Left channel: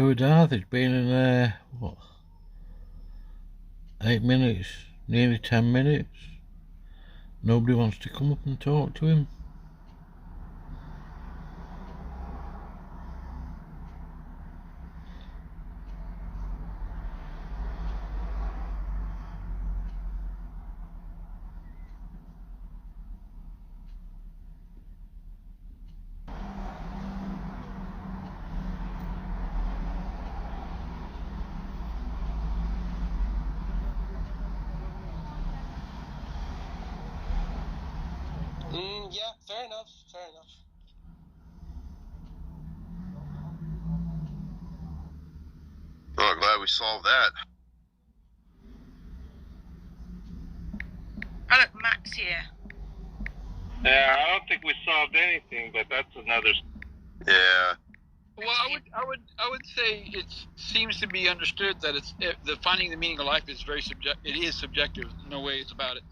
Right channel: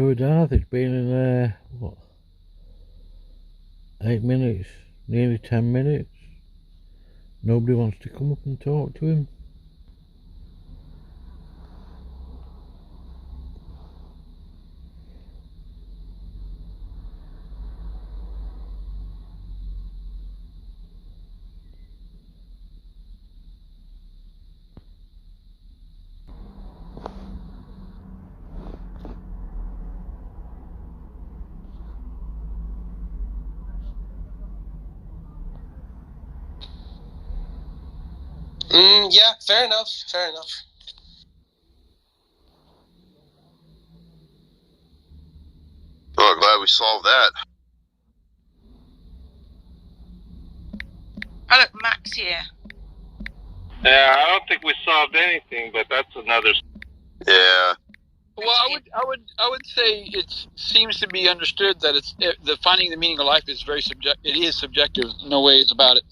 Who Darth? It's been in there, 8 minutes? Nearly 10 minutes? Nobody wants to come up and talk to him? Yeah, fair enough. Oh, glad we solved that. Oh, look, Max here. Yeah, I don't think we solved anything, but that's another. Yeah. Well, I would say it seems to be understood that the finding the meaning of life is very subjective. It is subjective. No ways about it.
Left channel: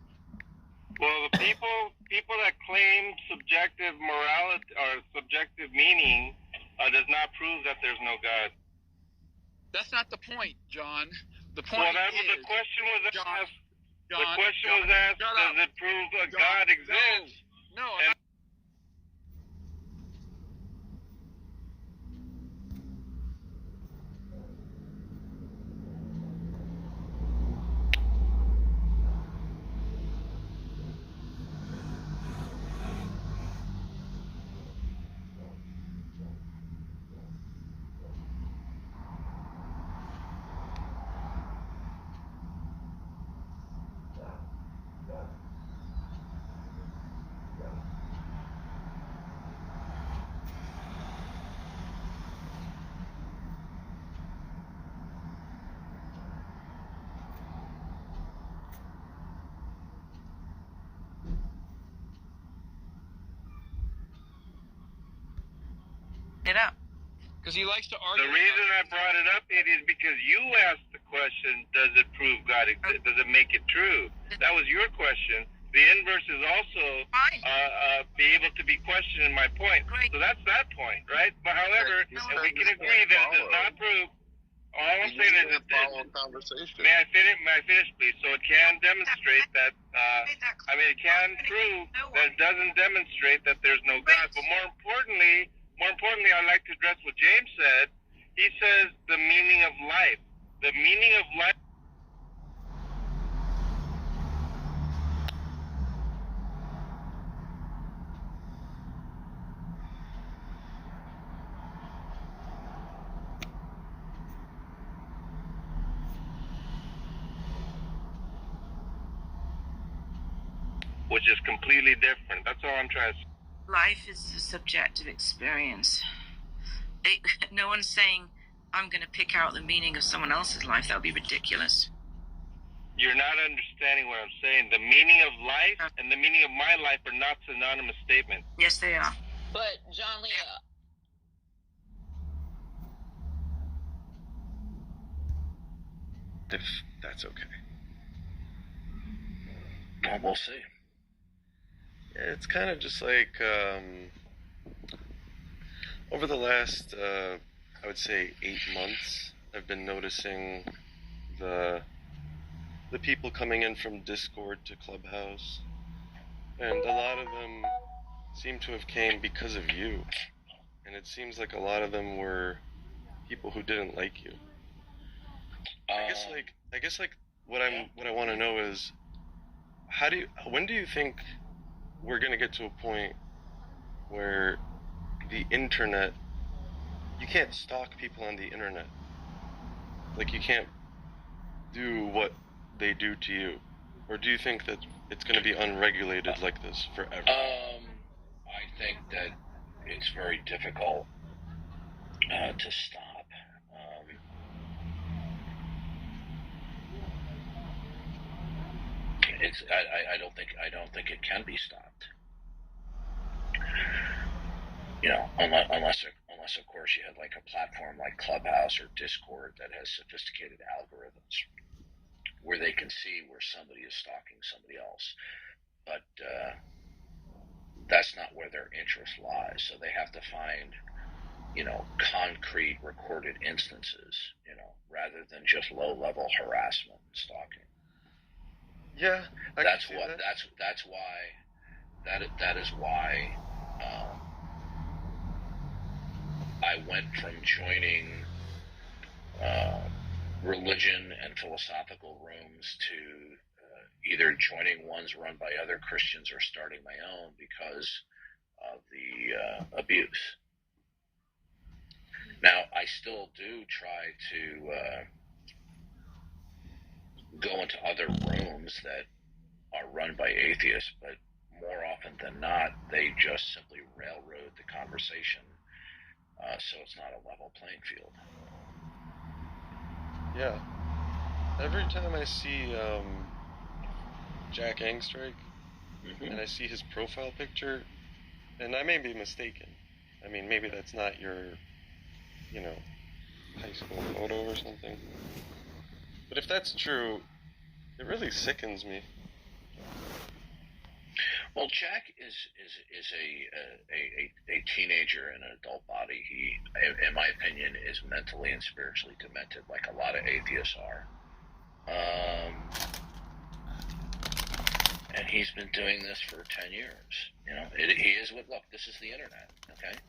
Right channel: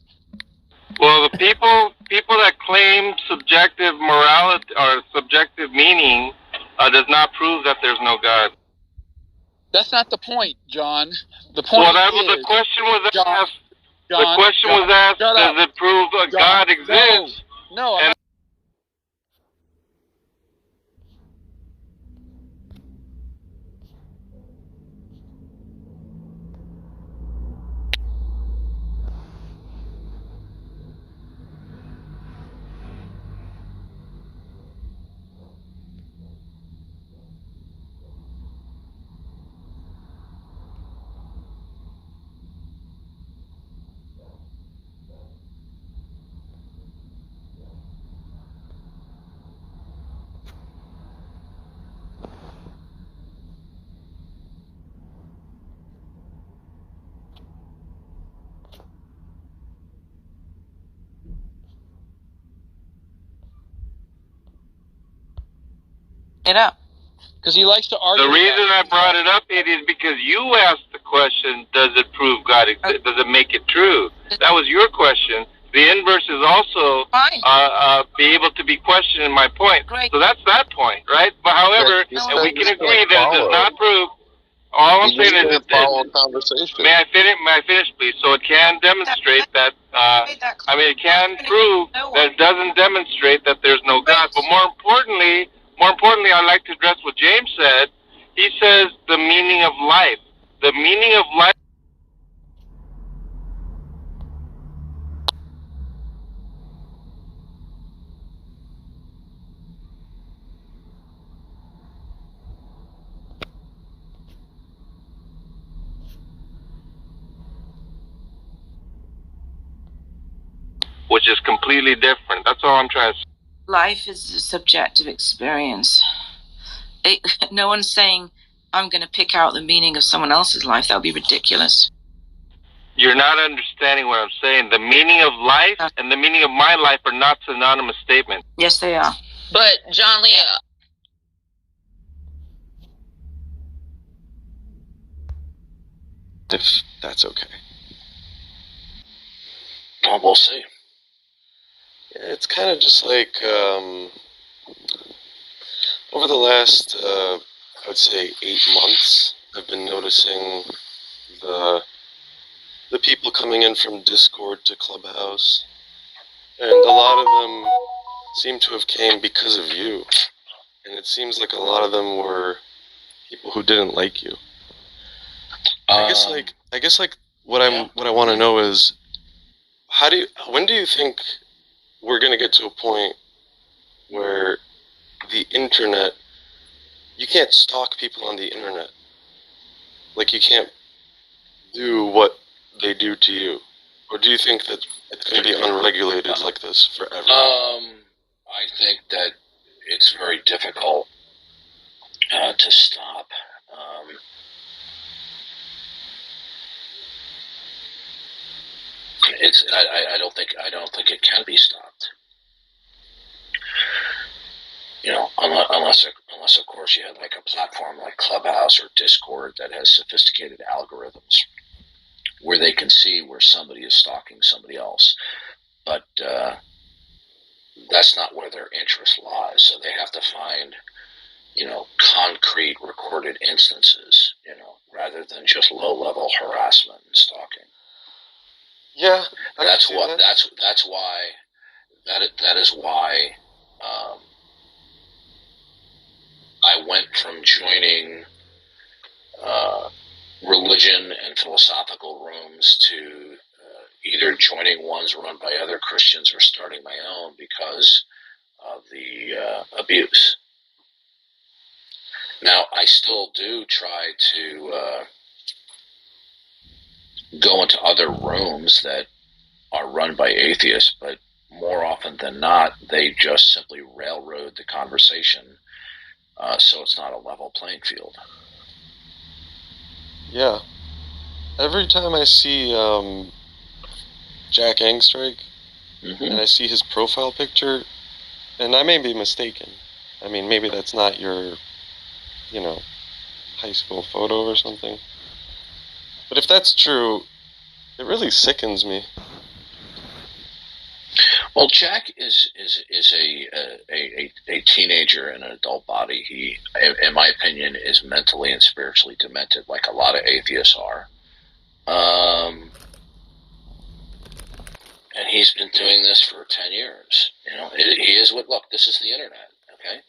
Well, the people that claim subjective morality or subjective meaning does not prove that there's no God. That's not the point, John. The point the question was asked. John, the question was asked: does it prove that God exists? No. It up. Because he likes to argue. The reason I brought it up is because you asked the question: does it prove God exists? Does it make it true? That was your question. The inverse is also be able to be questioned in my point. Great. So that's that point, right? But however, and we can agree that it does not prove. All I'm saying is conversation. May I finish, please? So it can demonstrate that. It can prove that it doesn't demonstrate that there's no God. But more importantly, I'd like to address what James said. He says the meaning of life. The meaning of life. Which is completely different. That's all I'm trying to say. Life is a subjective experience. No one's saying, I'm going to pick out the meaning of someone else's life. That would be ridiculous. You're not understanding what I'm saying. The meaning of life and the meaning of my life are not synonymous statements. Yes, they are. But, John Lee... If that's okay. Well, we'll see. It's kind of just like, over the last, I would say 8 months, I've been noticing the people coming in from Discord to Clubhouse, and a lot of them seem to have came because of you, and it seems like a lot of them were people who didn't like you. I guess what I want to know is, when do you think we're going to get to a point where the internet, you can't stalk people on the internet? Like, you can't do what they do to you? Or do you think that it's going to be unregulated like this forever? I think that it's very difficult to stop. I don't think it can be stopped. You know, unless of course you have like a platform like Clubhouse or Discord that has sophisticated algorithms where they can see where somebody is stalking somebody else. But that's not where their interest lies. So they have to find, concrete recorded instances, rather than just low-level harassment and stalking. Yeah, That is why I went from joining religion and philosophical rooms to either joining ones run by other Christians or starting my own because of the abuse. Now, I still do try to go into other rooms that are run by atheists, but more often than not, they just simply railroad the conversation, so it's not a level playing field. Yeah. Every time I see Jack Angstrike, and I see his profile picture, and I may be mistaken. I mean, maybe that's not your, high school photo or something. But if that's true, it really sickens me. Well, Jack is a teenager in an adult body. He, in my opinion, is mentally and spiritually demented, like a lot of atheists are. And he's been doing this for 10 years. He is look, this is the internet, okay?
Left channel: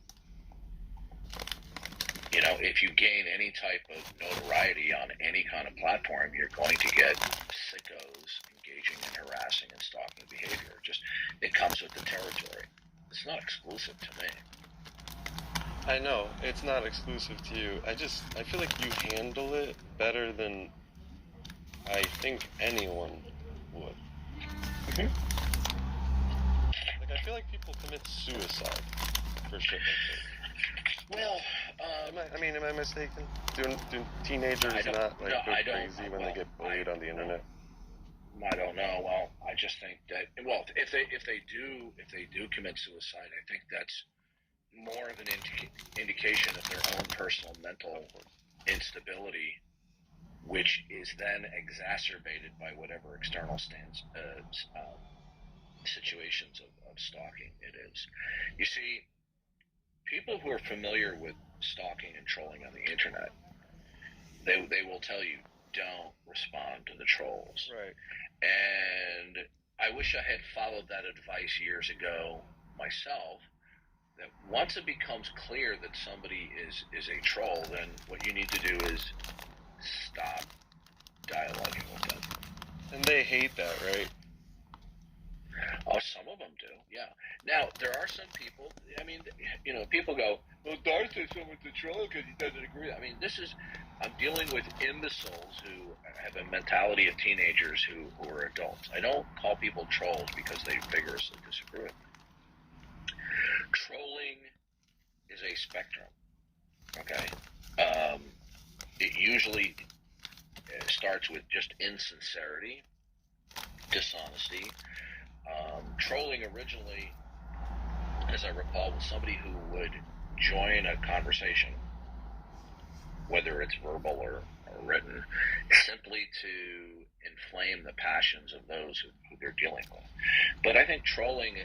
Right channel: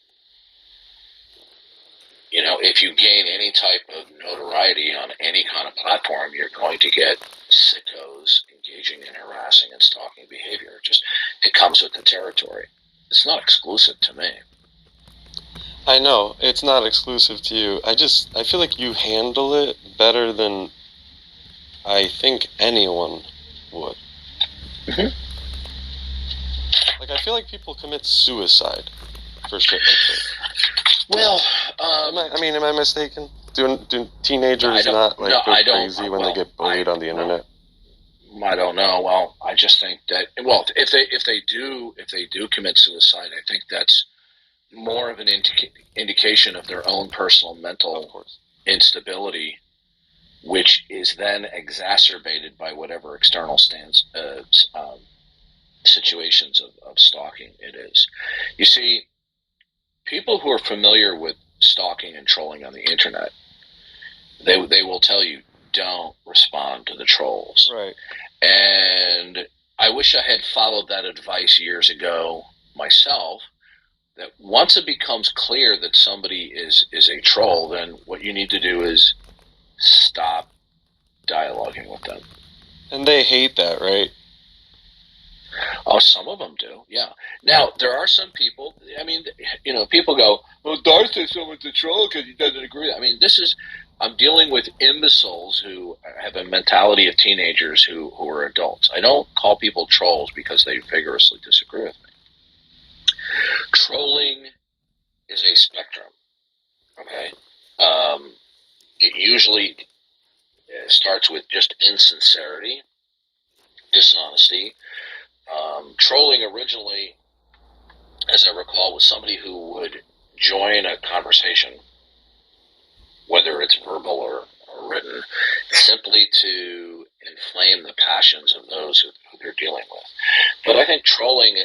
If you gain any type of notoriety on any kind of platform, you're going to get sickos engaging in harassing and stalking behavior. It comes with the territory. It's not exclusive to me. I know, it's not exclusive to you. I feel like you handle it better than I think anyone would. Mm-hmm. Like, I feel like people commit suicide for shit like this. Well, am I mistaken? Do teenagers not go crazy when they get bullied on the internet? I don't know. Well, I just think that if they do commit suicide, I think that's more of an indication of their own personal mental instability, which is then exacerbated by whatever external situations of stalking it is. You see, people who are familiar with stalking and trolling on the internet, they will tell you, don't respond to the trolls. Right. And I wish I had followed that advice years ago myself, that once it becomes clear that somebody is a troll, then what you need to do is stop dialoguing with them. And they hate that, right? Oh, some of them do, yeah. Now, there are some people, people go, well, Darth says someone's a troll because he doesn't agree. I'm dealing with imbeciles who have a mentality of teenagers who are adults. I don't call people trolls because they vigorously disagree with me. Trolling is a spectrum, okay? It usually starts with just insincerity, dishonesty. Trolling originally, as I recall, was somebody who would join a conversation, whether it's verbal or written, simply to inflame the passions of those who they're dealing with. But I think trolling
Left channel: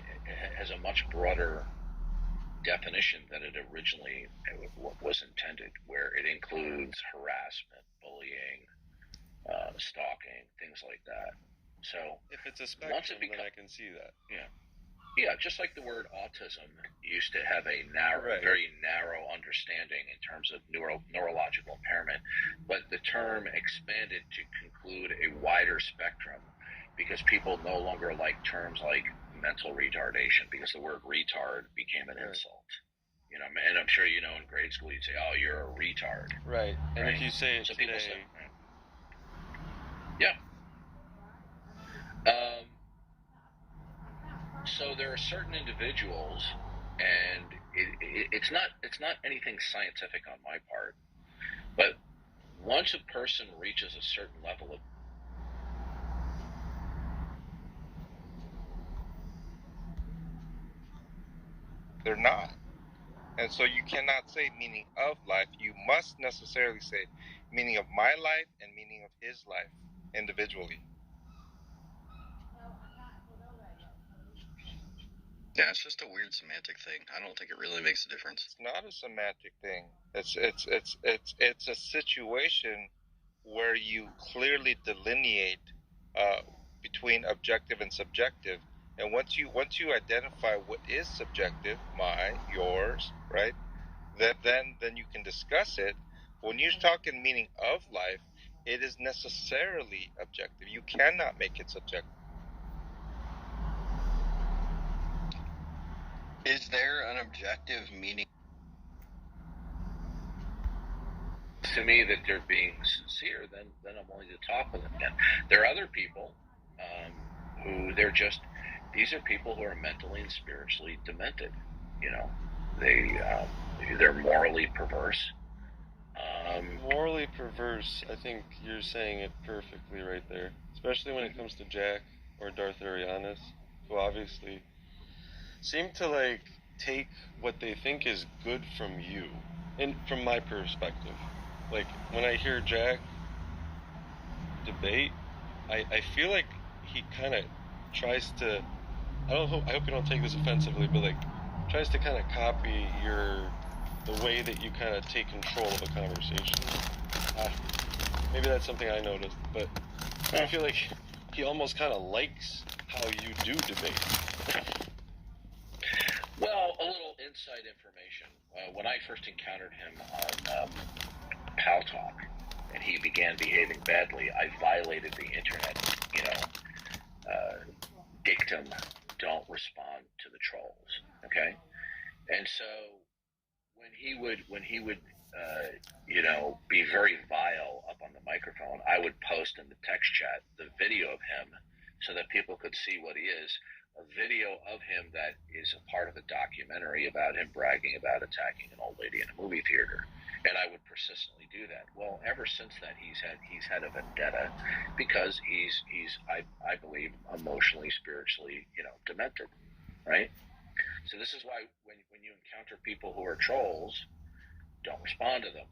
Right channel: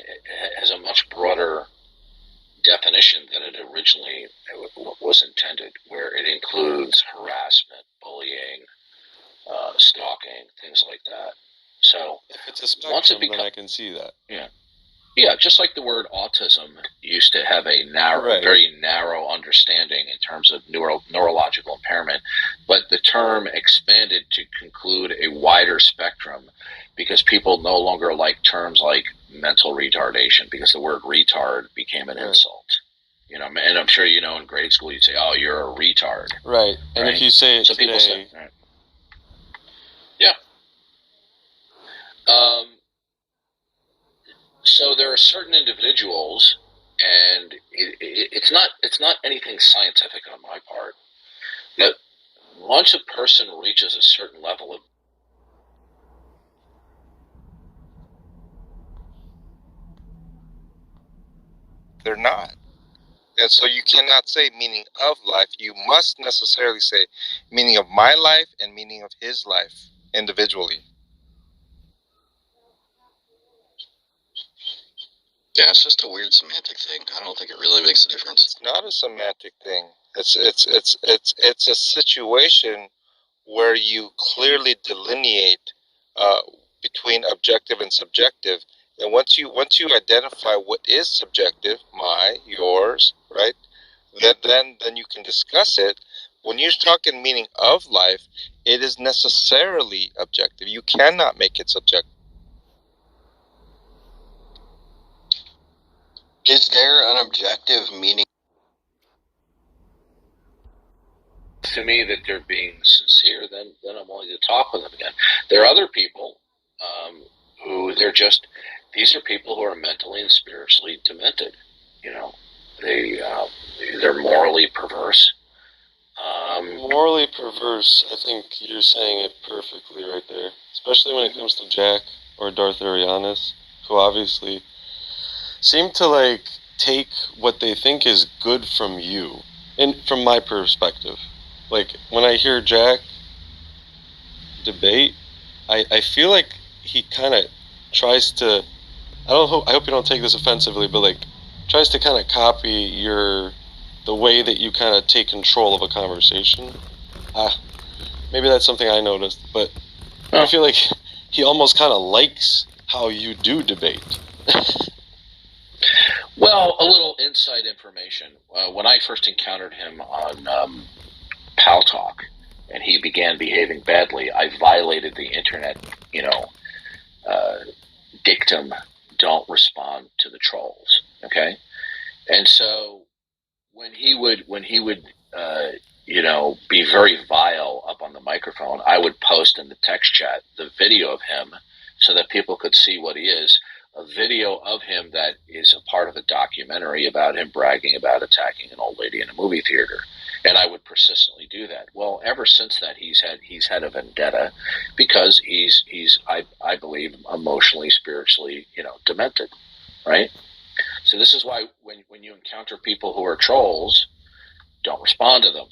has a much broader definition than it originally was intended, where it includes harassment, bullying, stalking, things like that. So if it's a spectrum, then I can see that. Yeah, just like the word autism used to have a very narrow understanding in terms of neurological impairment, but the term expanded to conclude a wider spectrum because people no longer like terms like mental retardation, because the word retard became an insult. And I'm sure in grade school you'd say, "Oh, you're a retard." Right. And if you say it today, people say, right. Yeah. So there are certain individuals, and it's not anything scientific on my part, that once a person reaches a certain level of, They're not. And so you cannot say meaning of life. You must necessarily say meaning of my life and meaning of his life individually. Yeah, it's just a weird semantic thing. I don't think it really makes a difference. It's not a semantic thing. It's a situation where you clearly delineate between objective and subjective, and once you identify what is subjective, my, yours, right? Then you can discuss it. When you're talking meaning of life, it is necessarily objective. You cannot make it subjective. Is there an objective meaning? To me, that they're being sincere, then I'm willing to talk with them again. There are other people who these are people who are mentally and spiritually demented. You know, they're morally perverse. Morally perverse, I think you're saying it perfectly right there. Especially when it comes to Jack or Darth Arianis, who obviously seem to, like, take what they think is good from you. And from my perspective. Like, when I hear Jack debate, I feel like he kind of tries to, I hope you don't take this offensively, but, like, tries to kind of copy the way that you kind of take control of a conversation. Maybe that's something I noticed, but I feel like he almost kind of likes how you do debate. Well, a little inside information. When I first encountered him on Pal Talk, and he began behaving badly, I violated the internet, dictum, don't respond to the trolls, okay? And so when he would be very vile up on the microphone, I would post in the text chat the video of him so that people could see what he is. A video of him that is a part of a documentary about him bragging about attacking an old lady in a movie theater. And I would persistently do that. Well, ever since that, he's had a vendetta because he's I believe emotionally, spiritually, demented, right? So this is why when you encounter people who are trolls, don't respond to them.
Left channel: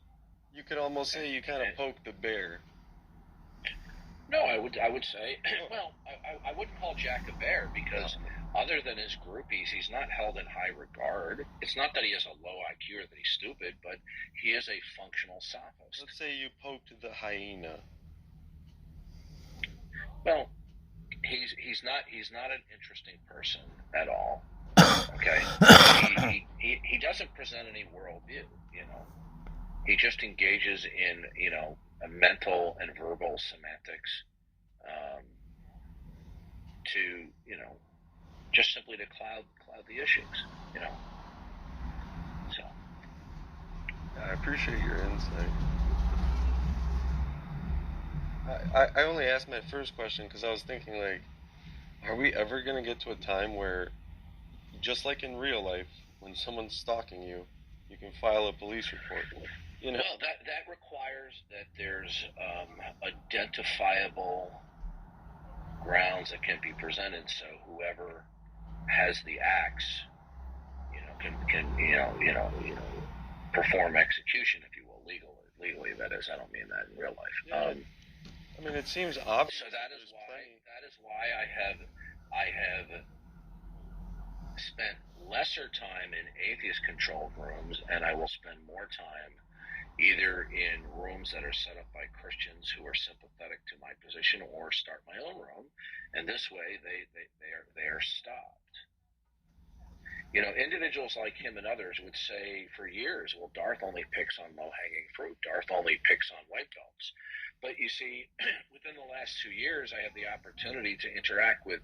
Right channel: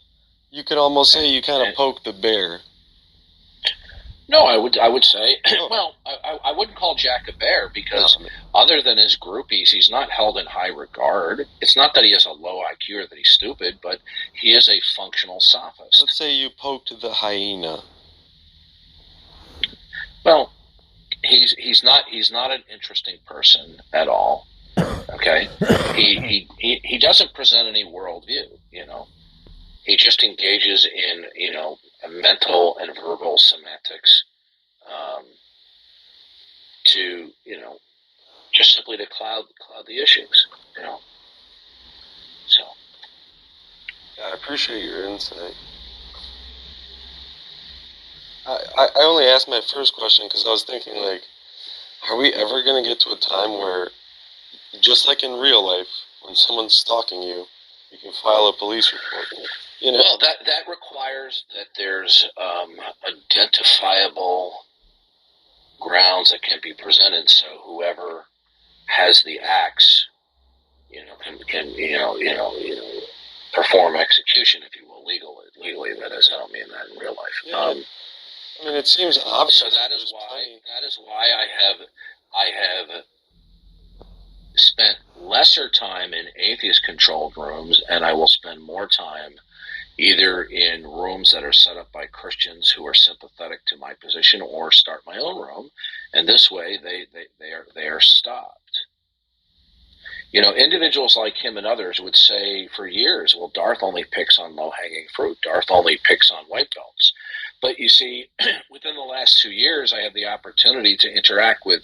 You could almost say you kind of poke the bear. No, I would say, well, I wouldn't call Jack a bear because other than his groupies, he's not held in high regard. It's not that he has a low IQ or that he's stupid, but he is a functional sophist. Let's say you poked the hyena. Well, he's not an interesting person at all. Okay, he doesn't present any worldview. He just engages in mental and verbal semantics to just simply to cloud the issues. So I appreciate your insight. I only asked my first question because I was thinking, like, are we ever going to get to a time where, just like in real life, when someone's stalking you, you can file a police report? Well, that requires that there's identifiable grounds that can be presented, so whoever has the axe, can perform execution, if you will, legally. That is, I don't mean that in real life. Yeah. I mean, it seems obvious. So that is why I have spent lesser time in atheist-controlled rooms, and I will spend more time either in rooms that are set up by Christians who are sympathetic to my position, or start my own room, and this way they are stopped. Individuals like him and others would say for years, well, Darth only picks on low-hanging fruit. Darth only picks on white belts. But you see, within the last 2 years, I had the opportunity to interact with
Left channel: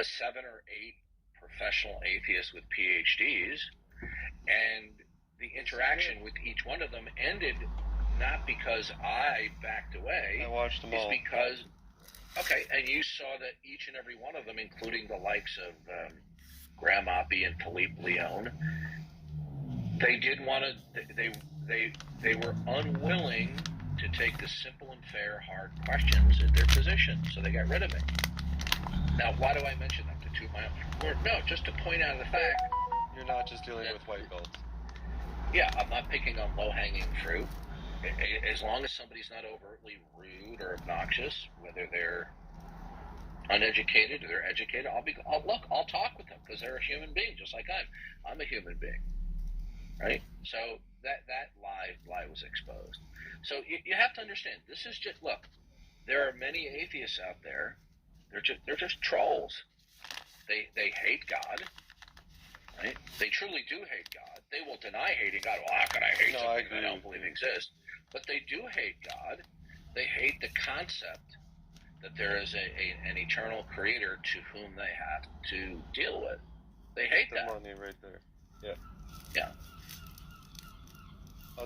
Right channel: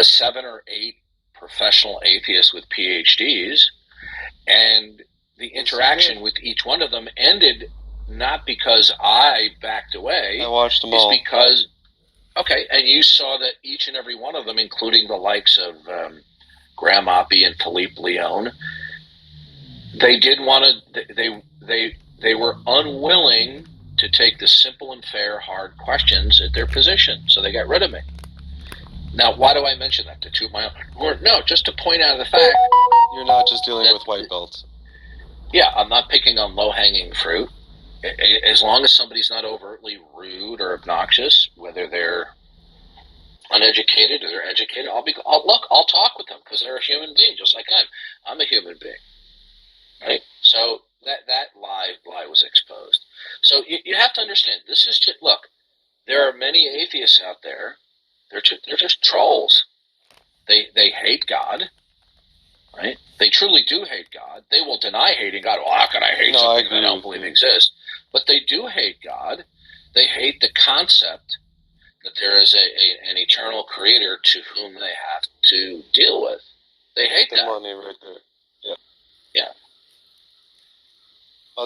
7 or 8 professional atheists with PhDs, and the interaction with each one of them ended not because I backed away. I watched them all. It's because, okay, and you saw that each and every one of them, including the likes of Graham Oppie and Philippe Leon, they did want to. They were unwilling to take the simple and fair, hard questions at their position, so they got rid of me. Now, why do I mention that? To toot my own horn? No, just to point out the fact you're not just dealing with white belts. Yeah, I'm not picking on low-hanging fruit. As long as somebody's not overtly rude or obnoxious, whether they're uneducated or they're educated, I'll talk with them because they're a human being, just like I'm a human being, right? So that lie was exposed. So you have to understand, this is just, look, there are many atheists out there. They're just trolls. They hate God, right? They truly do hate God. They will deny hating God. Well, how can I hate something that I don't believe exists? But they do hate God. They hate the concept that there is an eternal creator to whom they have to deal with. They hate that. Money right there. Yeah. Yeah.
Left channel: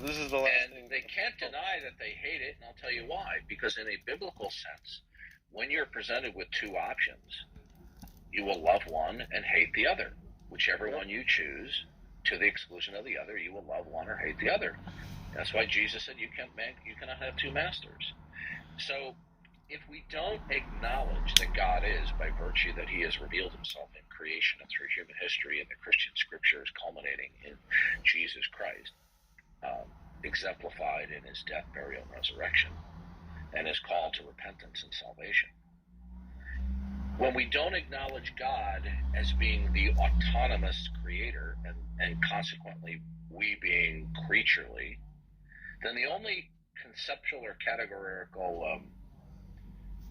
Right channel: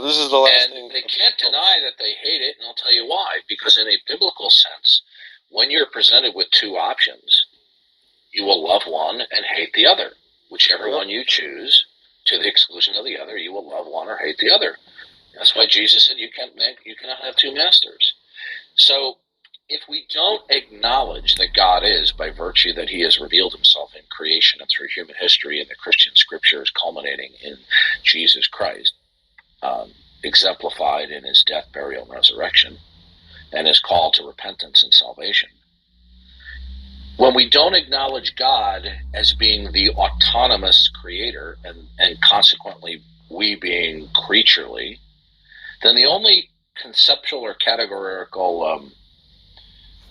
This is the last and thing. They can't deny that they hate it, and I'll tell you why. Because in a biblical sense, when you're presented with two options, you will love one and hate the other. Whichever one you choose, to the exclusion of the other, you will love one or hate the other. That's why Jesus said you cannot have two masters. So if we don't acknowledge that God is, by virtue that he has revealed himself in creation and through human history and the Christian scriptures culminating in Jesus Christ, exemplified in his death, burial, and resurrection, and his call to repentance and salvation, when we don't acknowledge God as being the autonomous creator and consequently we being creaturely, then the only conceptual or categorical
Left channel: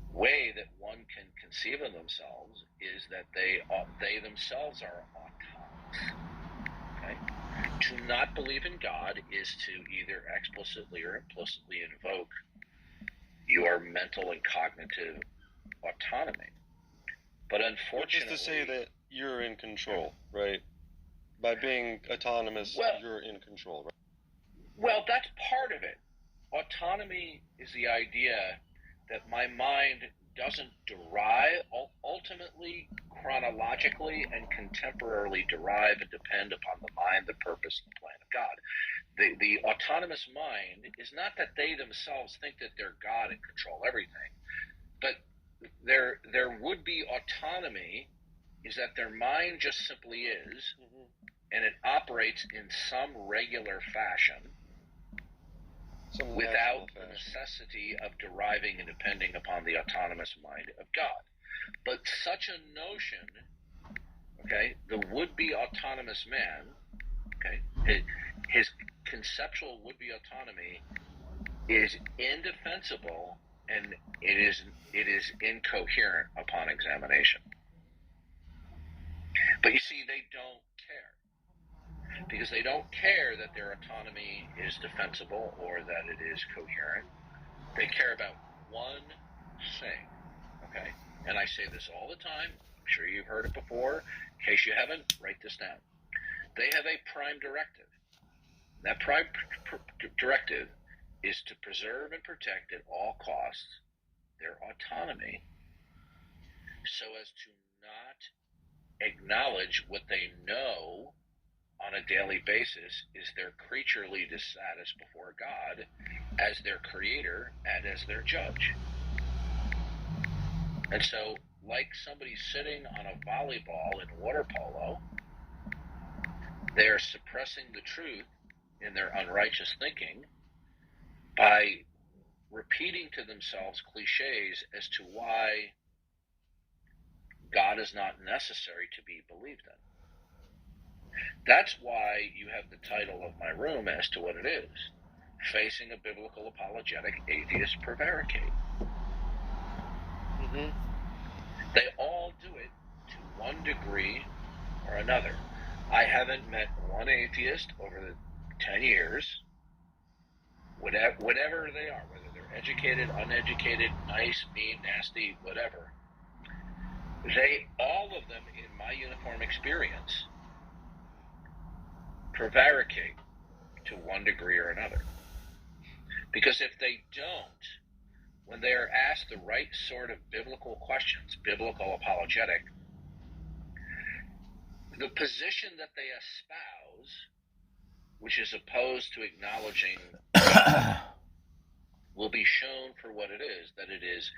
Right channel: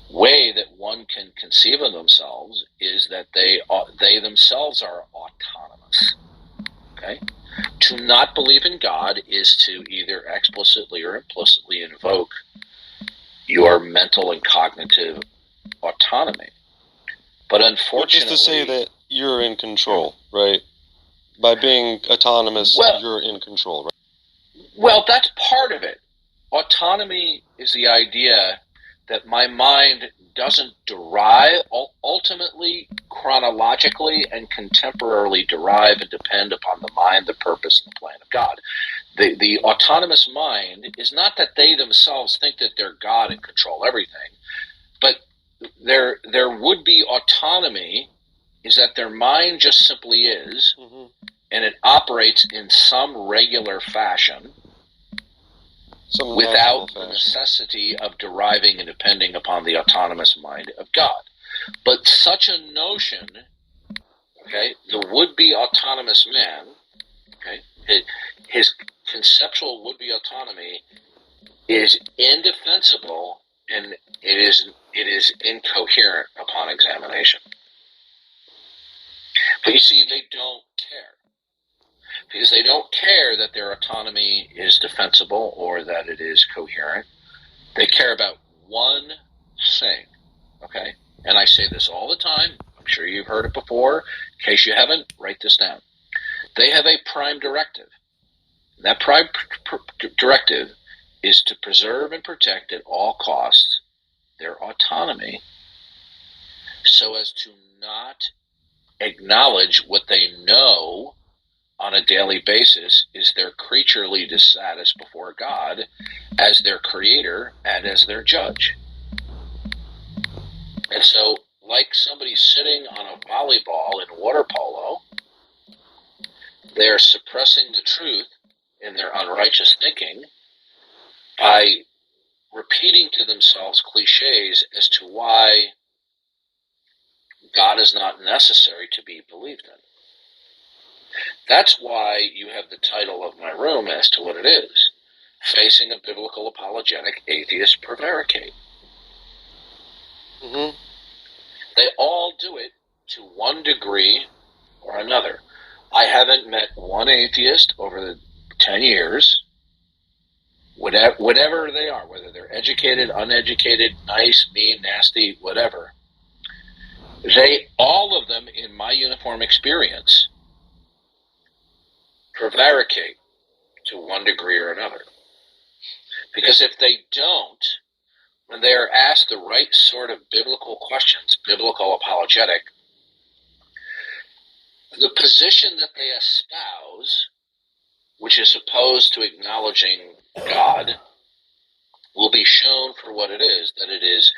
way that one can conceive of themselves is that they themselves are autonomous. Okay? To not believe in God is to either explicitly or implicitly invoke your mental and cognitive autonomy. But unfortunately, which is to say that you're in control, right? By being autonomous, you're in control, right? Well, that's part of it. Autonomy is the idea that my mind doesn't derive, ultimately, chronologically, and contemporarily derive and depend upon the mind, the purpose, and the plan of God. The autonomous mind is not that they themselves think that they're God and control everything, but their would-be autonomy is that their mind just simply is, and it operates in some regular fashion, without the necessity of deriving and depending upon the autonomous mind of God. But such a notion, okay, the would-be autonomous man, okay, his conceptual would-be autonomy is indefensible, and it is incoherent upon examination. But you see, they don't care. Because they don't care that their autonomy is defensible or that it is coherent. They care about one thing, okay? And I say this all the time. I'm sure you've heard it before. In case you haven't, write this down. They have a prime directive. That prime directive is to preserve and protect at all costs their autonomy so as to not acknowledge what they know on a daily basis is their creaturely status before God as their creator and as their judge. And so, like somebody sitting on a volleyball in water polo, they're suppressing the truth in their unrighteous thinking by repeating to themselves cliches as to why God is not necessary to be believed in. That's why you have the title of my room as to what it is: Facing a Biblical Apologetic Atheist Prevaricate. They all do it to one degree or another. I haven't met one atheist over the 10 years, whatever they are, whether they're educated, uneducated, nice, mean, nasty, whatever. All of them, in my uniform experience, prevaricate to one degree or another. Because if they don't, when they are asked the right sort of biblical questions, biblical apologetic, the position that they espouse, which is opposed to acknowledging God, will be shown for what it is, that it is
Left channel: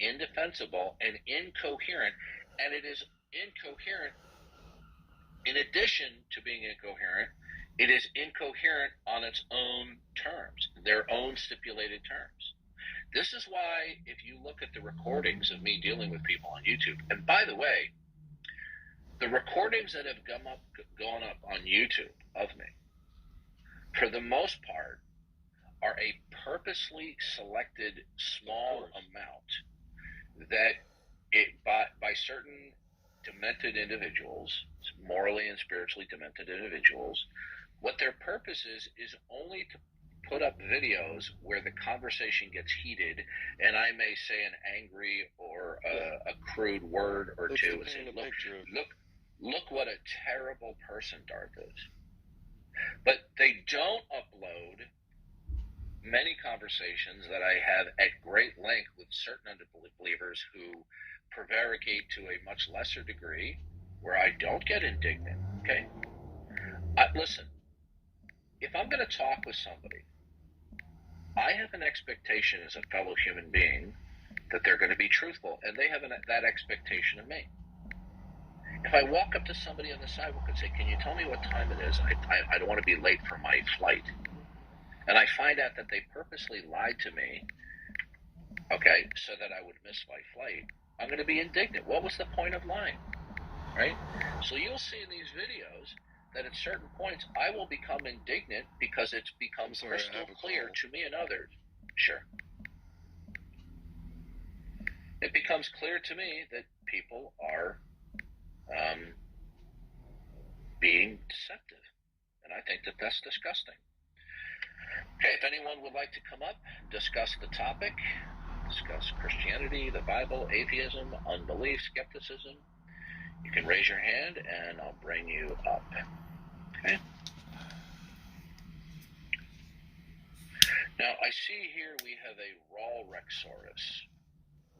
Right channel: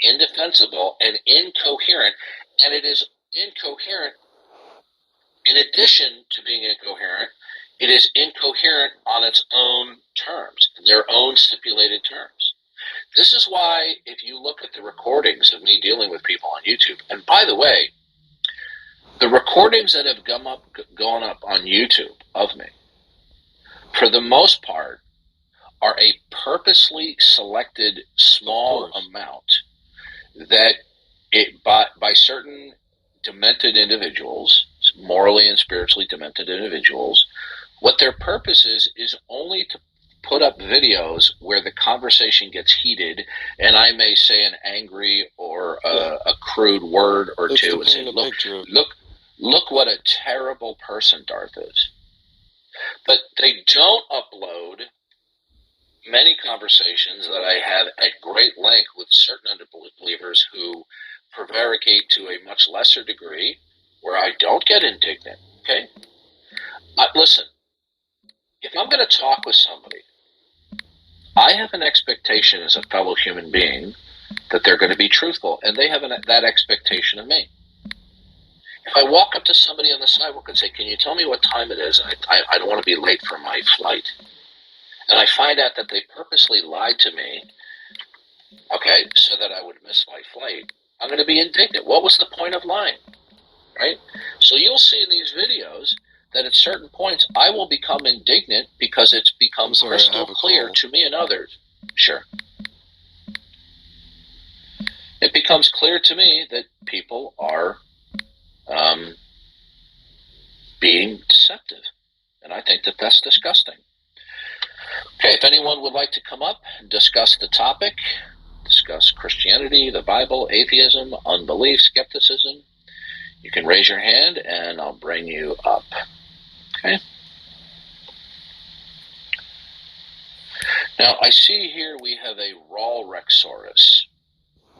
indefensible and incoherent, and it is incoherent in addition to being incoherent. It is incoherent on its own terms, their own stipulated terms. This is why, if you look at the recordings of me dealing with people on YouTube, and by the way, the recordings that have gone up on YouTube of me, for the most part, are a purposely selected small amount that by certain demented individuals, morally and spiritually demented individuals, what their purpose is only to put up videos where the conversation gets heated and I may say an angry or a crude word or two and say, look what a terrible person Darth is. But they don't upload many conversations that I have at great length with certain unbelievers who prevaricate to a much lesser degree, where I don't get indignant. Okay, listen. If I'm going to talk with somebody, I have an expectation as a fellow human being that they're going to be truthful, and they have that expectation of me. If I walk up to somebody on the sidewalk and say, "Can you tell me what time it is? I don't want to be late for my flight," and I find out that they purposely lied to me, okay, so that I would miss my flight, I'm going to be indignant. What was the point of lying, right? So you'll see in these videos that at certain points I will become indignant because it's become crystal clear to me and others. Sure. It becomes clear to me that people are being deceptive. And I think that that's disgusting. Okay, if anyone would like to come up and discuss the topic, discuss Christianity, the Bible, atheism, unbelief, skepticism, you can raise your hand and I'll bring you up. Okay. Now, I see here we have a Raw Rexorus.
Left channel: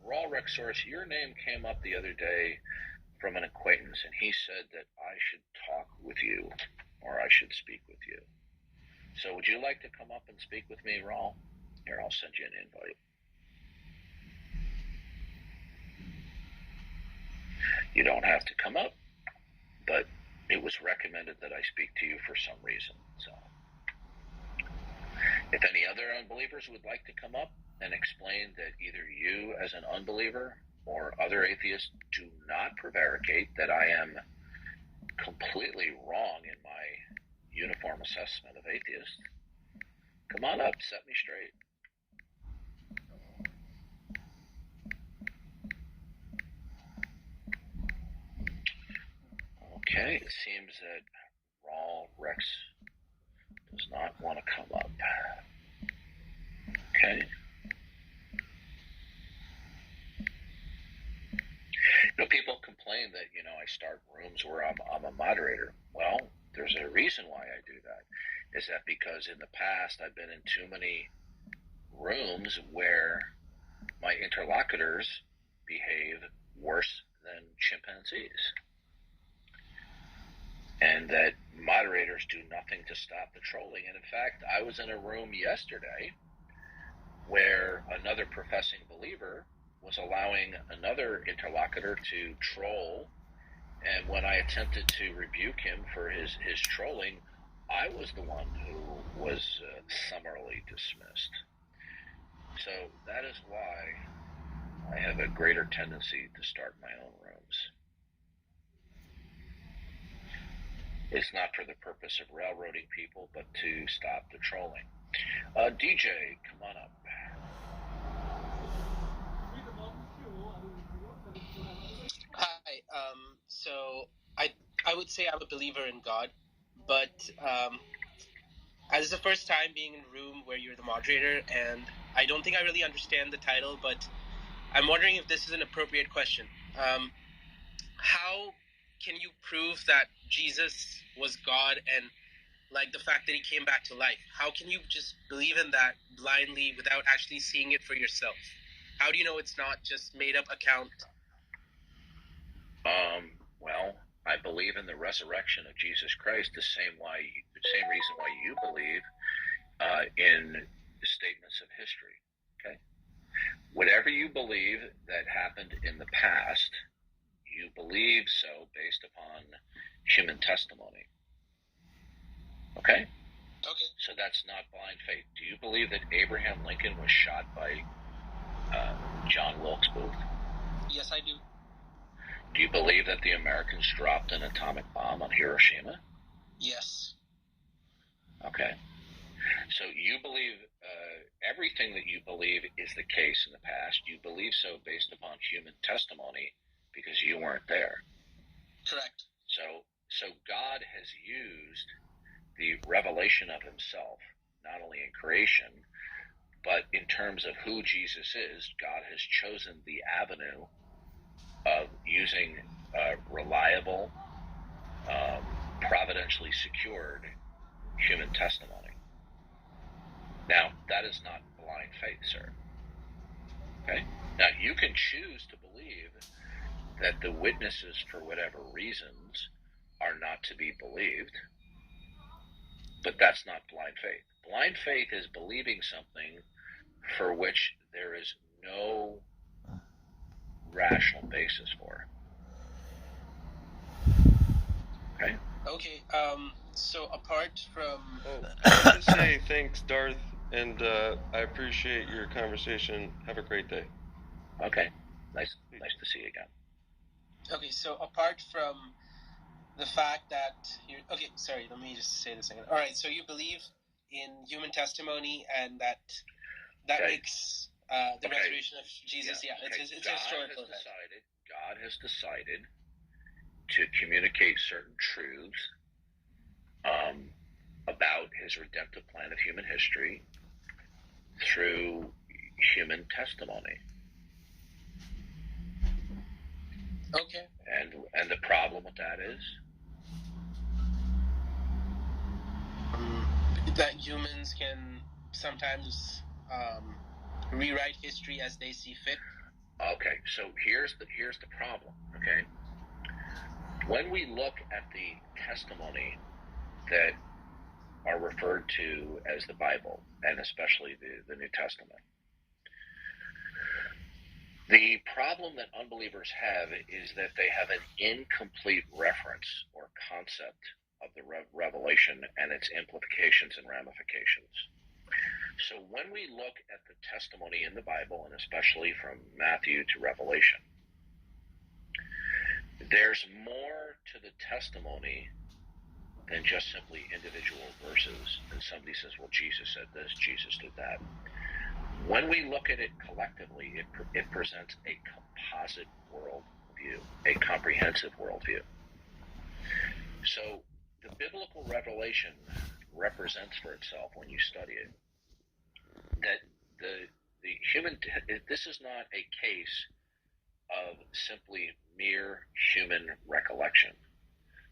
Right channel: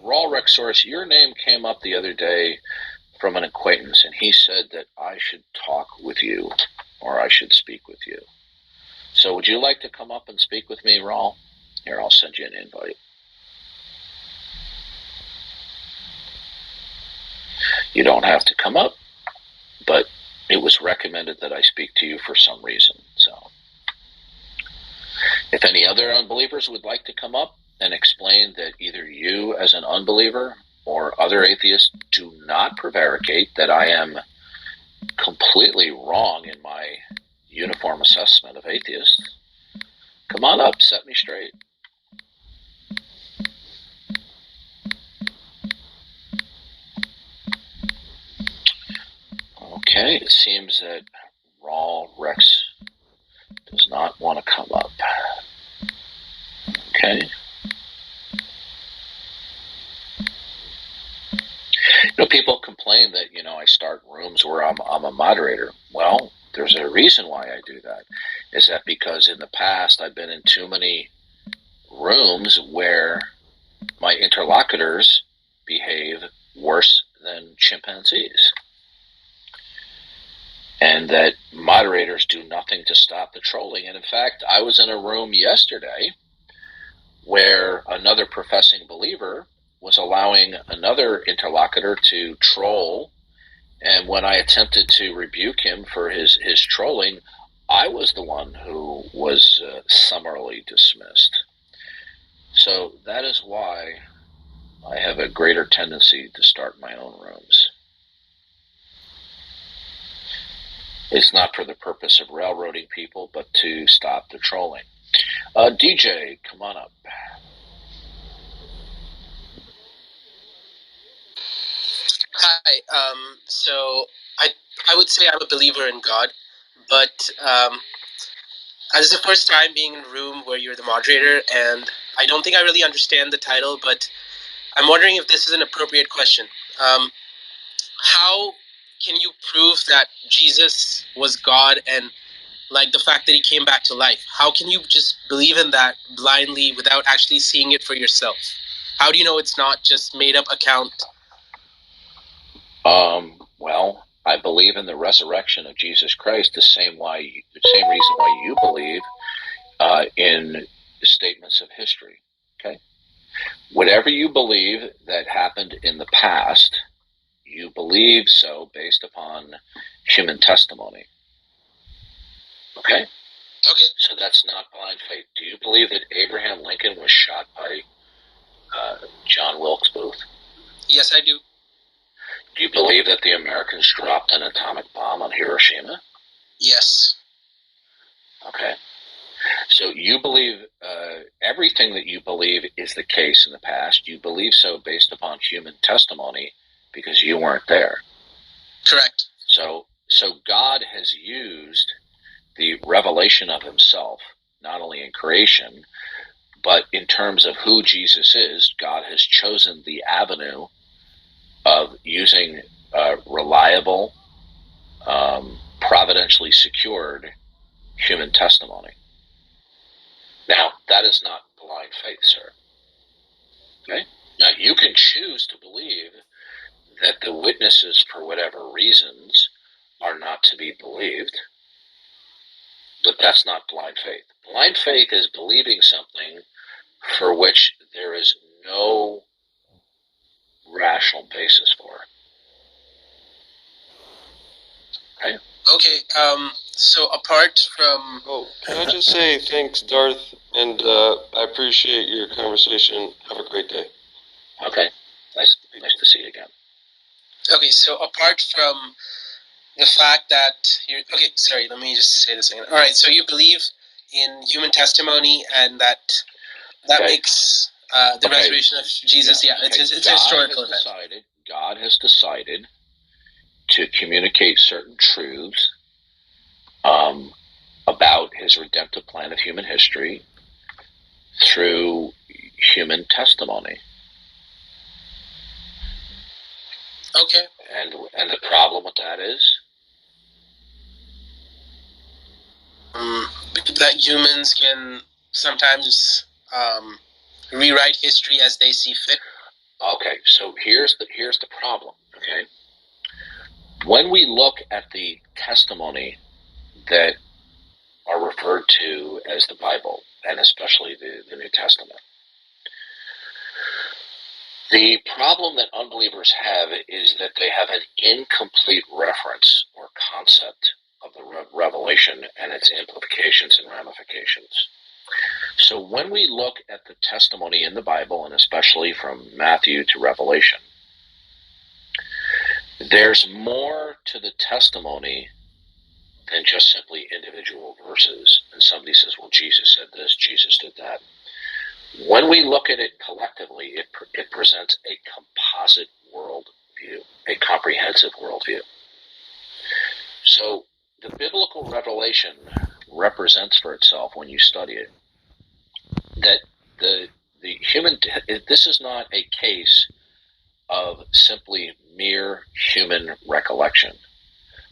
Raw Rexorus, your name came up the other day from an acquaintance, and he said that I should talk with you, or I should speak with you. So would you like to come up and speak with me, Raw? Here, I'll send you an invite. You don't have to come up, but it was recommended that I speak to you for some reason. So if any other unbelievers would like to come up and explain that either you as an unbeliever or other atheists do not prevaricate, that I am completely wrong in my uniform assessment of atheists, come on up, set me straight. Okay, it seems that Raw Rex does not want to come up. Okay. People complain that, I start rooms where I'm a moderator. Well, there's a reason why I do that. Is that because in the past I've been in too many rooms where my interlocutors behave worse than chimpanzees. And that moderators do nothing to stop the trolling. And in fact, I was in a room yesterday where another professing believer was allowing another interlocutor to troll, and when I attempted to rebuke him for his trolling, I was the one who was summarily dismissed. So that is why I have a greater tendency to start my own rooms. It's not for the purpose of railroading people, but to stop the trolling. DJ, come on up. Hi. So I would say I'm a believer in God, but this is the first time being in a room where you're the moderator, and I don't think I really understand the title, but I'm wondering if this is an appropriate question. How can you prove that Jesus was God, and like the fact that he came back to life? How can you just believe in that blindly without actually seeing it for yourself? How do you know it's not just made up account? Well, I believe in the resurrection of Jesus Christ the same reason why you believe in statements of history. Okay, whatever you believe that happened in the past, you believe so based upon human testimony. Okay. Okay. So that's not blind faith. Do you believe that Abraham Lincoln was shot by John Wilkes Booth? Yes, I do. Do you believe that the Americans dropped an atomic bomb on Hiroshima? Yes. Okay. So you believe everything that you believe is the case in the past. You believe so based upon human testimony because you weren't there. Correct. So God has used the revelation of himself, not only in creation, but in terms of who Jesus is. God has chosen the avenue of using reliable, providentially secured human testimony. Now, that is not blind faith, sir. Okay? Now, you can choose to believe that the witnesses, for whatever reasons, are not to be believed, but that's not blind faith. Blind faith is believing something for which there is no rational basis for. Okay? Okay, so apart from... Oh, can I just say thanks, Darth, and I appreciate your conversation. Have a great day. Okay. Nice to see you again. Okay, so apart from the fact that you're... Okay, sorry, let me just say this again. All right, so you believe in human testimony and that Okay. makes the Okay. resurrection of Jesus, yeah, it's a historical event. God has decided to communicate certain truths about his redemptive plan of human history through human testimony. Okay. And the problem with that is? That humans can sometimes rewrite history as they see fit. Okay, so here's the problem, okay? When we look at the testimony that are referred to as the Bible, and especially the New Testament, the problem that unbelievers have is that they have an incomplete reference or concept of the revelation and its implications and ramifications. So when we look at the testimony in the Bible, and especially from Matthew to Revelation, there's more to the testimony than just simply individual verses. And somebody says, well, Jesus said this, Jesus did that. When we look at it collectively, it presents a composite worldview, a comprehensive worldview. So the biblical revelation represents for itself, when you study it, that the human, this is not a case of simply mere human recollection,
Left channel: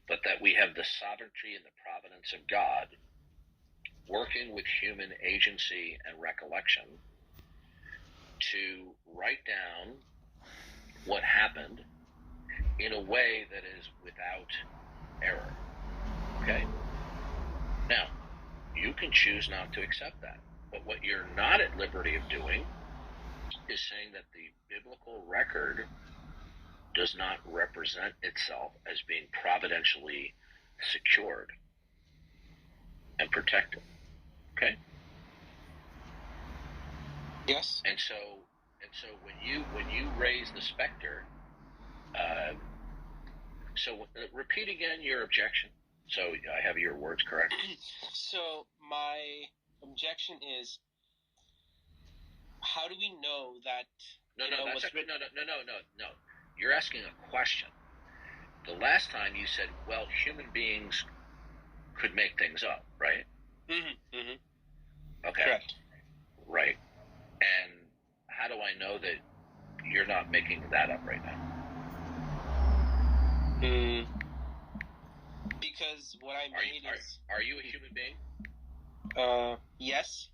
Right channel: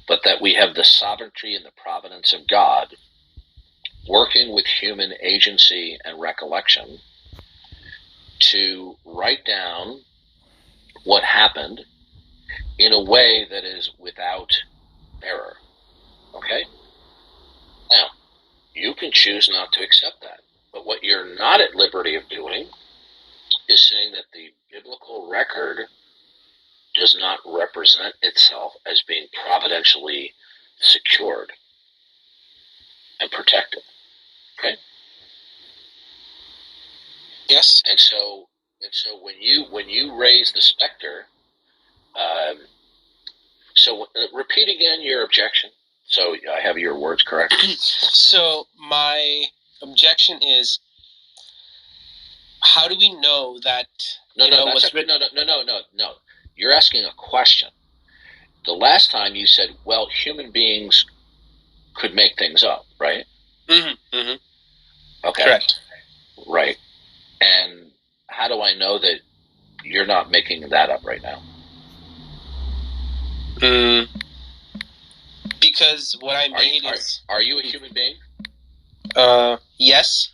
but that we have the sovereignty and the providence of God working with human agency and recollection to write down what happened in a way that is without error. Okay? Now, you can choose not to accept that. But what you're not at liberty of doing is saying that the biblical record does not represent itself as being providentially secured and protected. Okay? Yes. And so when you raise the specter, repeat again your objection. So I have your words correct. So my objection is, how do we know that? No. You're asking a question. The last time you said, well, human beings could make things up, right? Mm-hmm. Mm-hmm. Okay. Correct. Right. And how do I know that you're not making that up right now? Because what I made is... Are you a human being? Yes.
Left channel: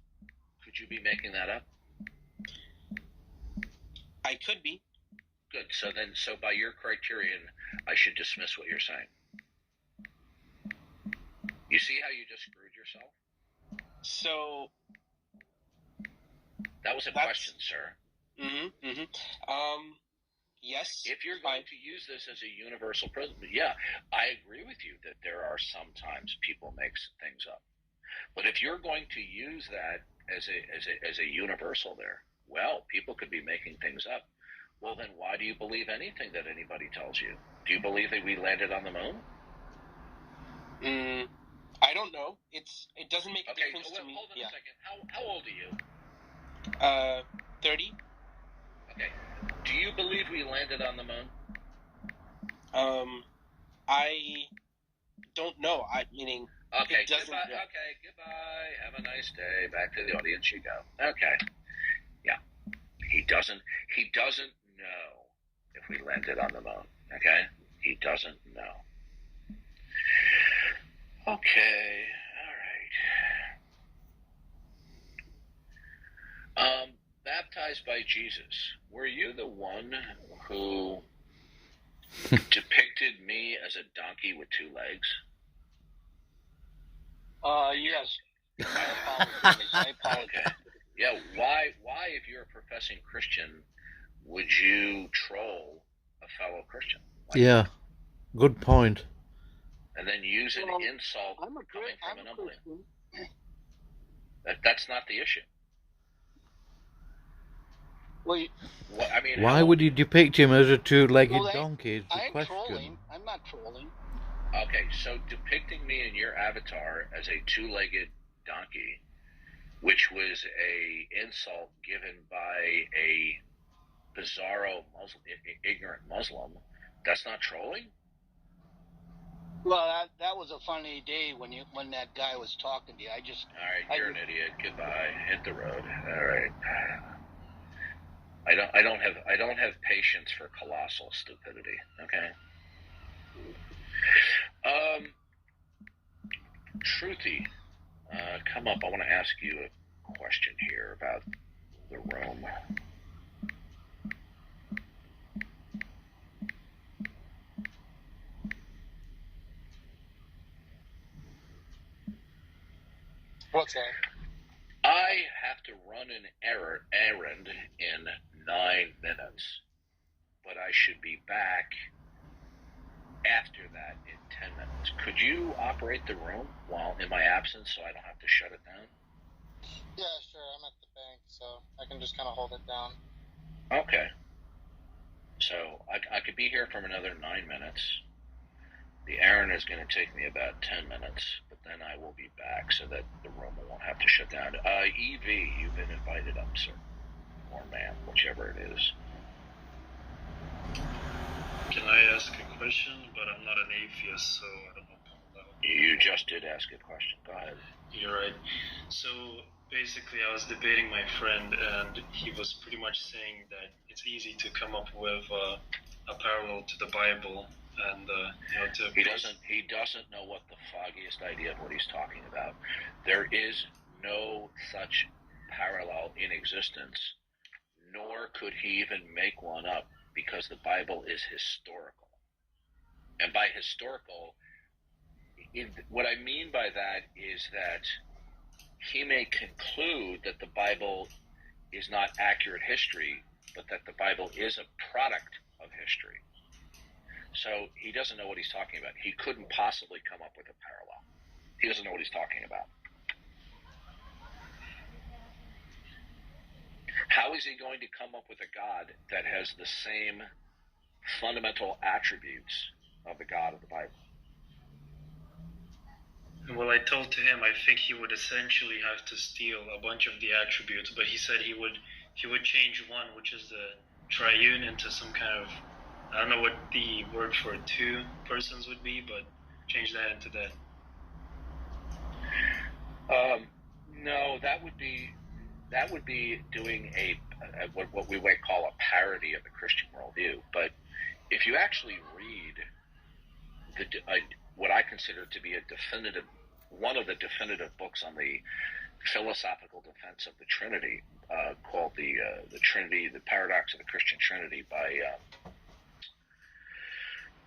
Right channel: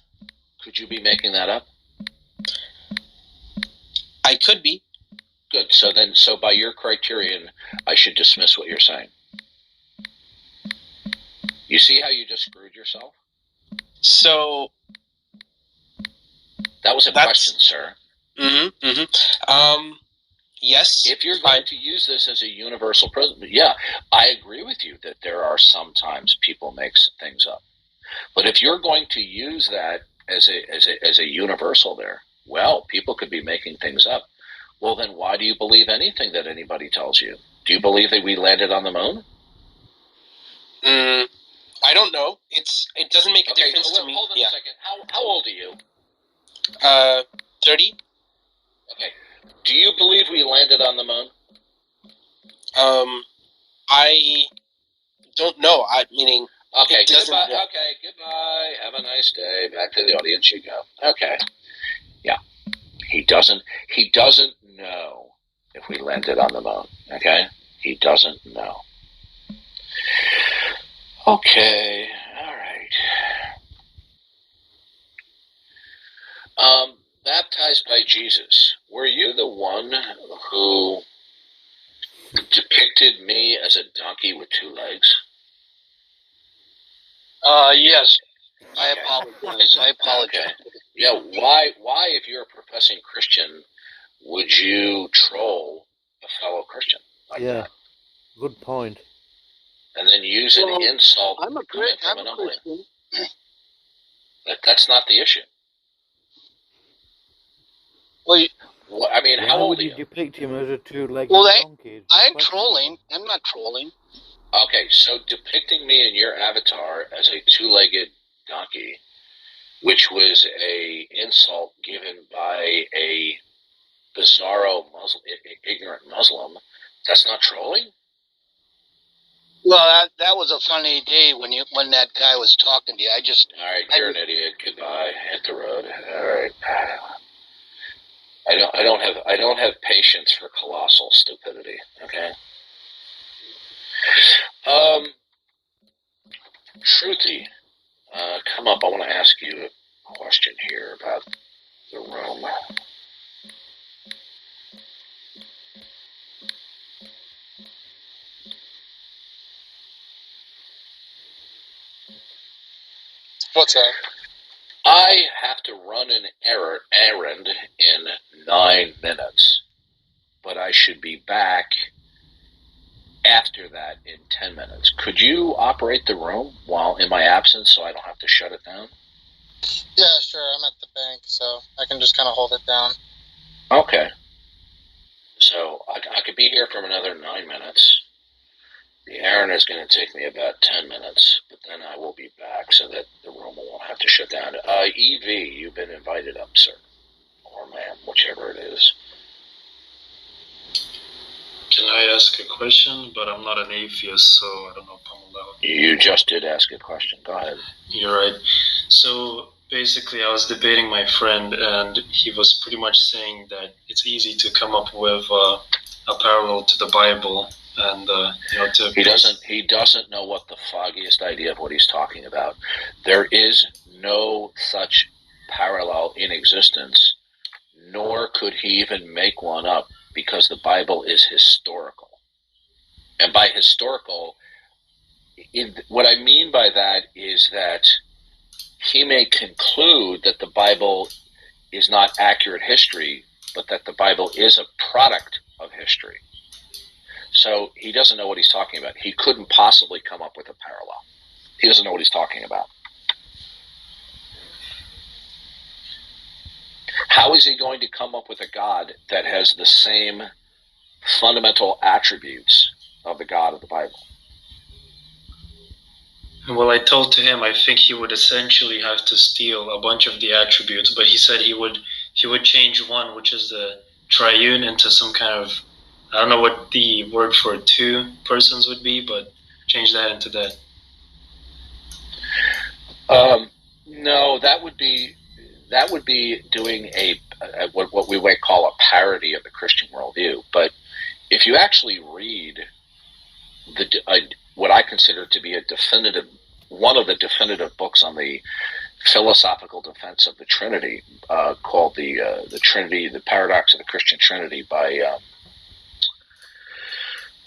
Could you be making that up? I could be. Good. So by your criterion, I should dismiss what you're saying. You see how you just screwed yourself? So... That was a question, sir. Mm-hmm. Mm-hmm. Yes. If you're going to use this as a universal principle, yeah, I agree with you that there are sometimes people make things up. But if you're going to use that as a universal there, Well, people could be making things up. Well, then why do you believe anything that anybody tells you? Do you believe that we landed on the moon? I don't know. It doesn't make a difference to me. Hold on a second. How old are you? 30. Okay. Do you believe we landed on the moon? I don't know. Meaning. Okay. It doesn't. Goodbye. Okay. Goodbye. Have a nice day. Back to the audience you go. Okay. Yeah. He doesn't know if we landed on the moon. Okay. He doesn't know. Okay. All right. Baptized by Jesus. Were you the one who depicted me as a donkey with 2 legs? Yes. I apologize. Okay. Yeah, why, if you're a professing Christian, would you troll a fellow Christian? Yeah, good point. And then use an insult I'm a Christian. That's not the issue. Well, I mean, why would you depict him as a 2-legged donkey? I'm trolling. I'm not trolling. Okay, so depicting me in your avatar as a 2-legged donkey, which was a insult given by a bizarro ignorant Muslim, that's not trolling? Well, that was a funny day when that guy was talking to you. All right, you're an idiot. Goodbye. Hit the road. All right. I don't have patience for colossal stupidity. Okay. Truthy, come up. I want to ask you a question here about the room. What's that? I have to run an errand in 9 minutes, but I should be back after that in 10 minutes. Could you operate the room while in my absence so I don't have to shut it down? Yeah, sure. I'm at the bank, so I can just kind of hold it down. Okay. So I could be here for another 9 minutes. The errand is going to take me about 10 minutes, but then I will be back so that the room won't have to shut down. EV, you've been invited up, sir. Or ma'am, whichever it is. Can I ask a question? But I'm not an atheist, so I don't know if I'm allowed. You just did ask a question. Go ahead. You're right. So basically, I was debating my friend, and he was pretty much saying that it's easy to come up with a parallel to the Bible, and he doesn't know what the foggiest idea of what he's talking about. There is no such parallel in existence, nor could he even make one up, because the Bible is historical. And by historical, what I mean by that is that he may conclude that the Bible is not accurate history, but that the Bible is a product of history. So he doesn't know what he's talking about. He couldn't possibly come up with a parallel. He doesn't know what he's talking about. How is he going to come up with a God that has the same fundamental attributes of the God of the Bible? Well, I told to him I think he would essentially have to steal a bunch of the attributes, but he said he would change one, which is the triune, into some kind of, I don't know what the word for 2 persons would be, but change that into that. No, that would be doing what we might call a parody of the Christian worldview. But if you actually read what I consider to be one of the definitive books on the philosophical defense of the Trinity, called the Trinity, the Paradox of the Christian Trinity, by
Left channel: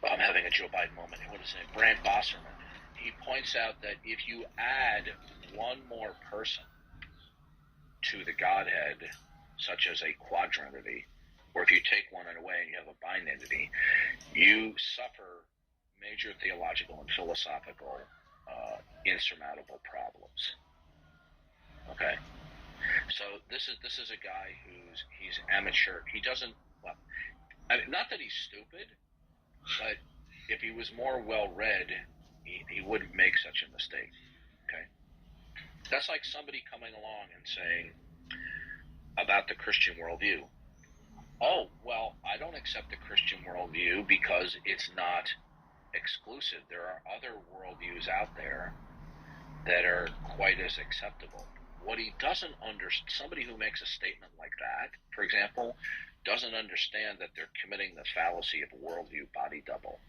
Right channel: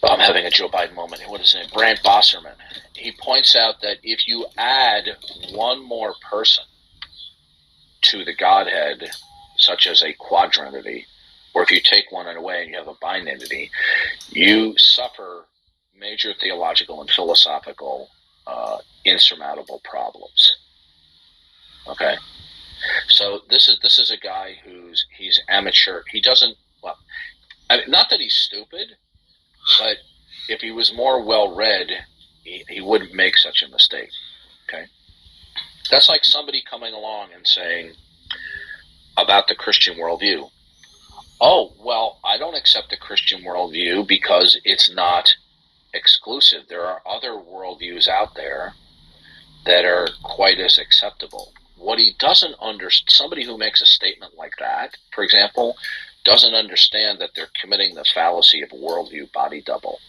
I'm having a Joe Biden moment. What is his name? Brant Bosserman. He points out that if you add one more person to the Godhead, such as a quadrinity, or if you take one away and you have a binitity, you suffer major theological and philosophical insurmountable problems. Okay? So this is a guy he's amateur. He doesn't, well, I mean, not that he's stupid, but if he was more well-read, he wouldn't make such a mistake, okay? That's like somebody coming along and saying about the Christian worldview, oh, well, I don't accept the Christian worldview because it's not exclusive. There are other worldviews out there that are quite as acceptable. What he doesn't understand, somebody who makes a statement like that, for example, doesn't understand that they're committing the fallacy of worldview body double.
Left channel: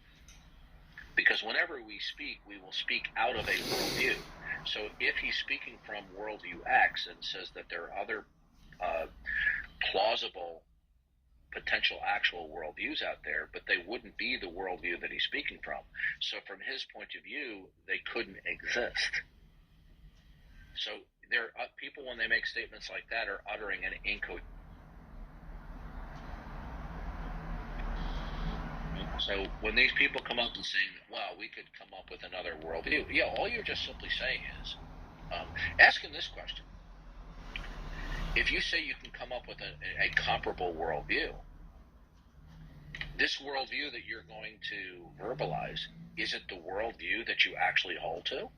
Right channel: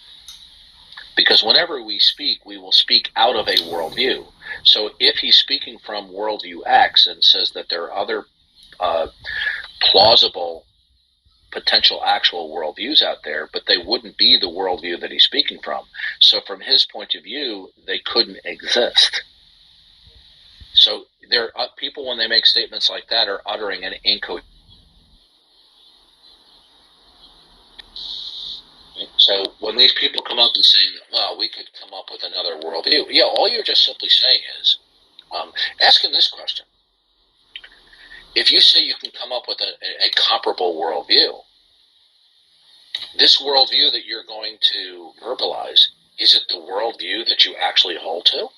Because whenever we speak, we will speak out of a worldview. So if he's speaking from worldview X and says that there are other plausible potential actual worldviews out there, but they wouldn't be the worldview that he's speaking from. So from his point of view, they couldn't exist. So there are people, when they make statements like that, are uttering an incoherent. So when these people come up and say, well, we could come up with another worldview, yeah, all you're just simply saying is, ask him this question. If you say you can come up with a comparable worldview, this worldview that you're going to verbalize, is it the worldview that you actually hold to?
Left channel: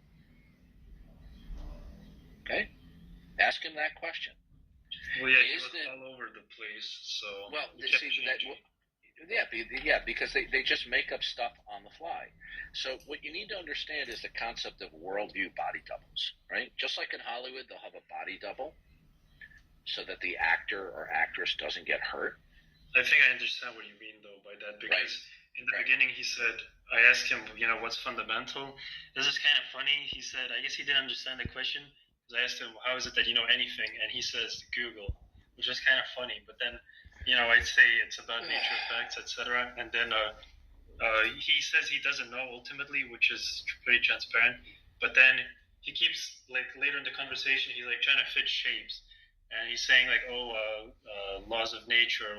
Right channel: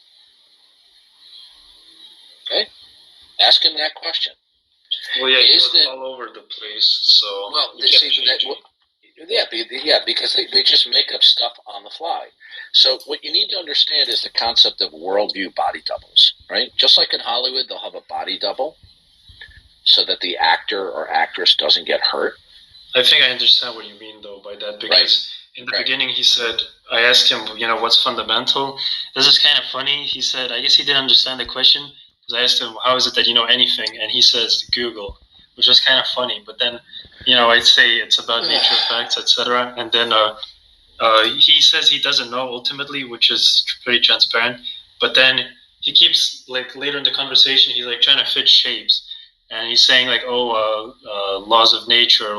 Okay? Ask him that question. Well, yeah, he's all over the place, so... Well, because they just make up stuff on the fly. So what you need to understand is the concept of worldview body doubles, right? Just like in Hollywood, they'll have a body double so that the actor or actress doesn't get hurt. I think I understand what you mean, though, by that, because in the beginning he said, I asked him, what's fundamental? This is kind of funny. He said, I guess he didn't understand the question, because I asked him, how is it that you know anything? And he says, Google, which was kind of funny. But then, I'd say it's about nature, facts, etc. And then he says he doesn't know ultimately, which is pretty transparent. But then he keeps, later in the conversation, he's trying to fit shapes. And he's saying laws of nature,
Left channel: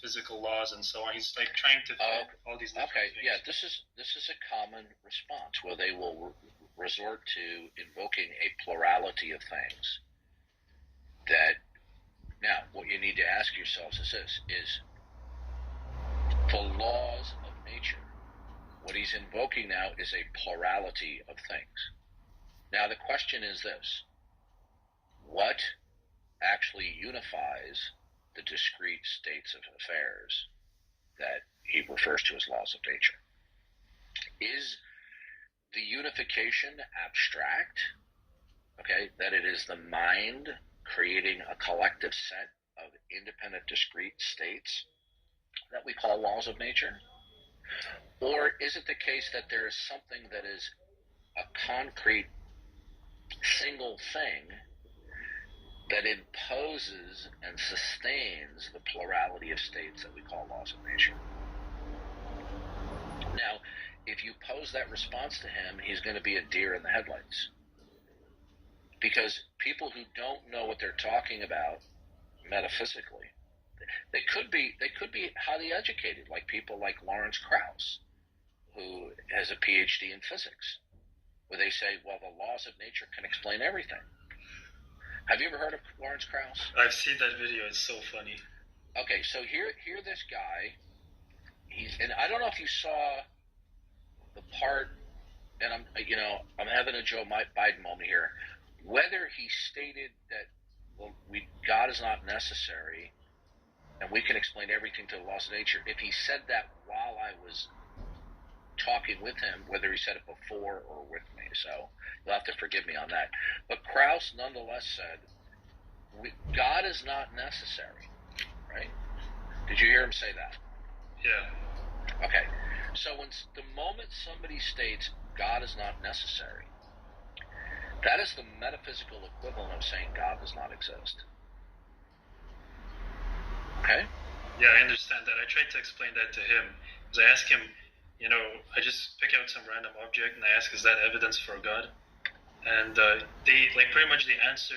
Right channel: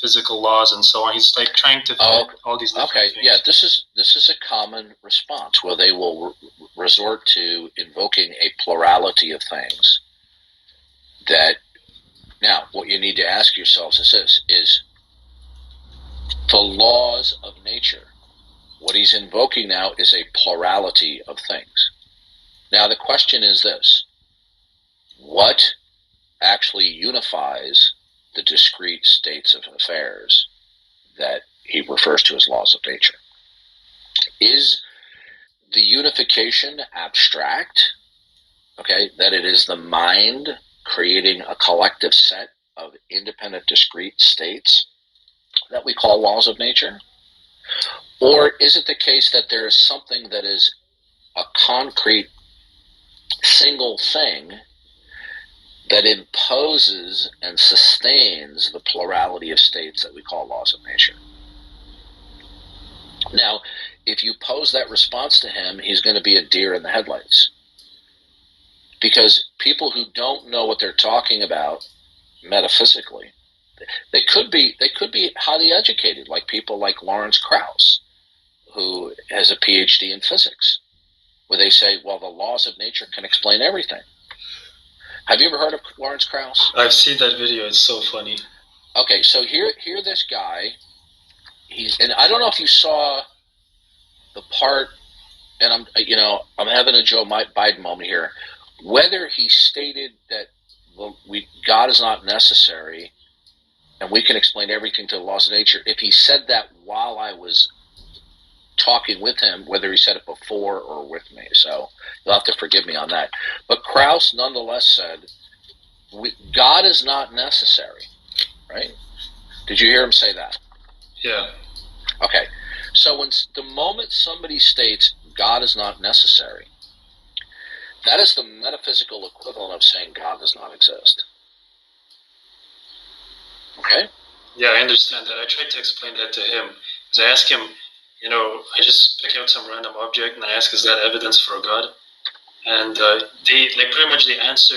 physical laws and so on. He's trying to fit all these different things. Yeah, this is a common response where they will resort to invoking a plurality of things. That now, what you need to ask yourselves is this: is the laws of nature. What he's invoking now is a plurality of things. Now, the question is this: what actually unifies the discrete states of affairs that he refers to as laws of nature? Is the unification abstract, okay, that it is the mind creating a collective set of independent discrete states that we call laws of nature? Or is it the case that there is something that is a concrete single thing that imposes and sustains the plurality of states that we call laws of nature? Now, if you pose that response to him, he's going to be a deer in the headlights. Because people who don't know what they're talking about metaphysically, they could be highly educated, like people like Lawrence Krauss, who has a PhD in physics, where they say, well, the laws of nature can explain everything. Have you ever heard of Lawrence Krauss? I've seen that video. It's so funny. Okay, so here this guy, and I don't know if you saw the part, and I'm having a Joe Biden moment here, whether he stated that God is not necessary and we can explain everything to the laws of nature. If he said that while I was talking with him, whether he said it before or with me, so you'll have to forgive me on that. But Krauss nonetheless said, God is not necessary, right? Did you hear him say that? Yeah. Okay. So when the moment somebody states God is not necessary, that is the metaphysical equivalent of saying God does not exist. Okay? Yeah, I understand that. I tried to explain that to him. Because I asked him, I just pick out some random object and I ask, is that evidence for God? And they pretty much they answer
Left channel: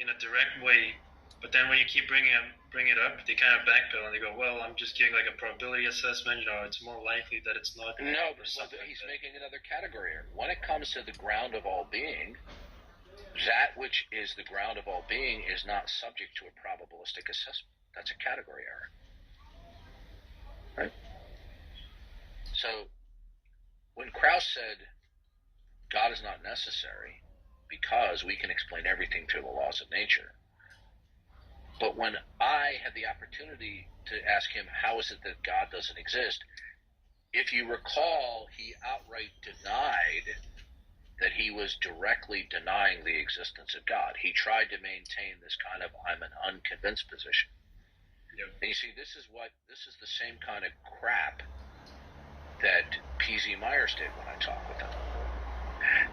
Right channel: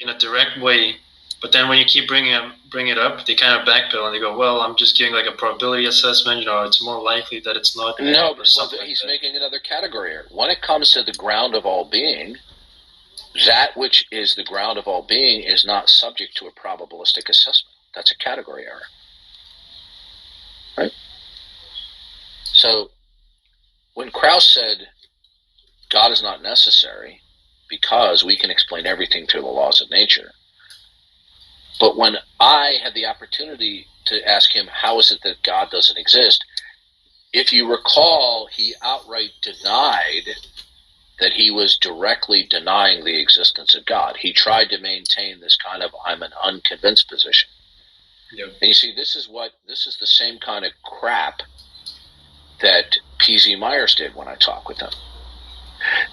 in a direct way. But then when you keep bring it up, they kind of backpedal and they go, well, I'm just giving a probability assessment. It's more likely that it's not. No, but he's making another category here. When it comes to the ground of all being, That which is the ground of all being is not subject to a probabilistic assessment. That's a category error. Right? So when Krauss said God is not necessary because we can explain everything through the laws of nature, but when I had the opportunity to ask him, how is it that God doesn't exist? If you recall, he outright denied that he was directly denying the existence of God. He tried to maintain this kind of I'm an unconvinced position. Yep. And you see, this is the same kind of crap that P.Z. Myers did when I talked with him.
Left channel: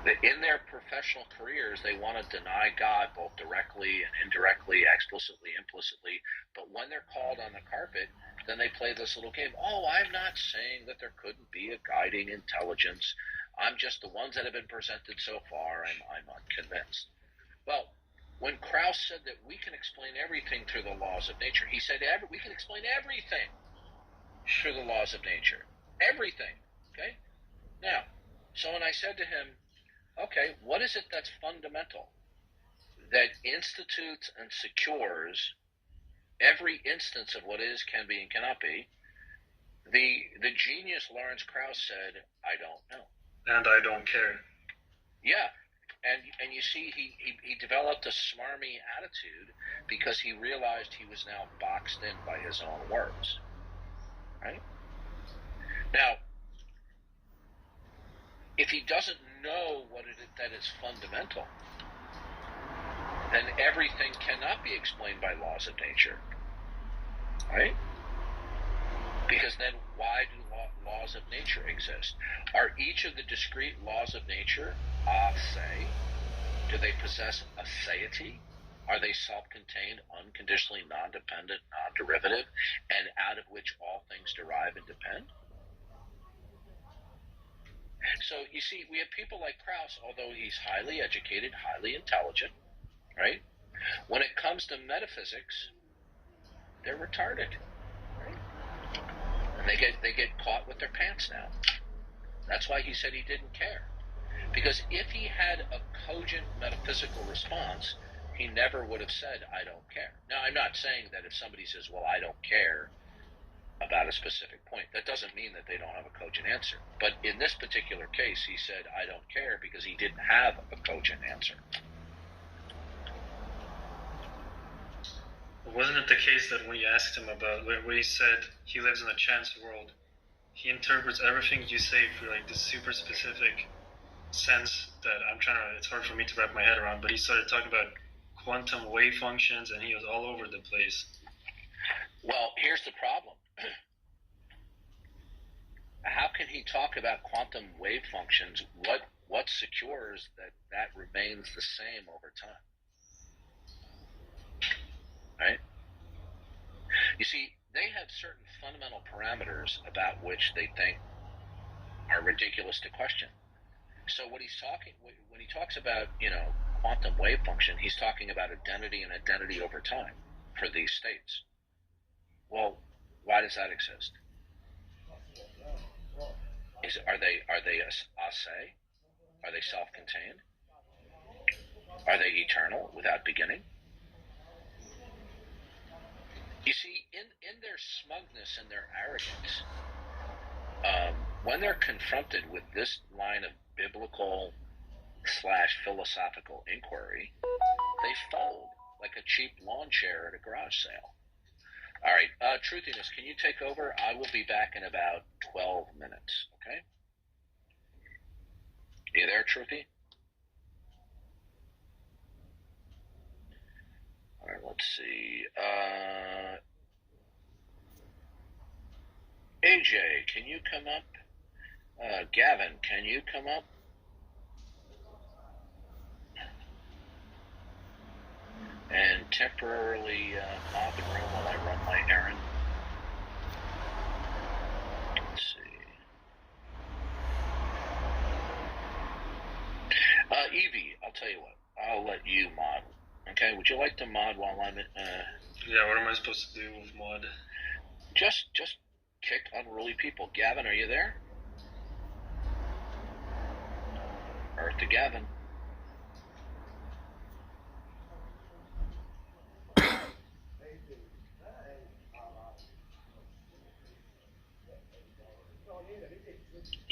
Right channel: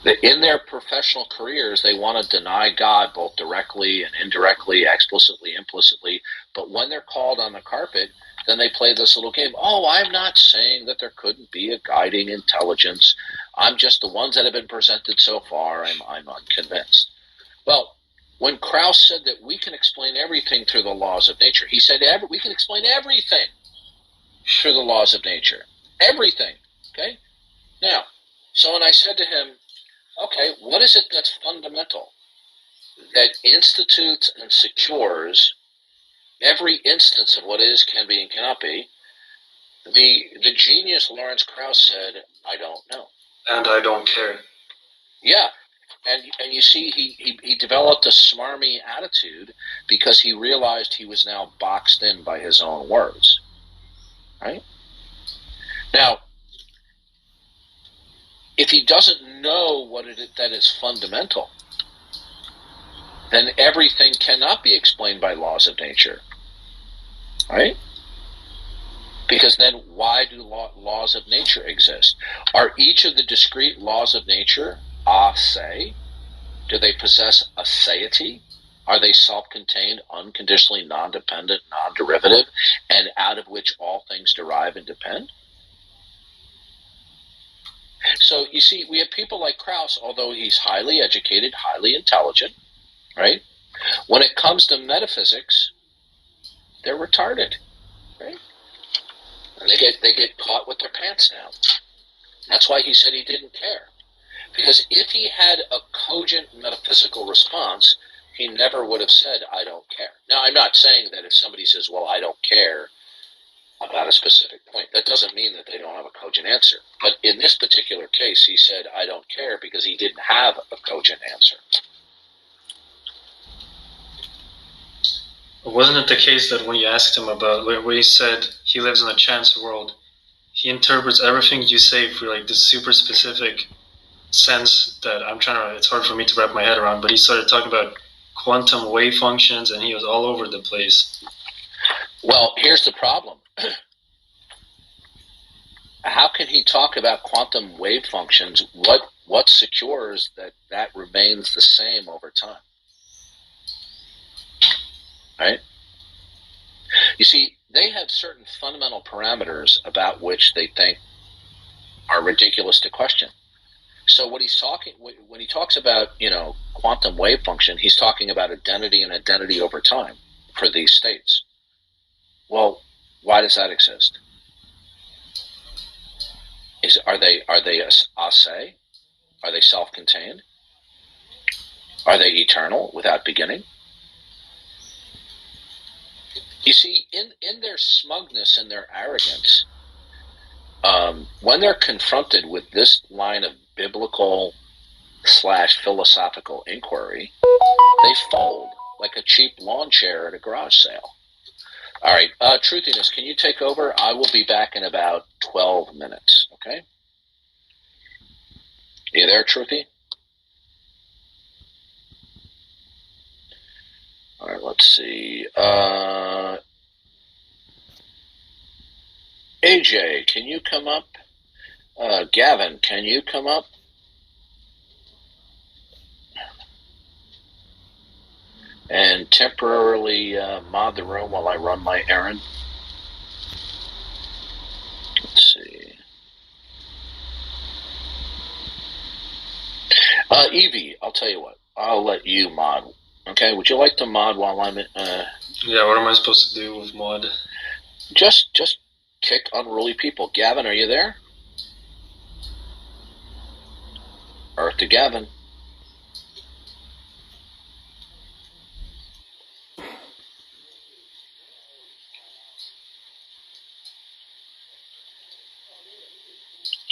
That in their professional careers, they want to deny God both directly and indirectly, explicitly, implicitly. But when they're called on the carpet, then they play this little game. Oh, I'm not saying that there couldn't be a guiding intelligence. I'm just the ones that have been presented so far. I'm unconvinced. Well, when Krauss said that we can explain everything through the laws of nature, he said we can explain everything through the laws of nature. Everything. Okay? Now, so when I said to him, okay, what is it that's fundamental that institutes and secures every instance of what is, can be, and cannot be? The genius Lawrence Krauss said, I don't know. And I don't care. Yeah. And you see, he developed a smarmy attitude because he realized he was now boxed in by his own words. Right? Now, if he doesn't know that is fundamental, then everything cannot be explained by laws of nature. Right? Because then why do laws of nature exist? Are each of the discrete laws of nature a se? Do they possess a aseity? Are they self-contained, unconditionally non-dependent, non-derivative, and out of which all things derive and depend? So you see, we have people like Krauss, although he's highly educated, highly intelligent, right? When it comes to metaphysics, they're retarded, right? And they get caught with their pants down. That's why he said he didn't care. Because if he had a cogent metaphysical response, he never would have said, I don't care. Now, I'm not saying that if somebody says, well, I don't care about a specific point, that doesn't mean that they don't have a cogent answer. But in this particular case, he said, I don't care because he didn't have a cogent answer. Wasn't it the case that when you asked him about, when he said he lives in a chance world, he interprets everything you say for like this super specific sense that it's hard for me to wrap my head around, but he started talking about quantum wave functions and he was all over the place. Well, here's the problem. How can he talk about quantum wave functions? What secures that remains the same over time? Right? You see, they have certain fundamental parameters about which they think are ridiculous to question. So when he talks about, quantum wave function, he's talking about identity and identity over time for these states. Well, why does that exist? Are they a se? Are they self-contained? Are they eternal without beginning? You see, in their smugness and their arrogance, when they're confronted with this line of biblical/philosophical inquiry, they fold like a cheap lawn chair at a garage sale. All right, Truthiness, can you take over? I will be back in about 12 minutes, okay? You there, Truthy? All right, let's see. AJ, can you come up? Gavin, can you come up? And temporarily mod the room while I run my errand. Let's see. Evie, I'll tell you what. I'll let you mod. Okay, would you like to mod while I'm in? Yeah, what am I supposed to do with mod? Just kick unruly people. Gavin, are you there? Earth to Gavin.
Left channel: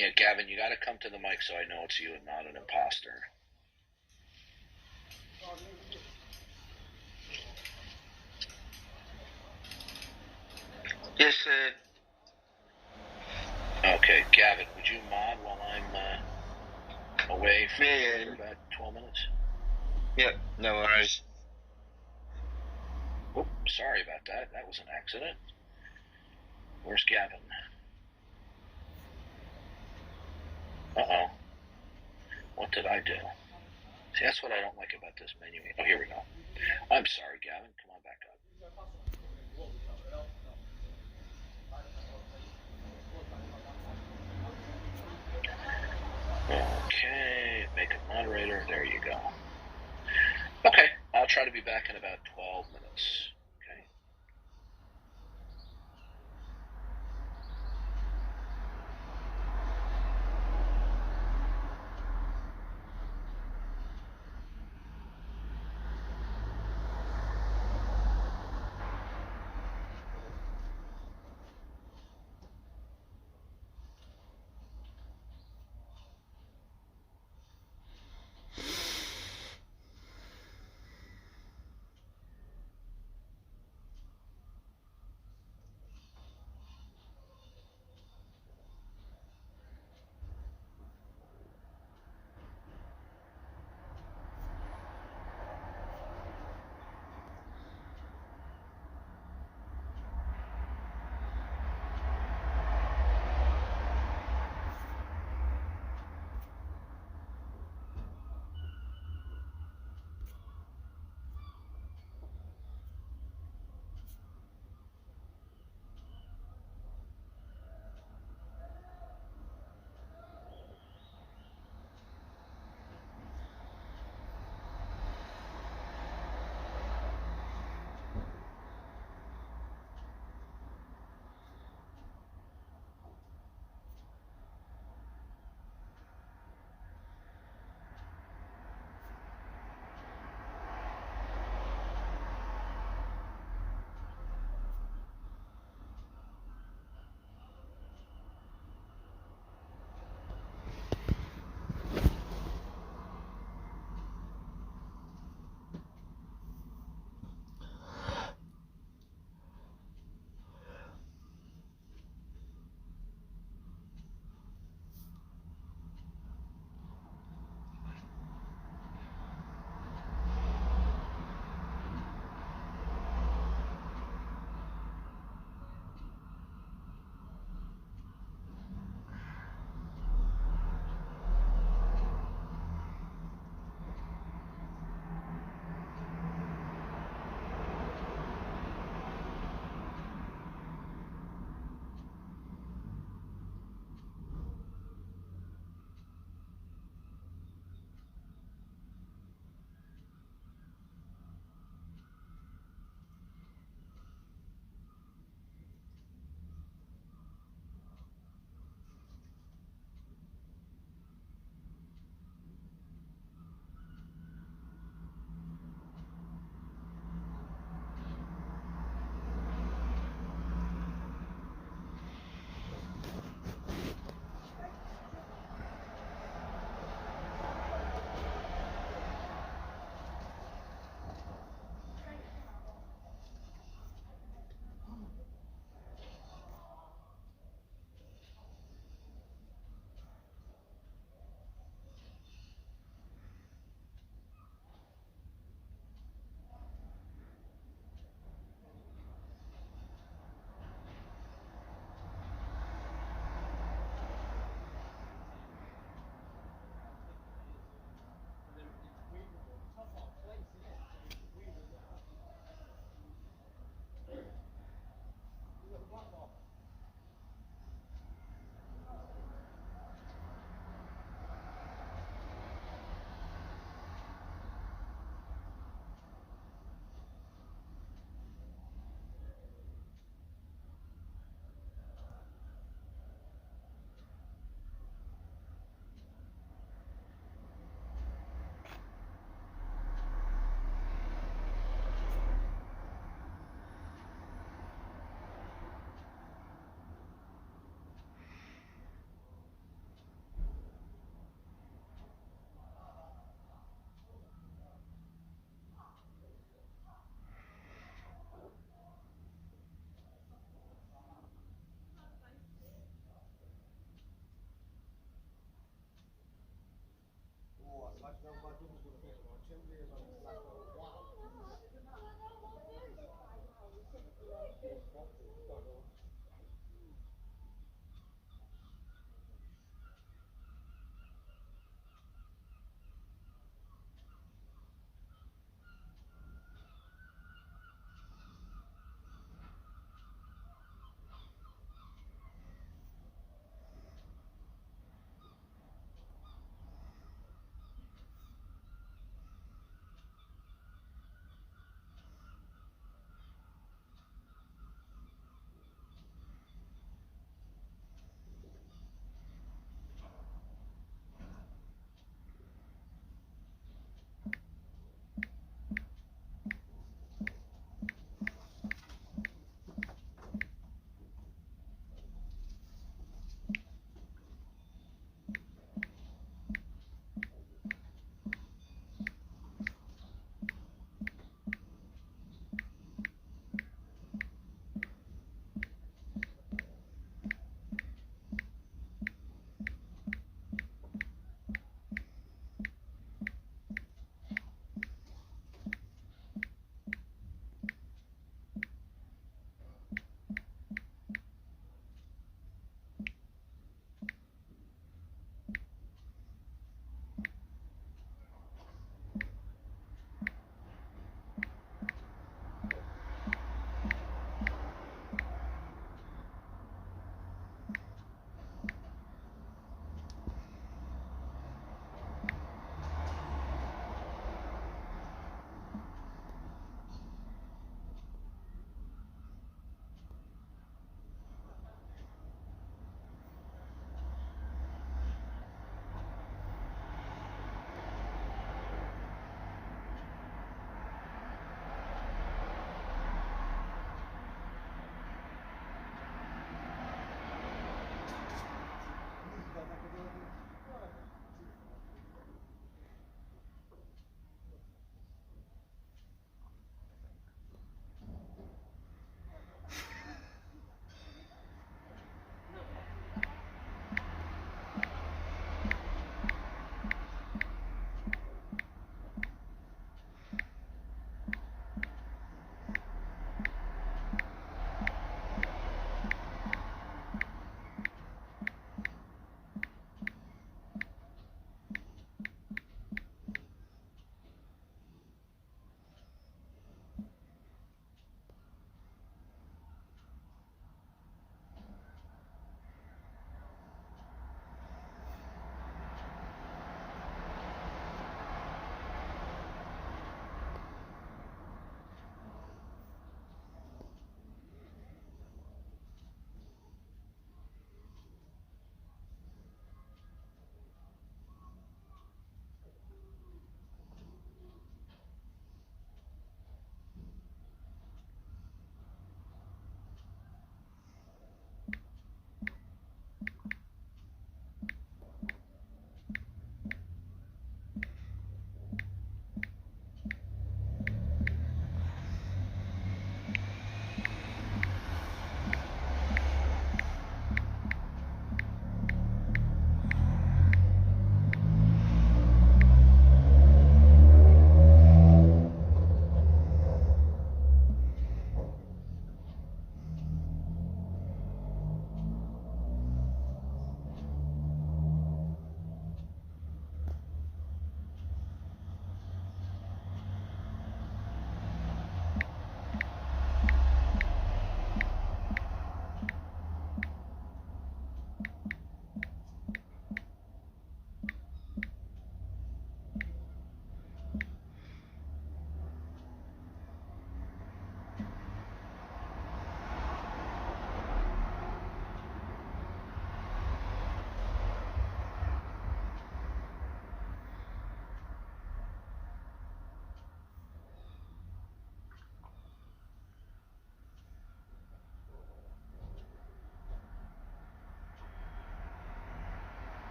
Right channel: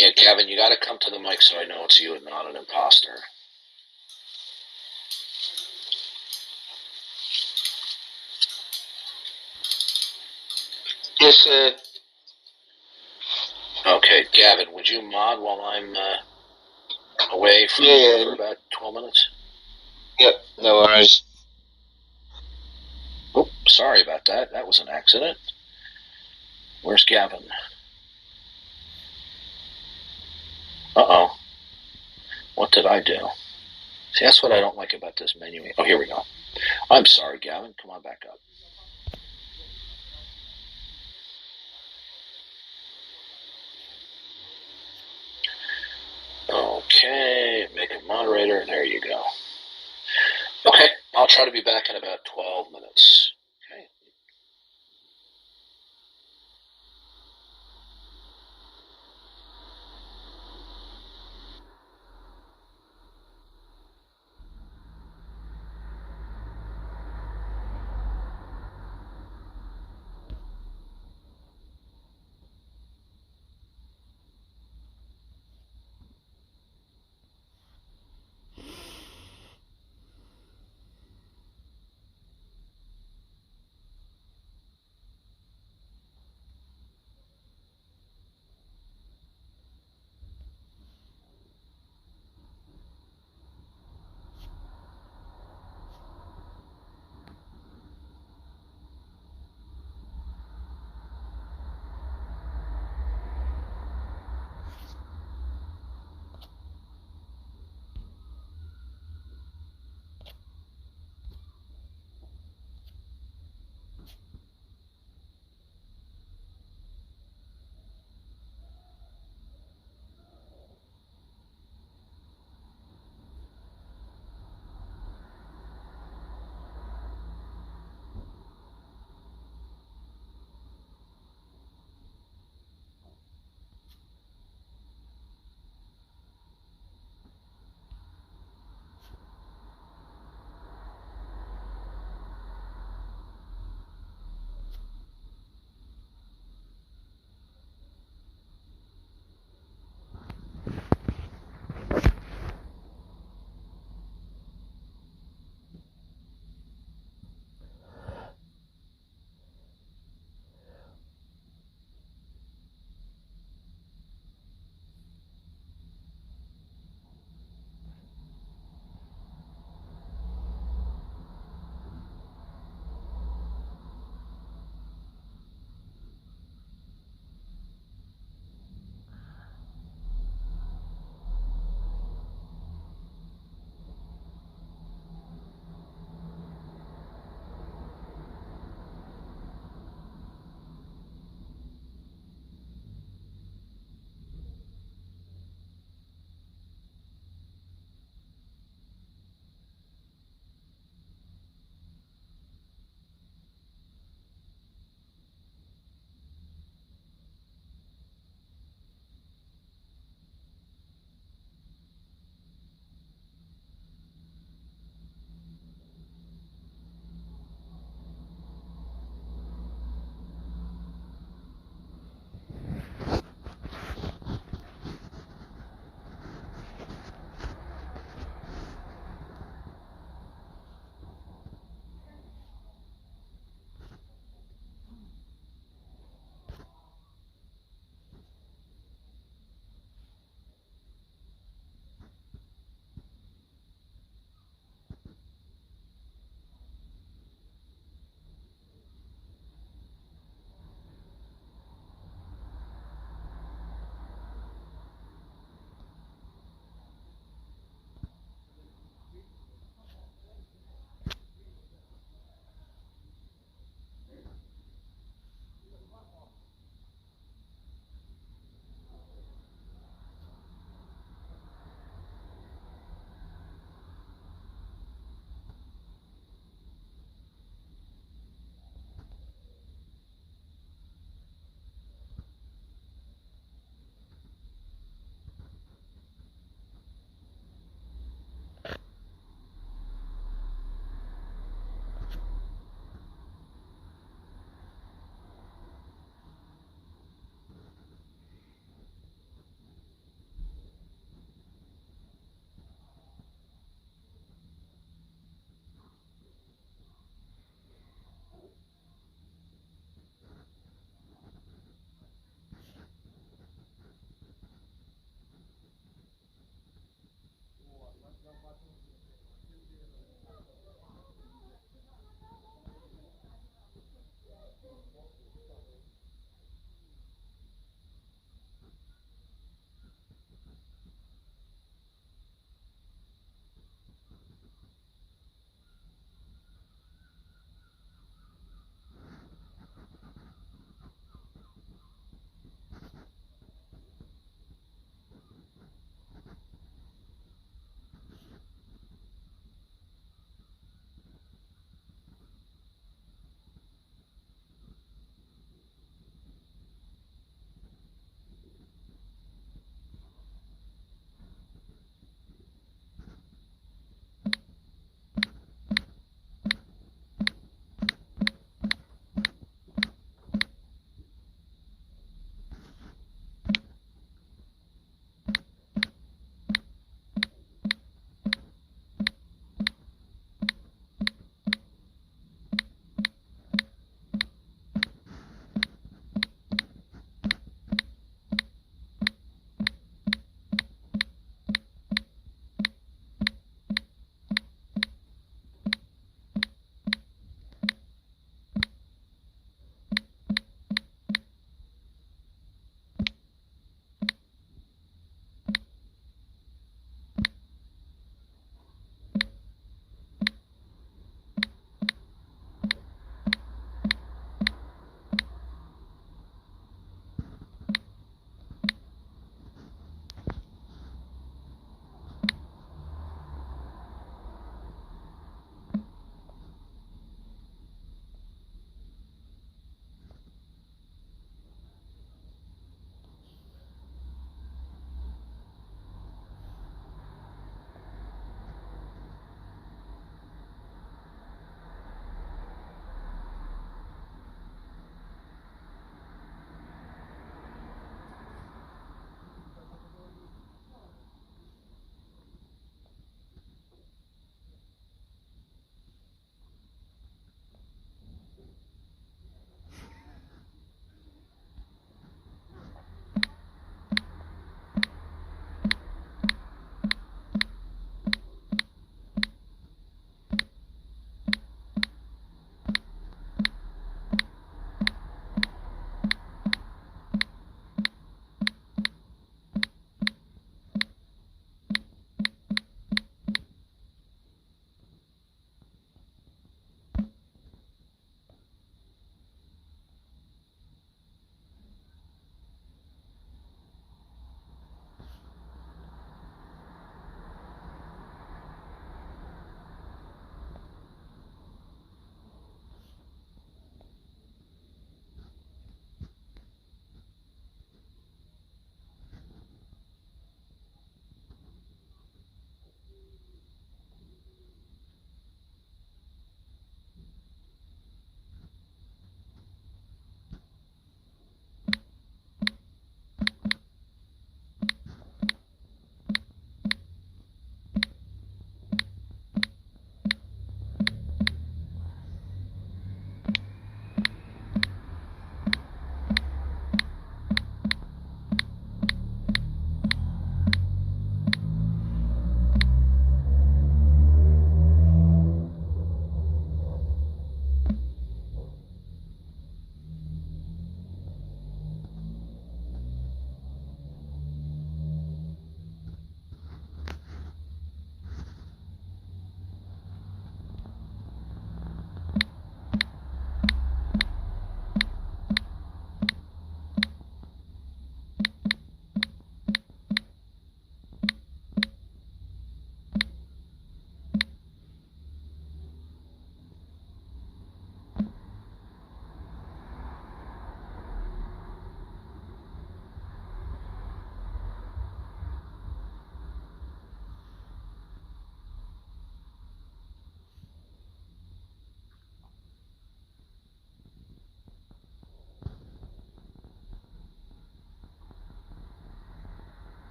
Yeah, Gavin, you got to come to the mic so I know it's you and not an imposter. Yes, sir. Okay, Gavin, would you mod while I'm away from you for about 12 minutes? Yep, no worries. Oh, sorry about that. That was an accident. Where's Gavin? Uh-oh. What did I do? See, that's what I don't like about this menu. Oh, here we go. I'm sorry, Gavin. Come on back up. Okay, make a moderator. There you go. Okay, I'll try to be back in about 12 minutes. Okay.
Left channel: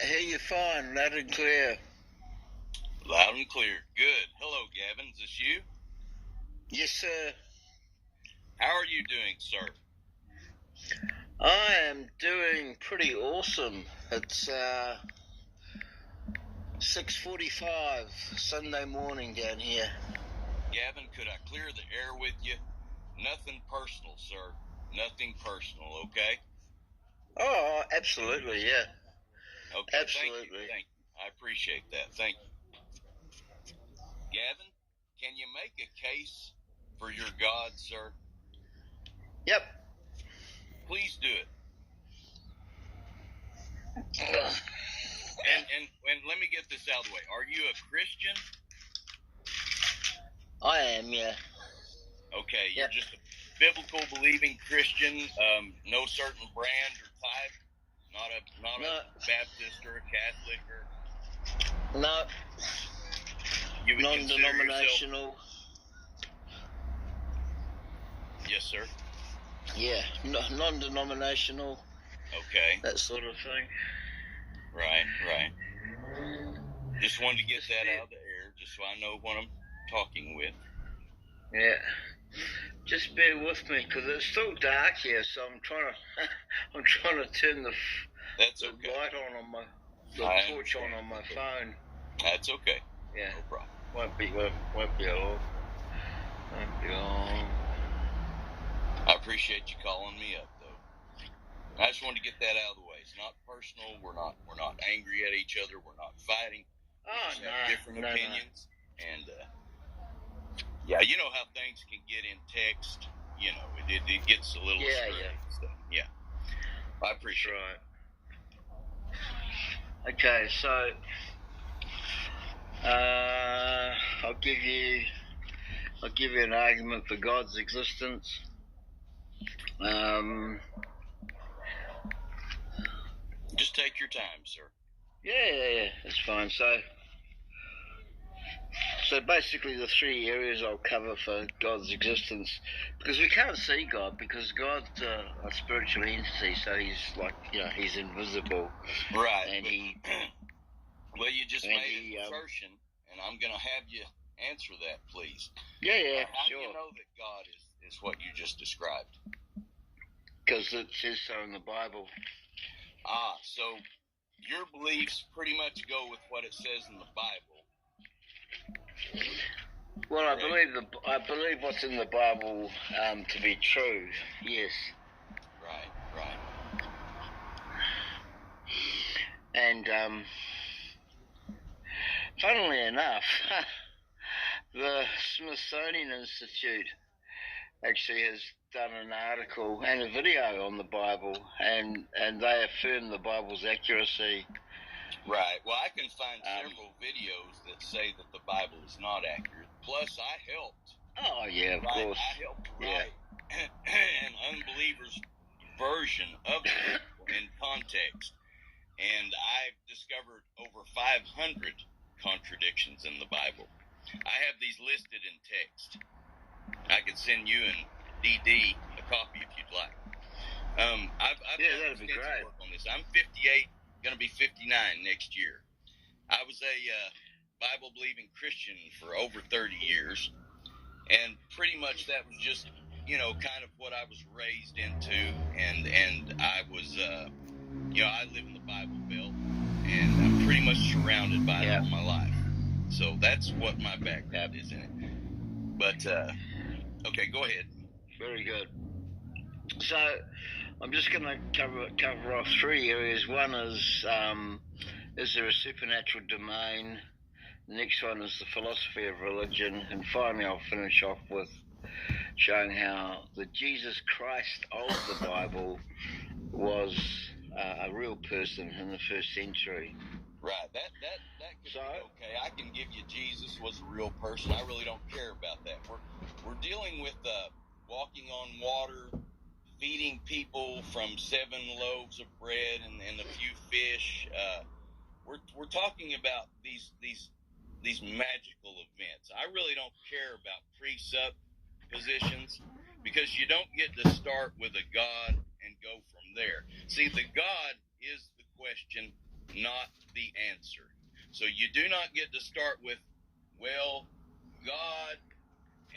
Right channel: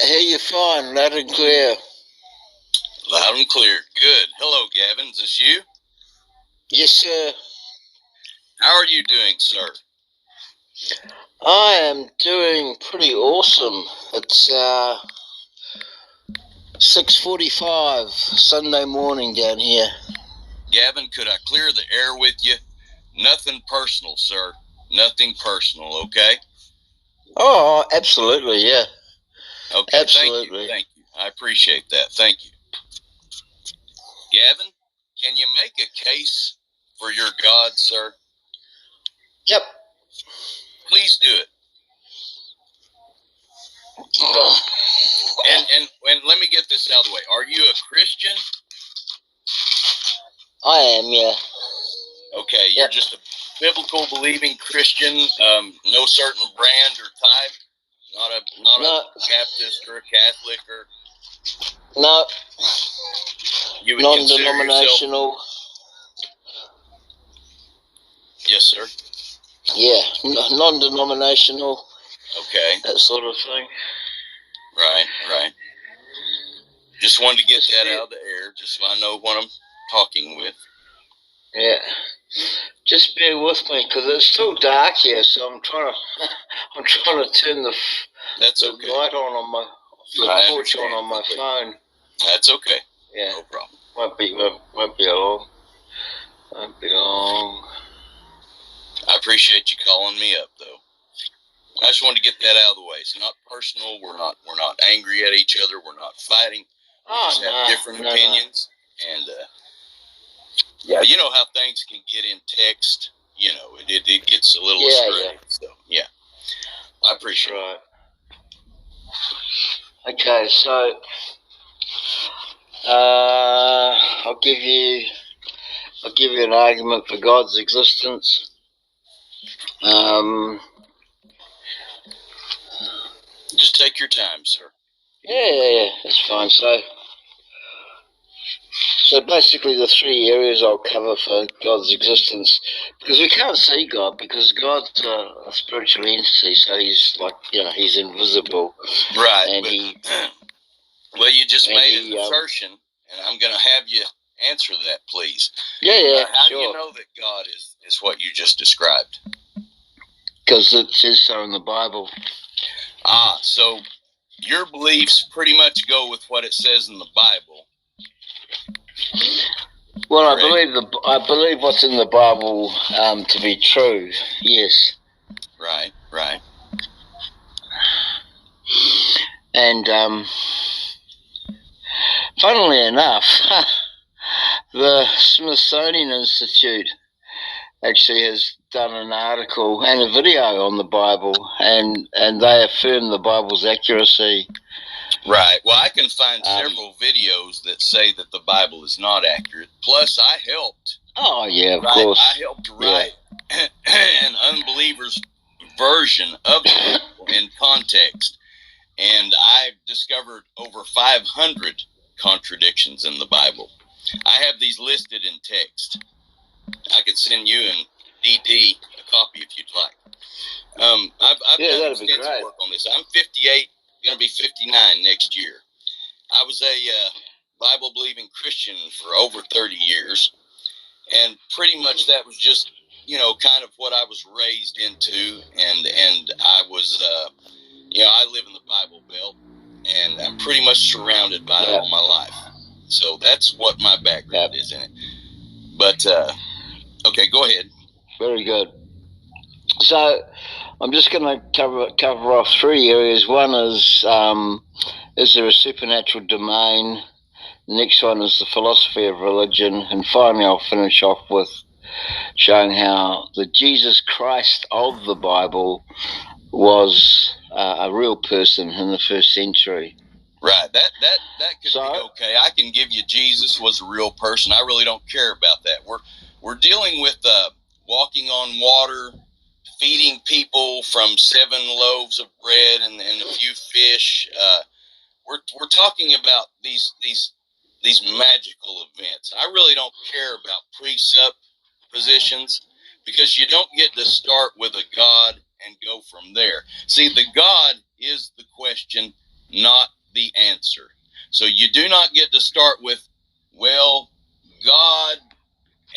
hear you fine, loud and clear. Loud and clear. Good. Hello, Gavin. Is this you? Yes, sir. How are you doing, sir? I am doing pretty awesome. It's 6:45 Sunday morning down here. Gavin, could I clear the air with you? Nothing personal, sir. Nothing personal, okay? Oh, absolutely, yeah. Okay, absolutely. Thank you. I appreciate that. Thank you. Gavin, can you make a case for your God, sir? Yep. Please do it. And let me get this out of the way. Are you a Christian? I am, yeah. Okay, you're just a biblical believing Christian, no certain brand or type, not a Baptist or a Catholic or. No. You would consider yourself. Non-denominational. Yes, sir. Yeah, non-denominational. Okay. That sort of thing. Right. Just wanted to get that out of the air, just so I know what I'm talking with. Yeah. Just bear with me, because it's still dark here, so I'm trying to turn the light on my torch on my phone. That's okay. Yeah. No problem. Won't be long. Won't be long. I appreciate you calling me up, though. I just wanted to get that out of the way. It's not personal. We're not angry at each other. We're not fighting. We just have different opinions. And yeah, you know how things can get in text. You know, it gets a little astray. Yeah. So yeah, I appreciate it. Okay, so I'll give you an argument for God's existence. Just take your time, sir. Yeah, it's fine. So basically the three areas I'll cover for God's existence, because we can't see God, because God's a spiritual entity, so he's he's invisible. Right. And well, you just made an assertion, and I'm going to have you answer that, please. Yeah, how sure. do you know that God is what you just described? Because it says so in the Bible. So your beliefs pretty much go with what it says in the Bible. Well, I believe what's in the Bible to be true. Yes. Right. And funnily enough, the Smithsonian Institute actually has done an article and a video on the Bible, and they affirm the Bible's accuracy. Right. Well, I can find several videos that say that the Bible is not accurate. Plus, I helped. Oh, yeah, of course. I helped write an unbeliever's version of the Bible in context. And I discovered over 500 contradictions in the Bible. I have these listed in text. I could send you and DD a copy if you'd like. I've done extensive work on this. I'm 58. Going to be 59 next year. I was a Bible-believing Christian for over 30 years, and pretty much that was just, kind of what I was raised into, and I was, I live in the Bible Belt, and I'm pretty much surrounded by it all my life. So that's what my background is in it. But, okay, go ahead. Very good. So I'm just going to cover off three areas. One is there a supernatural domain? The next one is the philosophy of religion. And finally, I'll finish off with showing how the Jesus Christ of the Bible was a real person in the first century. Right. That could be okay. I can give you Jesus was a real person. I really don't care about that. We're dealing with walking on water, feeding people from 7 loaves of bread and a few fish. We're talking about these magical events. I really don't care about presuppositions, because you don't get to start with a God and go from there. See, the God is the question not the answer. So you do not get to start with, well, God,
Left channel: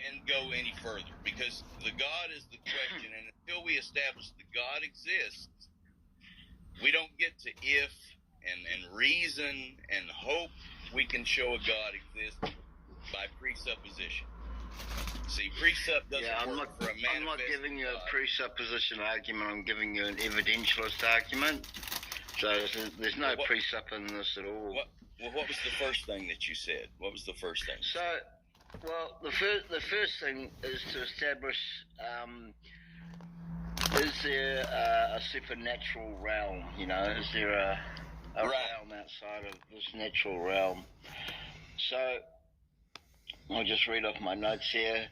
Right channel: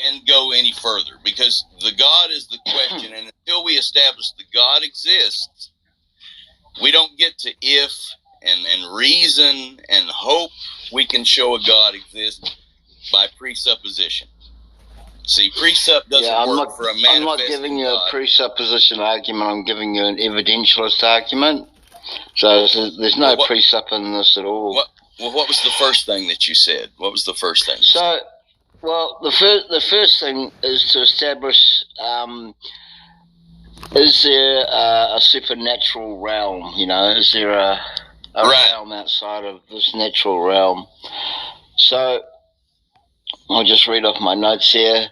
and go any further, because the God is the question, and until we establish the God exists, we don't get to if and reason and hope we can show a God exists by presupposition. See, precept doesn't work for a manifesting I'm not giving you God. a presupposition argument. I'm giving you an evidentialist argument. So there's no presup in this at all. What was the first thing that you said? What was the first thing? Well, the first thing is to establish, is there a supernatural realm? You know, is there a realm outside of this natural realm? So I'll just read off my notes here.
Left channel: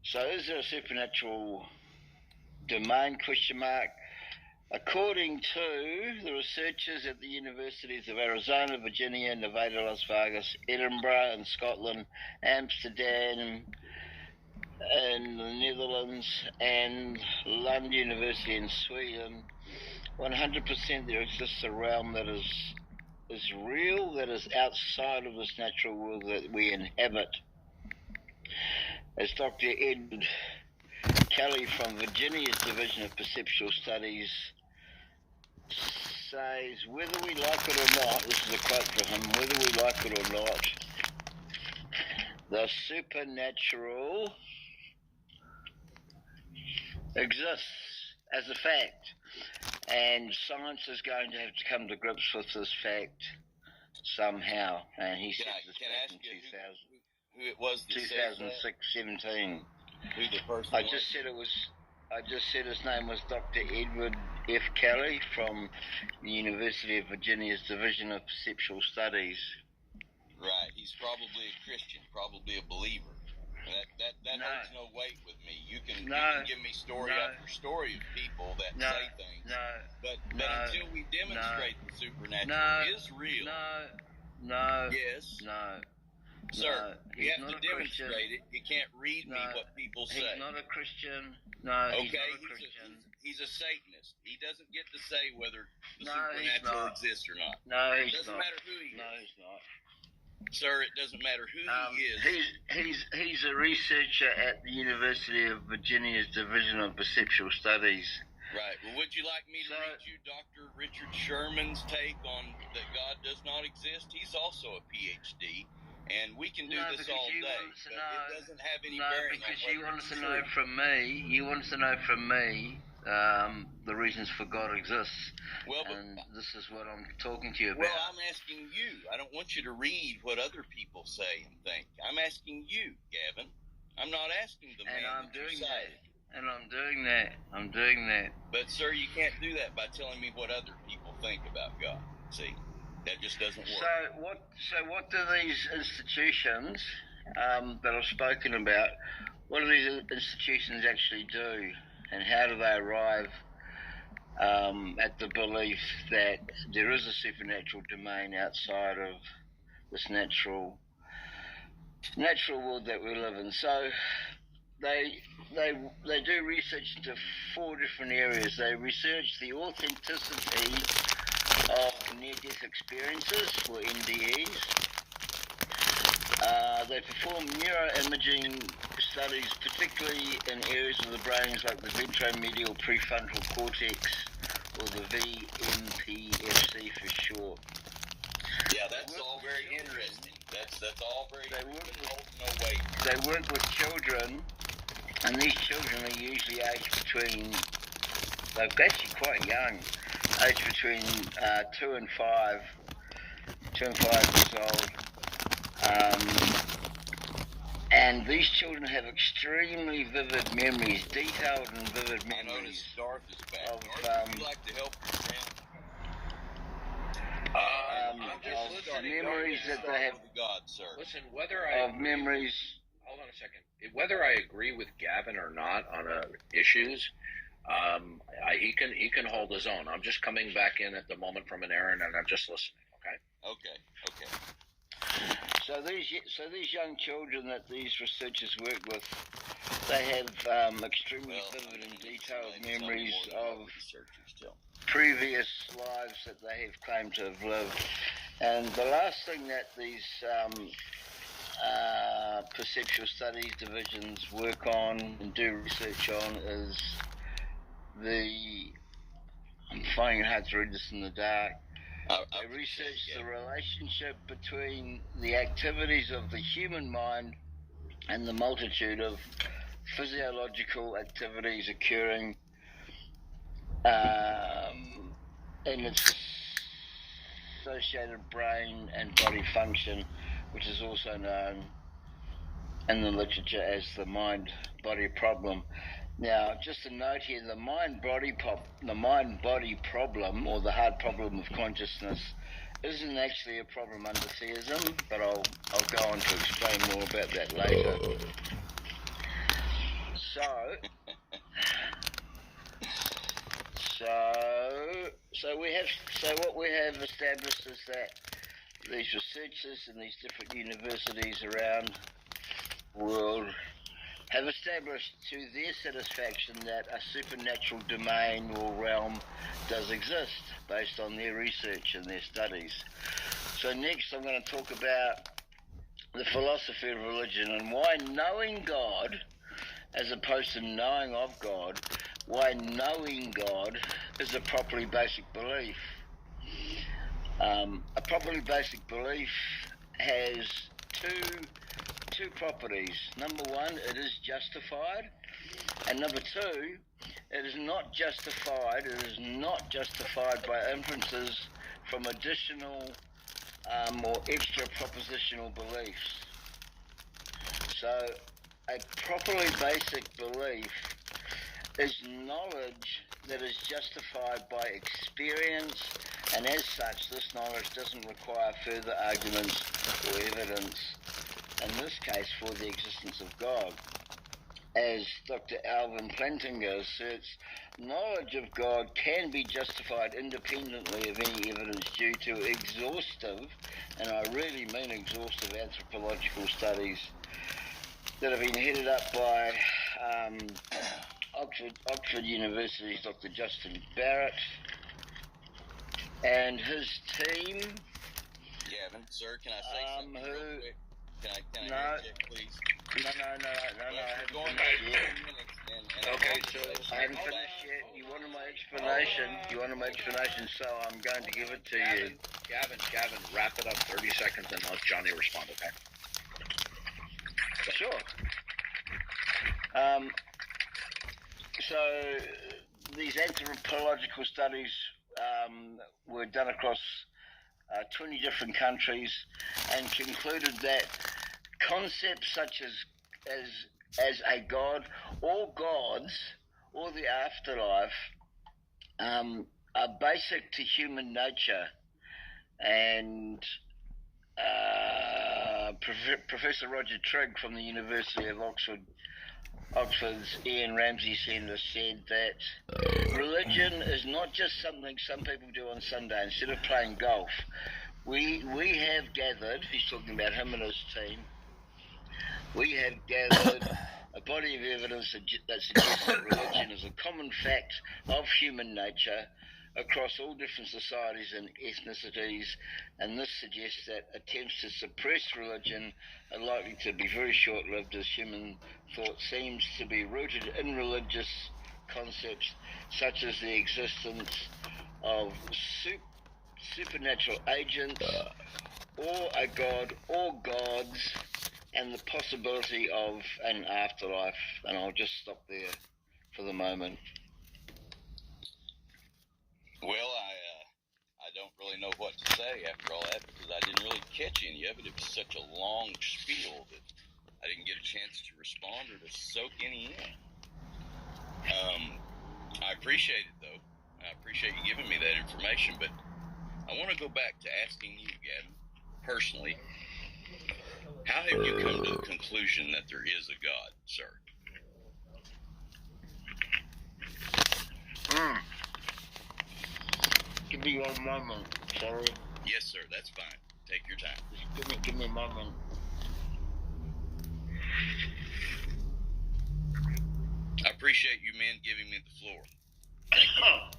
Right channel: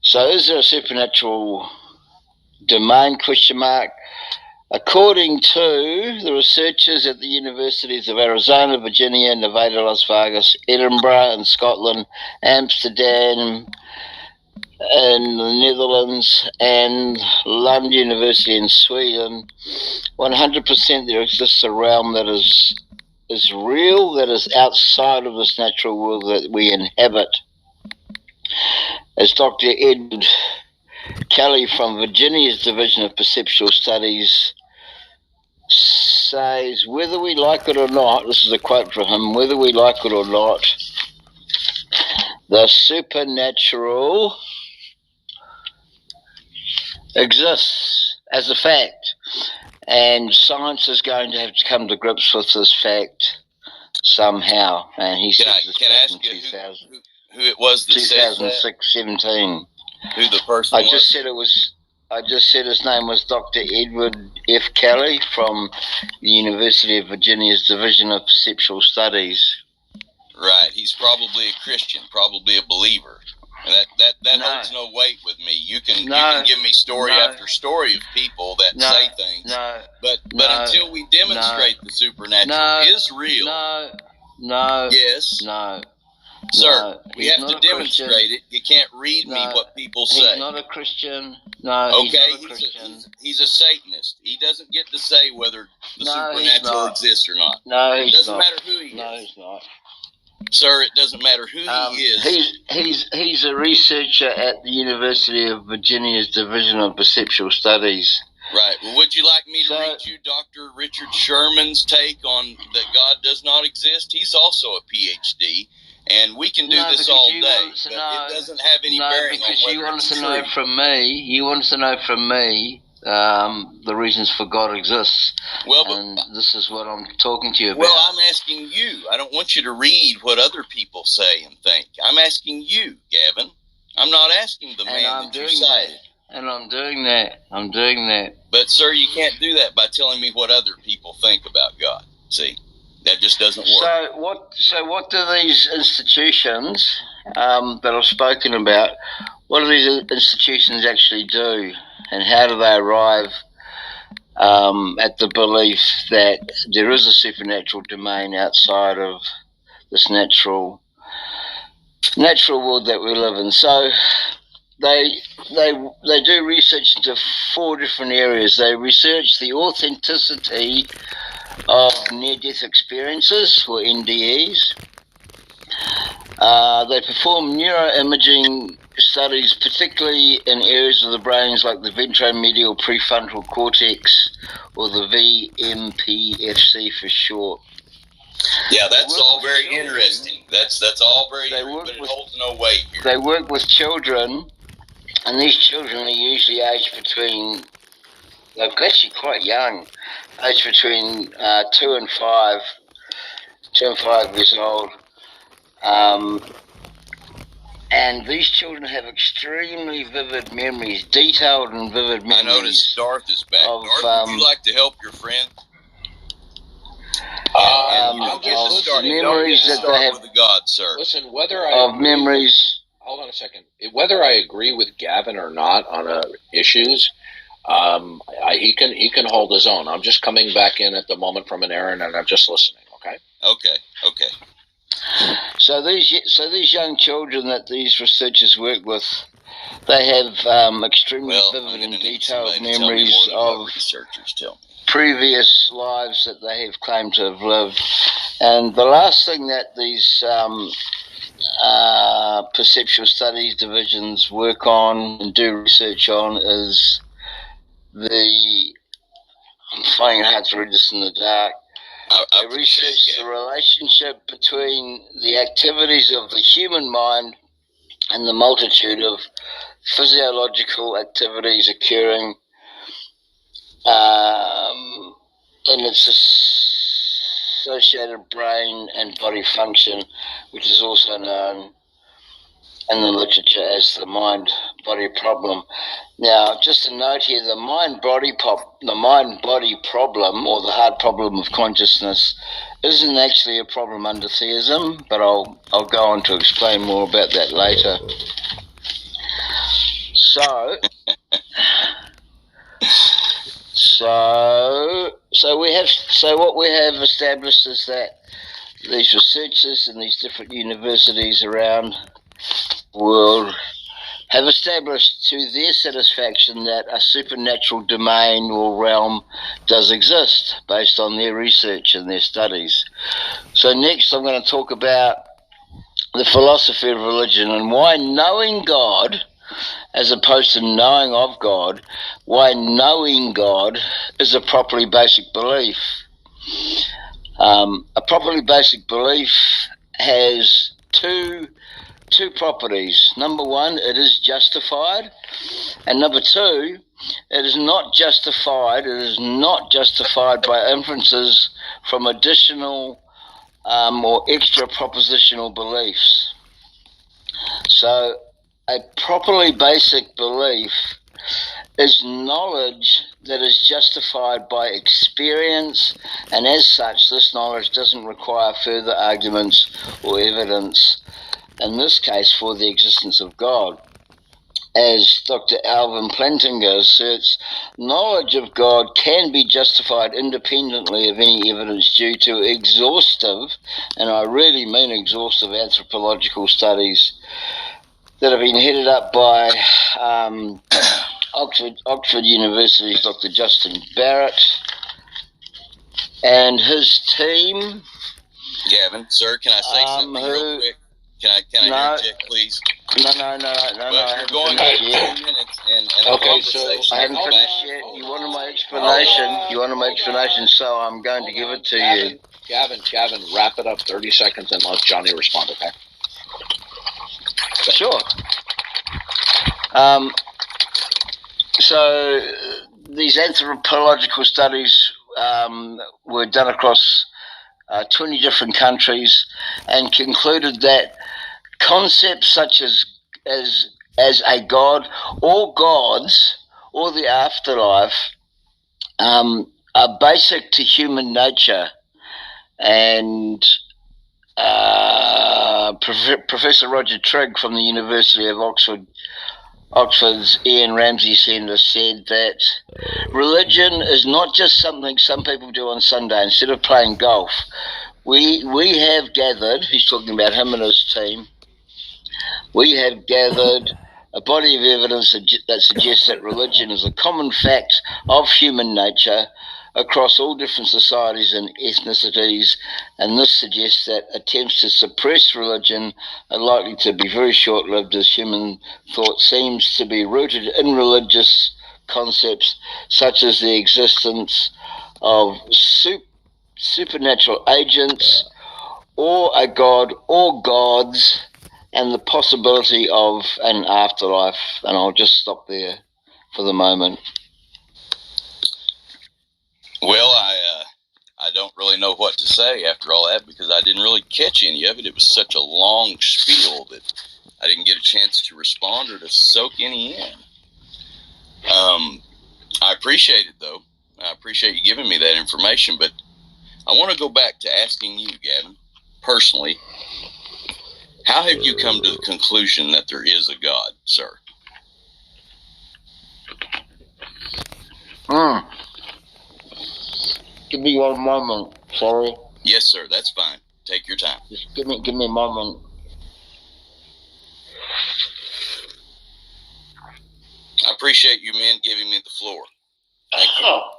So is there a supernatural domain, question mark? According to the researchers at the universities of Arizona, Virginia, Nevada, Las Vegas, Edinburgh in Scotland, Amsterdam in the Netherlands, and Lund University in Sweden, 100% there exists a realm that is real, that is outside of this natural world that we inhabit. As Dr. Edward Kelly from Virginia's Division of Perceptual Studies says, whether we like it or not, this is a quote from him, whether we like it or not, the supernatural exists as a fact, and science is going to have to come to grips with this fact somehow. And he said this back in 2000, who it was that 2006, 17. Who the person was? I just said his name was Dr. Edward F. Kelly from the University of Virginia's Division of Perceptual Studies. Right. He's probably a Christian, probably a believer. And that holds no weight with me. You can give me story after story of people that say things. But until we demonstrate the supernatural is real. Yes. Sir, we have to demonstrate it. You can't read me what people say. He's not a Christian. Okay, he's a Satanist. He doesn't get to say whether the supernatural exists or not. It doesn't matter who he is. No, he's not. Sir, it doesn't matter who he is. He's a researcher at the University of Virginia's Division of Perceptual Studies. Right. Well, would you like me to read you Dr. Richard Sherman's take on that God does not exist? He's also a PhD. And we can do this all day, but it doesn't have any bearing on whether it's true. You want to know from me the reasons for God exists. And this is what I'm talking to you about. Well, I'm asking you. I don't want you to read what other people say and think. I'm asking you, Gavin. I'm not asking the man that you cited. And I'm doing that. But, sir, you can't do that by telling me what other people think about God. See? That just doesn't work. So what do these institutions that I've spoken about, what do these institutions actually do, and how do they arrive at the belief that there is a supernatural domain outside of this natural world that we live in? So they do research into 4 different areas. They research the authenticity of near-death experiences, or NDEs. They perform neuroimaging studies, particularly in areas of the brains like the ventromedial prefrontal cortex, or the VMPFC for short. Yeah, that's all very interesting. That's all very true, but it holds no weight here. They work with children, and these children are usually aged between, they're actually quite young, aged between 2 and 5 years old. And these children have extremely vivid memories, detailed and vivid memories. I noticed Darth is back. Darth, would you like to help your friend? Memories that they have with the God, sir. Listen, whether I memories. Hold on a second. Whether I agree with Gavin or not on issues, he can hold his own. I'm just coming back in at the moment from an errand, and I'm just listening. Okay. Okay. So these young children that these researchers work with, they have extremely vivid and detailed memories of previous lives that they have claimed to have lived. And the last thing that these perceptual studies divisions work on and do research on is I'm finding it hard to read this in the dark. They research the relationship between the activities of the human mind and the multitude of physiological activities occurring in its associated brain and body function, which is also known in the literature as the mind-body problem. Now, just a note here: the mind-body problem, or the hard problem of consciousness, isn't actually a problem under theism, but I'll go on to explain more about that later. So what we have established is that these researchers in these different universities around the world have established to their satisfaction that a supernatural domain or realm does exist based on their research and their studies. So next I'm going to talk about the philosophy of religion and why knowing God, as opposed to knowing of God, why knowing God is a properly basic belief. A properly basic belief has two properties. Number one, it is justified, and number two, it is not justified. It is not justified by inferences from additional or extra propositional beliefs. So, a properly basic belief is knowledge that is justified by experience, and as such, this knowledge doesn't require further arguments or evidence, in this case for the existence of God. As Dr. Alvin Plantinga asserts, knowledge of God can be justified independently of any evidence due to exhaustive, and I really mean exhaustive, anthropological studies that have been headed up by Oxford University's Dr. Justin Barrett and his team. Gavin, sir, can I say something real quick? Can I interject, please? No. You're going on 2 minutes and okay, so I haven't finished yet. You wanted my explanation, so I'm going to give it to you. Gavin, wrap it up 30 seconds and let Johnny respond, okay? Sure. So these anthropological studies were done across 20 different countries and concluded that concepts such as a god or gods or the afterlife are basic to human nature, and Professor Roger Trigg from the University of Oxford's Ian Ramsey Centre said that religion is not just something some people do on Sunday instead of playing golf. We have gathered, he's talking about him and his team, we have gathered a body of evidence that suggests that religion is a common fact of human nature across all different societies and ethnicities, and this suggests that attempts to suppress religion are likely to be very short-lived, as human thought seems to be rooted in religious concepts such as the existence of supernatural agents or a god or gods and the possibility of an afterlife. And I'll just stop there for the moment. Well, I don't really know what to say after all that, because I didn't really catch any of it. It was such a long spiel that I didn't get a chance to respond or to soak any in. I appreciate it, though. I appreciate you giving me that information, but I want to go back to asking you, Gavin, personally, how have you come to the conclusion that there is a God, sir? Give me one moment, sorry. Yes, sir, that's fine. Take your time. Just give me a moment. I appreciate you men giving me the floor. Thank you.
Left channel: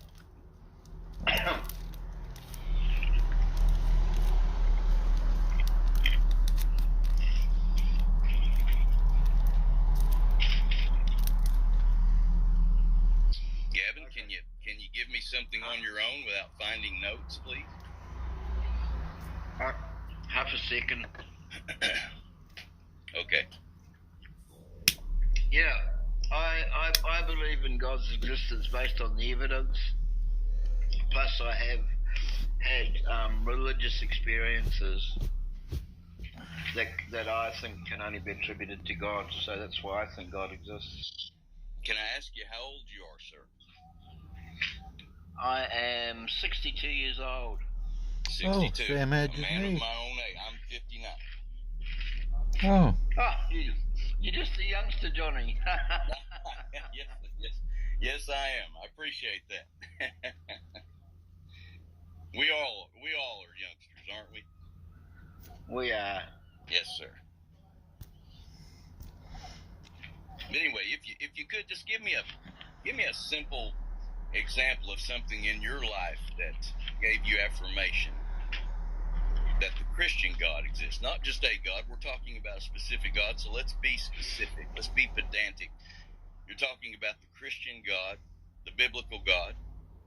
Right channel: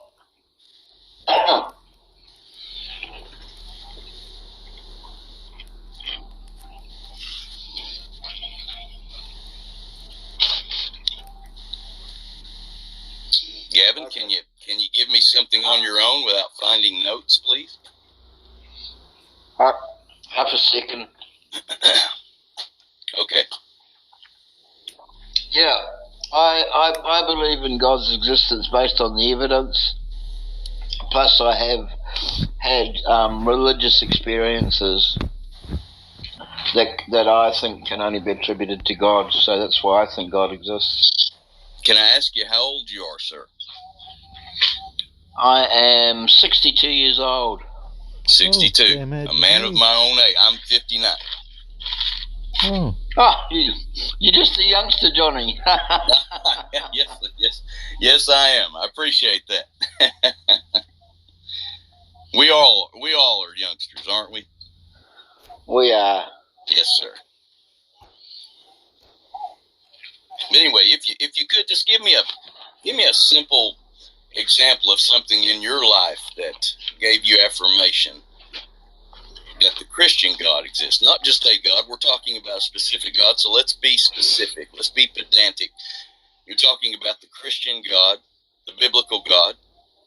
Gavin, can you give me something on your own without finding notes, please? Half a second. Okay. Yeah, I believe in God's existence based on the evidence. Plus, I have had religious experiences that I think can only be attributed to God. So that's why I think God exists. Can I ask you how old you are, sir? I am 62 years old. 62. A man of my own age. I'm 59. Oh. You're just a youngster, Johnny. Yes, I am. I appreciate that. We all are youngsters, aren't we? We are. Yes, sir. But anyway, if you could just give me a simple example of something in your life that gave you affirmation that the Christian God exists, not just a God. We're talking about a specific God, so let's be specific. Let's be pedantic. You're talking about the Christian God, the biblical God.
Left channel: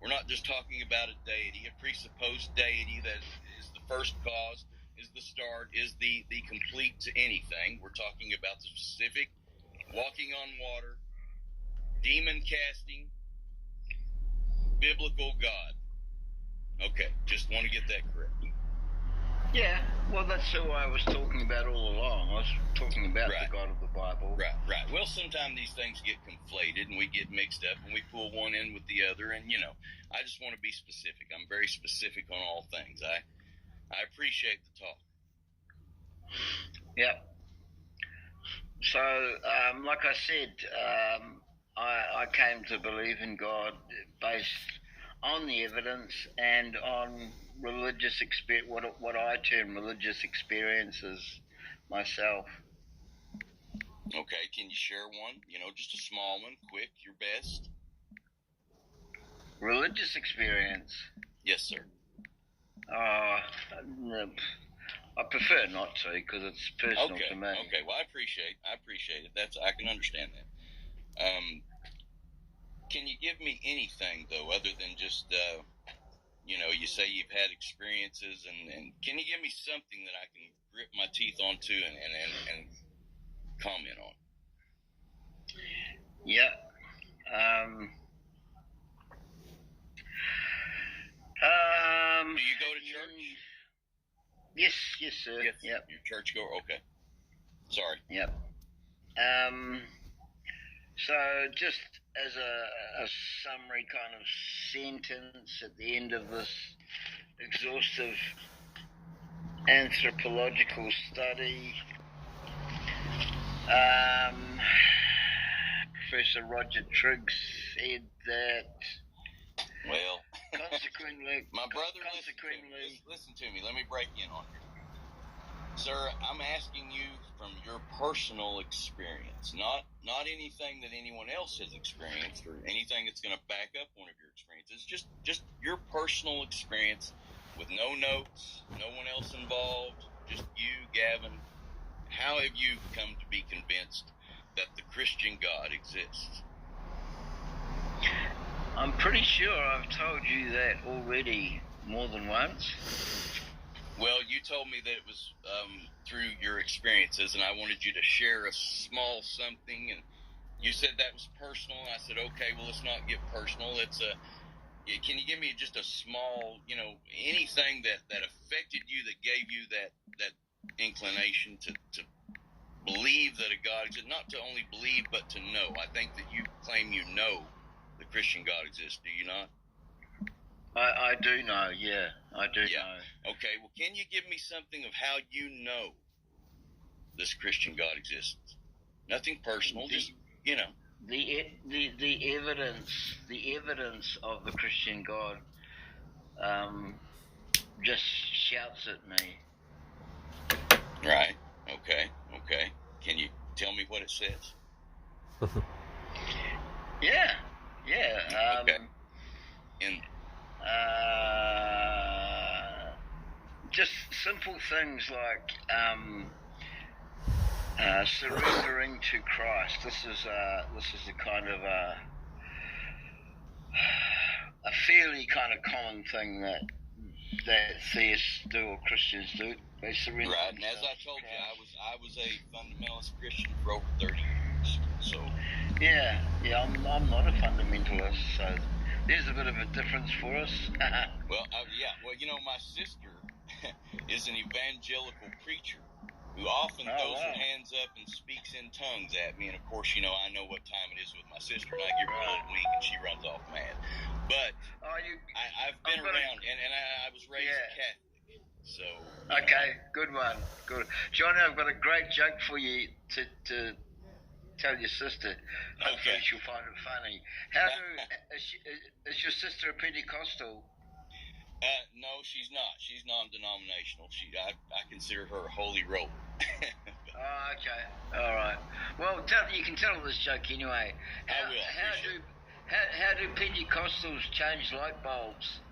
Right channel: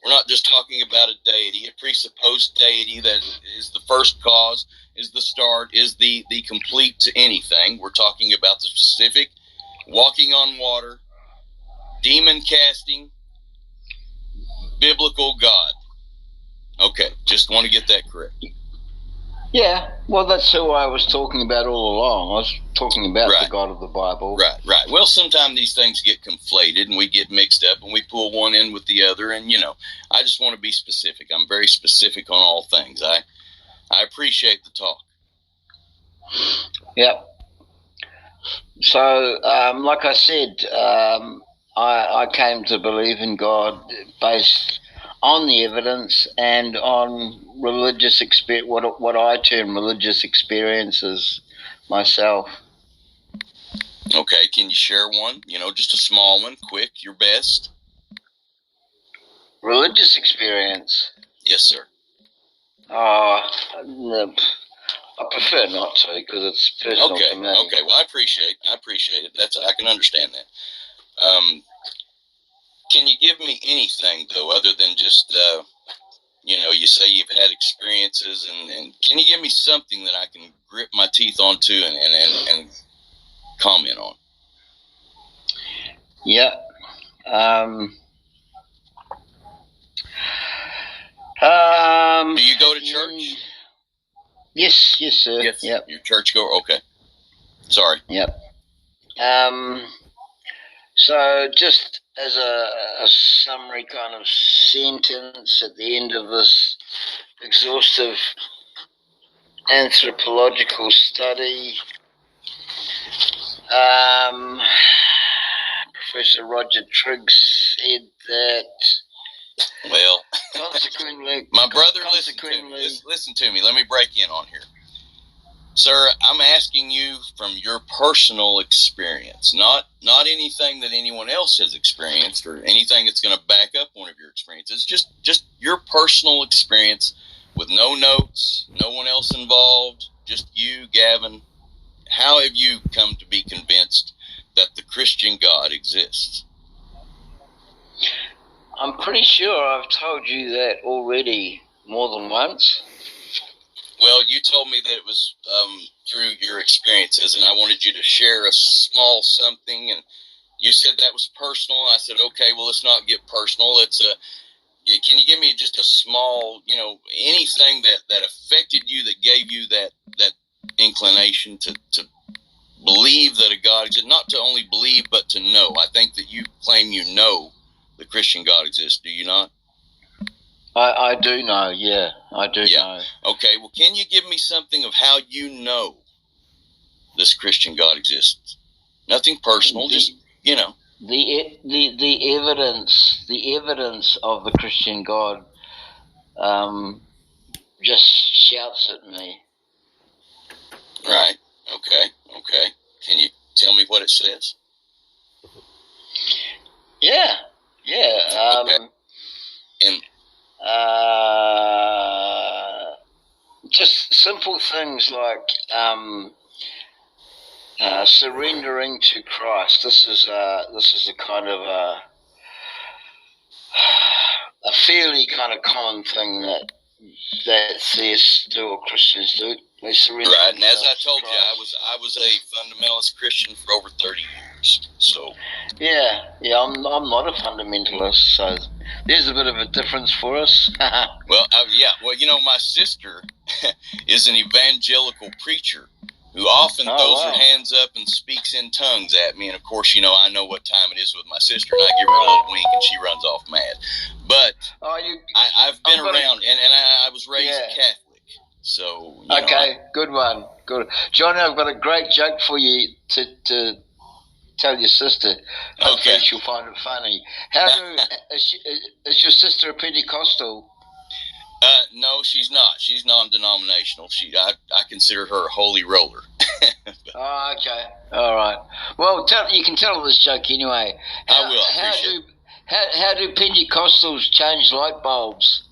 We're not just talking about a deity, a presupposed deity that is the first cause, is the start, is the complete to anything. We're talking about the specific, walking on water, demon casting, biblical God. Okay, just want to get that correct. Yeah, well, that's who I was talking about all along. I was talking about the God of the Bible. Right. Well, sometimes these things get conflated and we get mixed up and we pull one in with the other. And, I just want to be specific. I'm very specific on all things. I appreciate the talk. Yep. So, like I said, I came to believe in God based on the evidence and on religious what I term religious experiences myself. Okay, can you share one? Just a small one, quick, your best. Religious experience? Yes, sir. I prefer not to because it's personal to me. Okay. Well, I appreciate it. I can understand that. Can you give me anything though, other than just you say you've had experiences, and can you give me something that I can grip my teeth onto and comment on? Yeah. Do you go to church? Yes, sir. Yes. Yep. You're church goer? Okay. Sorry. Yep. So just as a summary kind of sentence at the end of this exhaustive anthropological study, Professor Roger Triggs said that. Well, consequently, my brother, listen to me. Let me break in on here. Sir, I'm asking you from your personal experience, not anything that anyone else has experienced or anything that's going to back up one of your experiences. Just your personal experience with no notes, no one else involved, just you, Gavin. How have you come to be convinced that the Christian God exists? I'm pretty sure I've told you that already more than once. Well, you told me that it was through your experiences, and I wanted you to share a small something, and you said that was personal. I said, okay, well, let's not get personal. Can you give me just a small, anything that affected you, that gave you that inclination to believe that a God exists? Not to only believe, but to know. I think that you claim you know the Christian God exists. Do you not? I do know, yeah. I do know. Okay, well, can you give me something of how you know this Christian God exists? Nothing personal, just, The evidence of the Christian God just shouts at me. Right. Okay. Can you tell me what it says? Yeah. Okay. And just simple things like surrendering to Christ. This is a kind of a fairly kind of common thing that theists do or Christians do. They surrender. Right, and as I told you, I was a fundamentalist Christian for over 30 years. So yeah, I'm not a fundamentalist, so there's a bit of a difference for us. well, you know, my sister is an evangelical preacher who often throws her hands up and speaks in tongues at me, and of course, you know, I know what time it is with my sister, and I give her a little wink, and she runs off mad. But I've been around, and I was raised Catholic. So, okay, good one. Good. Johnny, I've got a great joke for you to tell your sister. Hopefully she'll find it funny. Is your sister a Pentecostal? No, she's not. She's non-denominational. I consider her a holy roller. Oh, okay. All right. Well, you can tell this joke anyway. I will. I appreciate it. How do Pentecostals change light bulbs?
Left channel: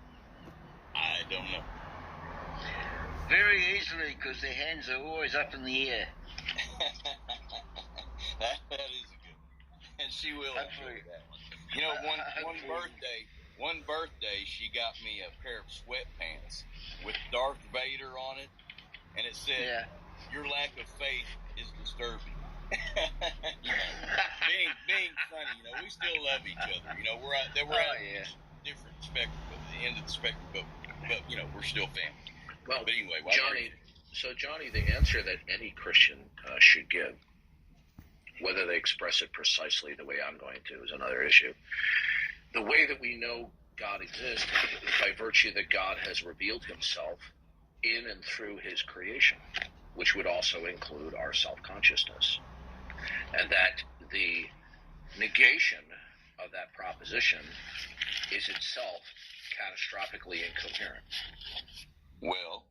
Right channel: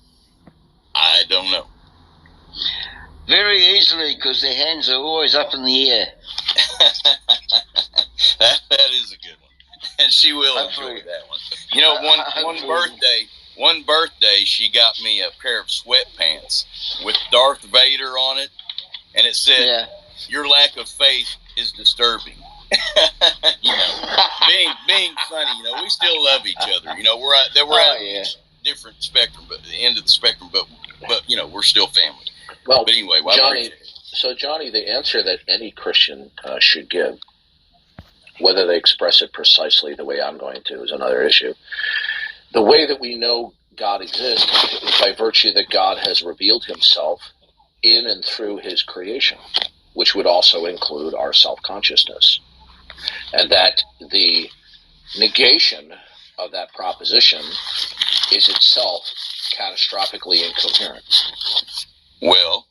I don't know. Very easily, because their hands are always up in the air. That is a good one, and she will enjoy that one. You know, one birthday, she got me a pair of sweatpants with Darth Vader on it, and it said, "Your lack of faith is disturbing." You know, being funny. You know, we still love each other. You know, we're at different spectrum, but the end of the spectrum, but you know, we're still family. Well, but anyway, Johnny, the answer that any Christian should give, whether they express it precisely the way I'm going to, is another issue. The way that we know God exists is by virtue that God has revealed himself in and through his creation, which would also include our self-consciousness. And that the negation of that proposition is itself catastrophically incoherent. Well,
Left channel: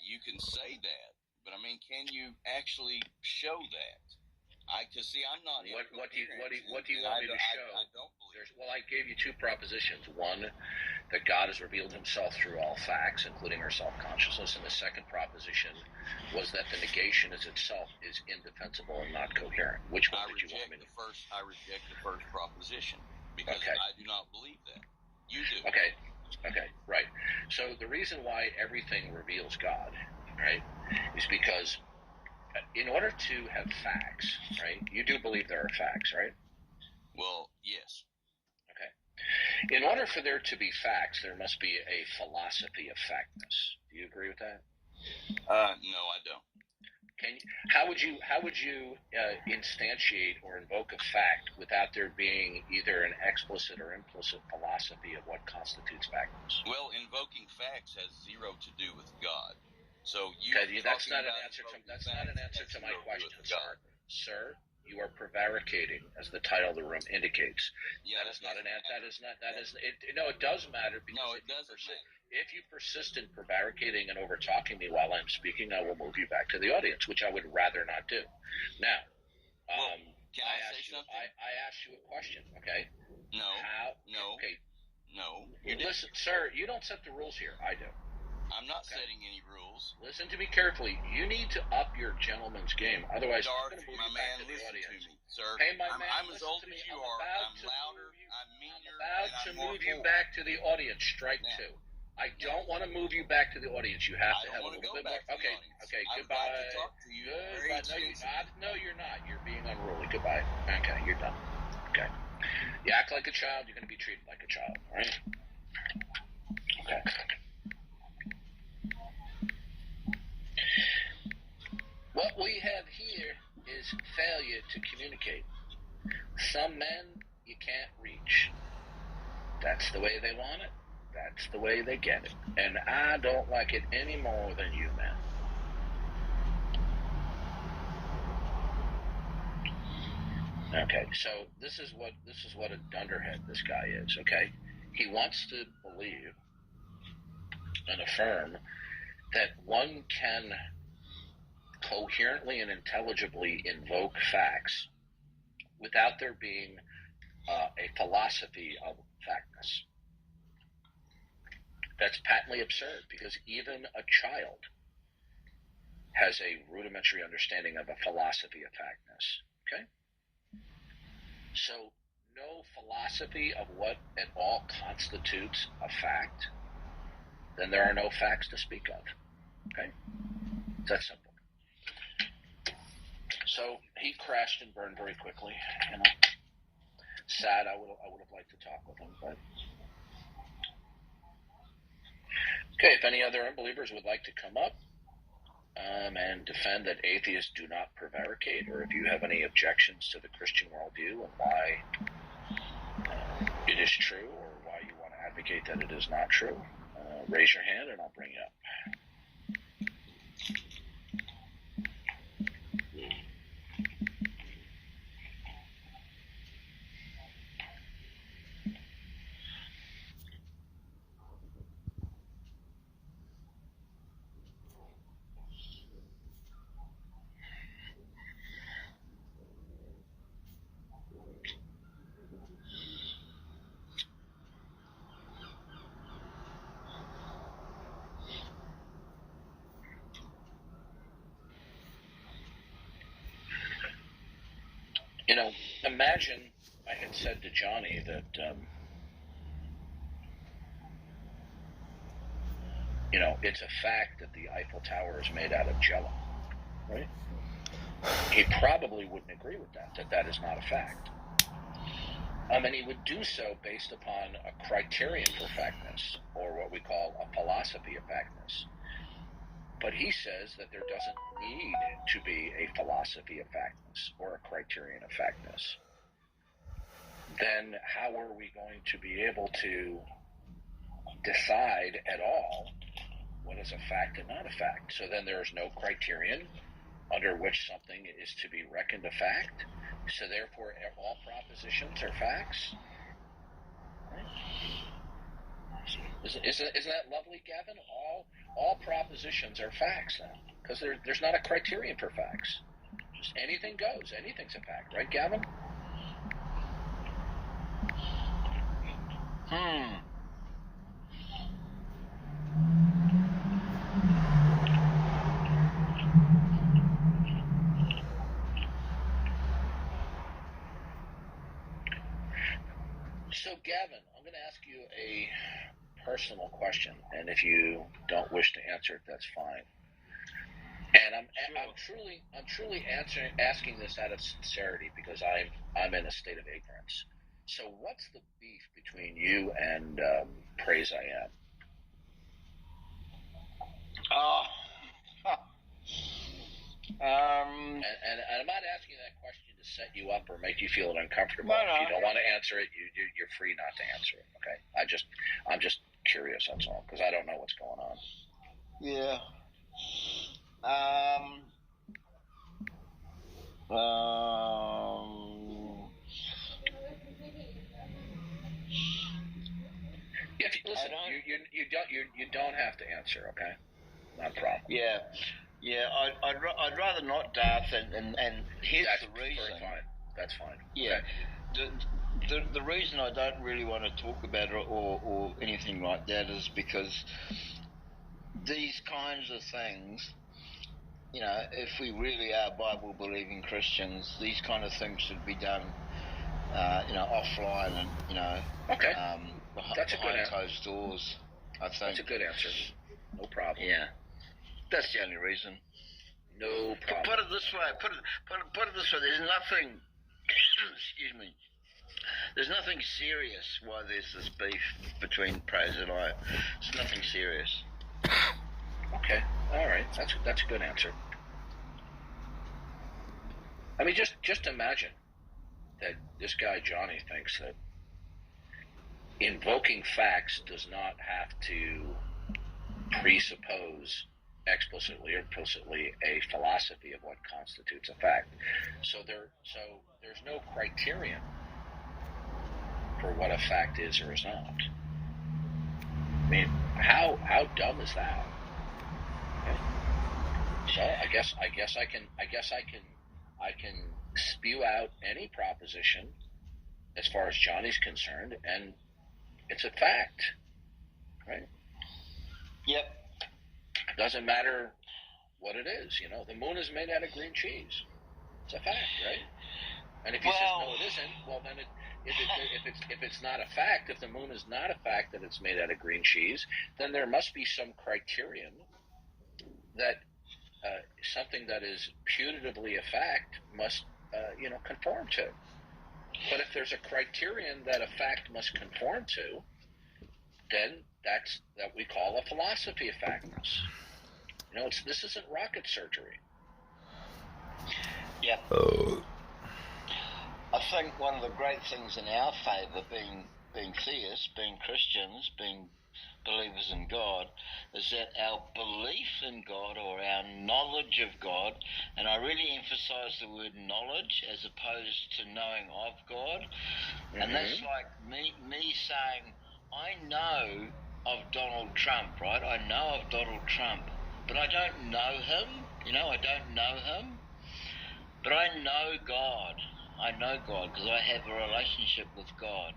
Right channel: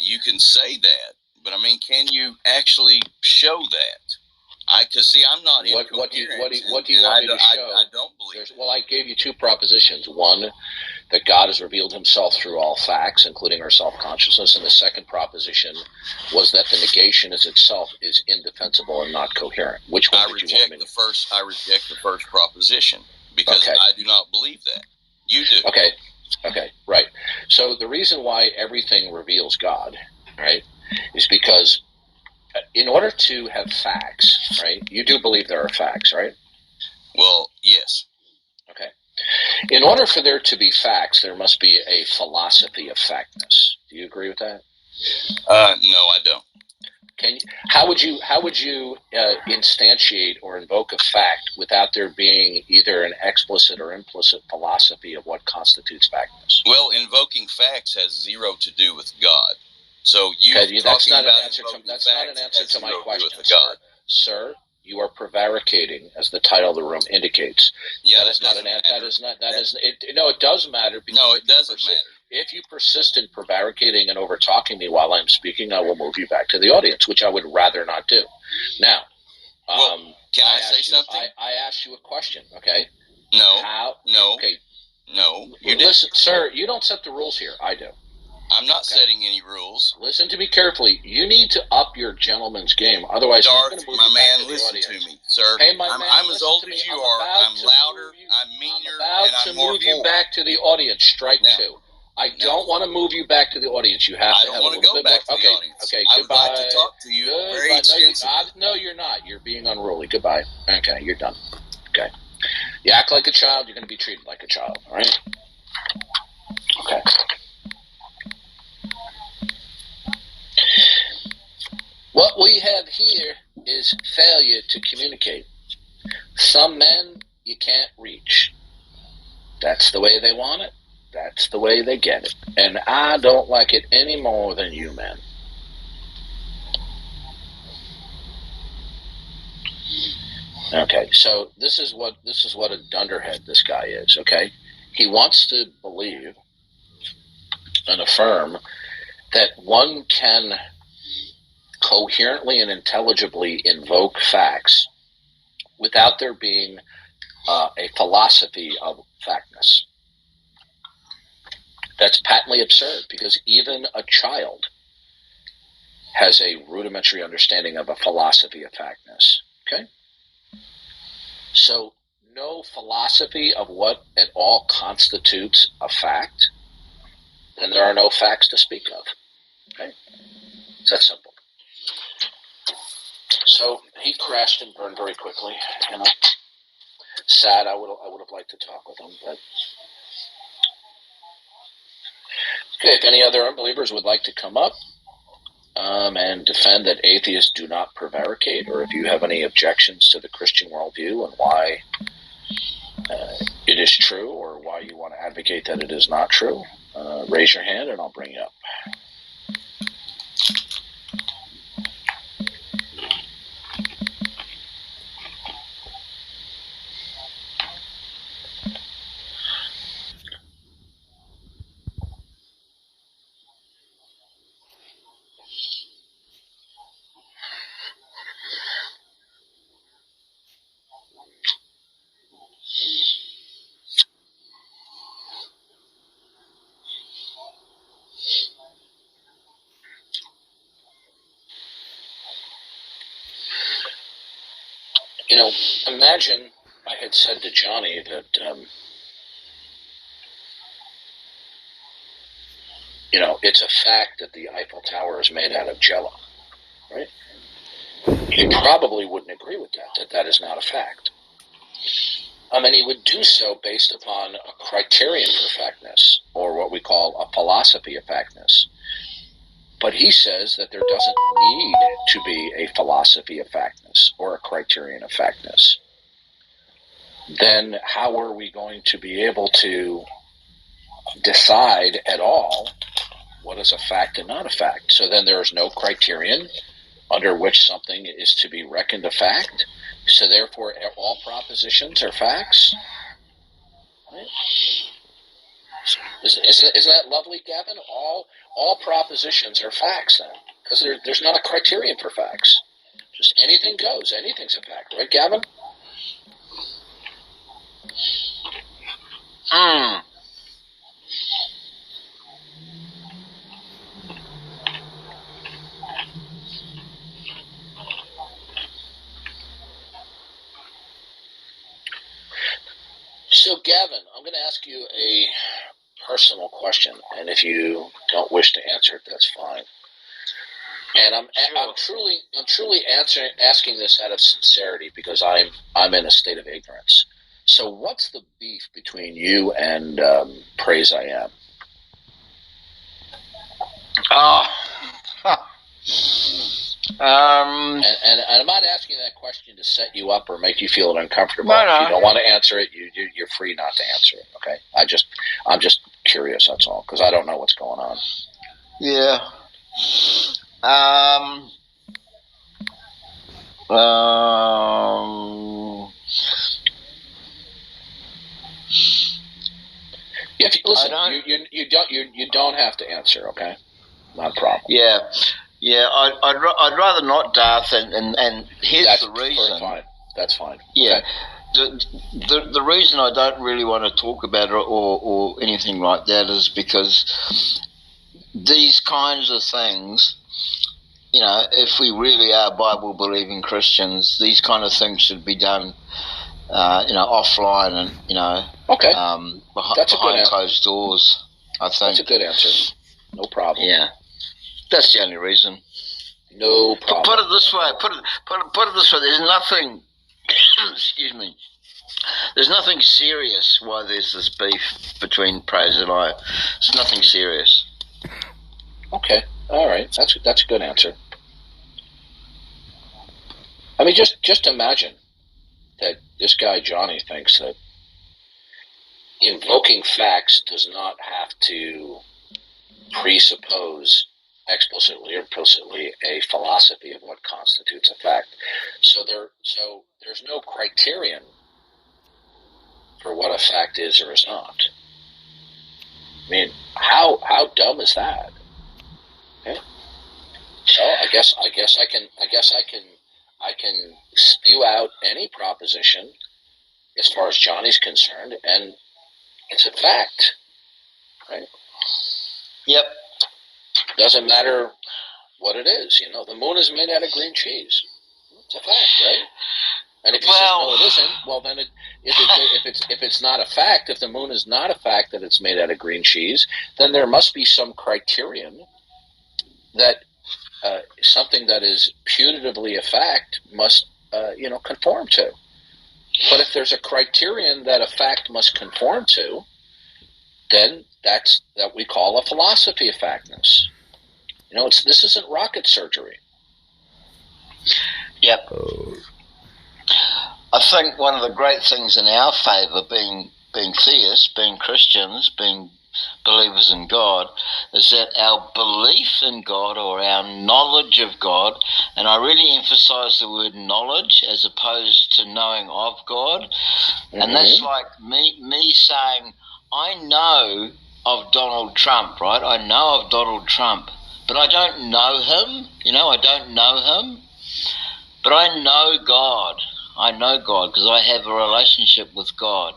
you can say that, but I mean, can you actually show that? Because see, I'm not incoherent. What do you want me to show? I don't believe. Well, I gave you two propositions. One, that God has revealed himself through all facts, including our self-consciousness. And the second proposition was that the negation itself is indefensible and not coherent. Which one did you want me to? I reject the first proposition because I do not believe that. You do. Okay, right. So the reason why everything reveals God, right, is because in order to have facts, right, you do believe there are facts, right? Well, yes. Okay. In order for there to be facts, there must be a philosophy of factness. Do you agree with that? No, I don't. How would you instantiate or invoke a fact without there being either an explicit or implicit philosophy of what constitutes factness? Well, invoking facts has zero to do with God. So that's not an answer to my question, sir. You are prevaricating, as the title of the room indicates. Yeah, that is not an answer. No, it does matter. No, it doesn't matter. If you persist in prevaricating and over-talking me while I'm speaking, I will move you back to the audience, which I would rather not do. Now, can I say something? I asked you a question, okay? No. No. Okay. No. Listen, sir, you don't set the rules here. I do. I'm not setting any rules. Listen to me carefully. You need to up your gentleman's game. Otherwise, Darth, my man, listen to me, sir. Hey, my man, I'm as old as you are. I'm louder. I'm meaner. And I'm more move you back to the audience. Strike two. I don't want to move you back to the audience. You have to have a little bit more. To the audience. Okay, I goodbye. would like to talk to you very extensively. No, you're not. You're being unruly. Goodbye. Okay, you're done. Okay. You act like a child, you're going to be treated like a child. All right? Okay. What we have here is failure to communicate. Some men you can't reach. That's the way they want it. That's the way they get it. And I don't like it any more than you men. Okay, so this is what a dunderhead this guy is, okay? He wants to believe and affirm that one can coherently and intelligibly invoke facts without there being a philosophy of factness. That's patently absurd, because even a child has a rudimentary understanding of a philosophy of factness. Okay? So no philosophy of what at all constitutes a fact, then there are no facts to speak of. Okay? It's that simple. So he crashed and burned very quickly. You know, sad. I would have liked to talk with him, but okay. If any other unbelievers would like to come up and defend that atheists do not prevaricate, or if you have any objections to the Christian worldview and why it is true, or why you want to advocate that it is not true, raise your hand and I'll bring you up. You know, imagine I had said to Johnny that, you know, it's a fact that the Eiffel Tower is made out of jello, right? He probably wouldn't agree with that that is not a fact. And he would do so based upon a criterion for factness, or what we call a philosophy of factness. But he says that there doesn't need to be a philosophy of factness or a criterion of factness. Then how are we going to be able to decide at all what is a fact and not a fact? So then there is no criterion under which something is to be reckoned a fact. So therefore all propositions are facts. Right? Isn't that lovely, Gavin? All propositions are facts then, because there's not a criterion for facts. Just anything goes. Anything's a fact, right, Gavin? So, Gavin, I'm going to ask you a personal question, and if you don't wish to answer it, that's fine. And I'm truly asking this out of sincerity, because I'm in a state of ignorance. So, what's the beef between you and Praise I Am? And I'm not asking that question to set you up or make you feel uncomfortable. No. If you don't want to answer it, you're free not to answer it. Okay? I'm just curious. That's all, because I don't know what's going on. Yeah. If you, listen, you don't have to answer. Okay, not a problem. Yeah. I'd rather not, Darth, and here's the reason. Fine. That's fine. Yeah. Okay. The reason I don't really want to talk about it or anything like that is because these kinds of things, you know, if we really are Bible-believing Christians, these kind of things should be done, offline and, okay. behind closed doors, I think. That's a good answer. No problem. Yeah. That's the only reason. No problem. Put it this way. Put it this way. There's nothing. Excuse me. There's nothing serious why there's this beef between Praise and I. It's nothing serious. Okay. All right. That's a good answer. I mean, just imagine that this guy Johnny thinks that invoking facts does not have to presuppose explicitly or implicitly a philosophy of what constitutes a fact. So there's no criterion for what a fact is or is not. I mean, how dumb is that? Okay? So I guess I can spew out any proposition as far as Johnny's concerned, and it's a fact, right? Yep. Doesn't matter what it is, The moon is made out of green cheese. It's a fact, right? And if he says no, it isn't, well then if it's not a fact, if the moon is not a fact that it's made out of green cheese, then there must be some criterion that something that is putatively a fact must conform to. But if there's a criterion that a fact must conform to, then that's that we call a philosophy of factness. This isn't rocket surgery. Yep. I think one of the great things in our favour, being theists, being Christians, being believers in God, is that our belief in God, or our knowledge of God, and I really emphasise the word knowledge as opposed to knowing of God, and that's like me saying, I know of Donald Trump, right? I know of Donald Trump, but I don't know him, I don't know him, but I know God. I know God because I have a relationship with God.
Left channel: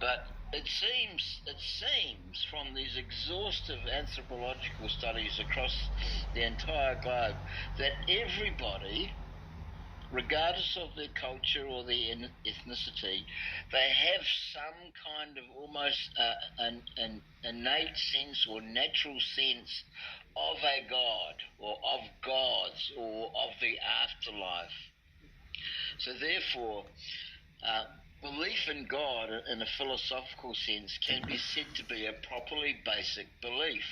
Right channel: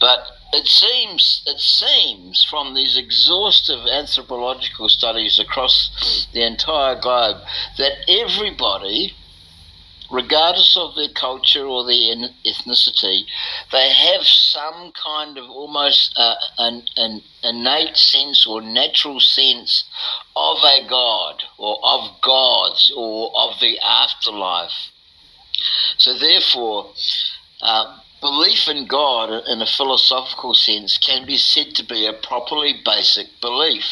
But it seems from these exhaustive anthropological studies across the entire globe that everybody, regardless of their culture or their ethnicity, they have some kind of almost an innate sense or natural sense of a God or of gods or of the afterlife. So therefore, belief in God in a philosophical sense can be said to be a properly basic belief.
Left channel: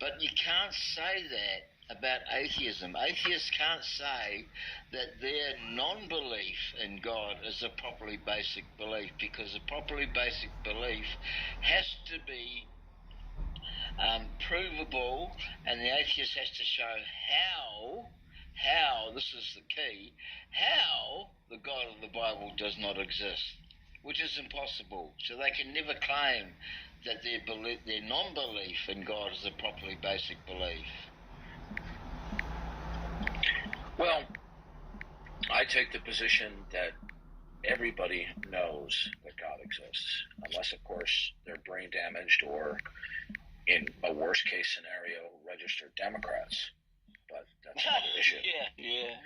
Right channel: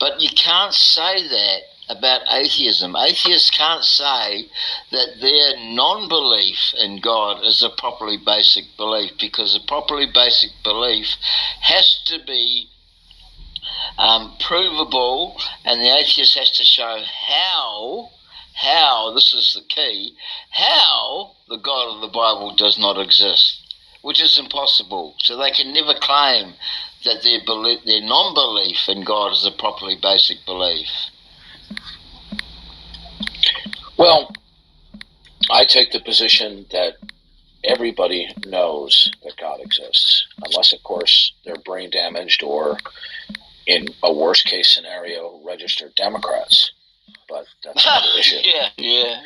But you can't say that about atheism. Atheists can't say that their non-belief in God is a properly basic belief, because a properly basic belief has to be provable, and the atheist has to show how, this is the key, how the God of the Bible does not exist, which is impossible. So they can never claim that their non-belief in God is a properly basic belief. Well, I take the position that everybody knows that God exists, unless, of course, they're brain damaged or, in a worst-case scenario, registered Democrats. But that's another issue. Yeah.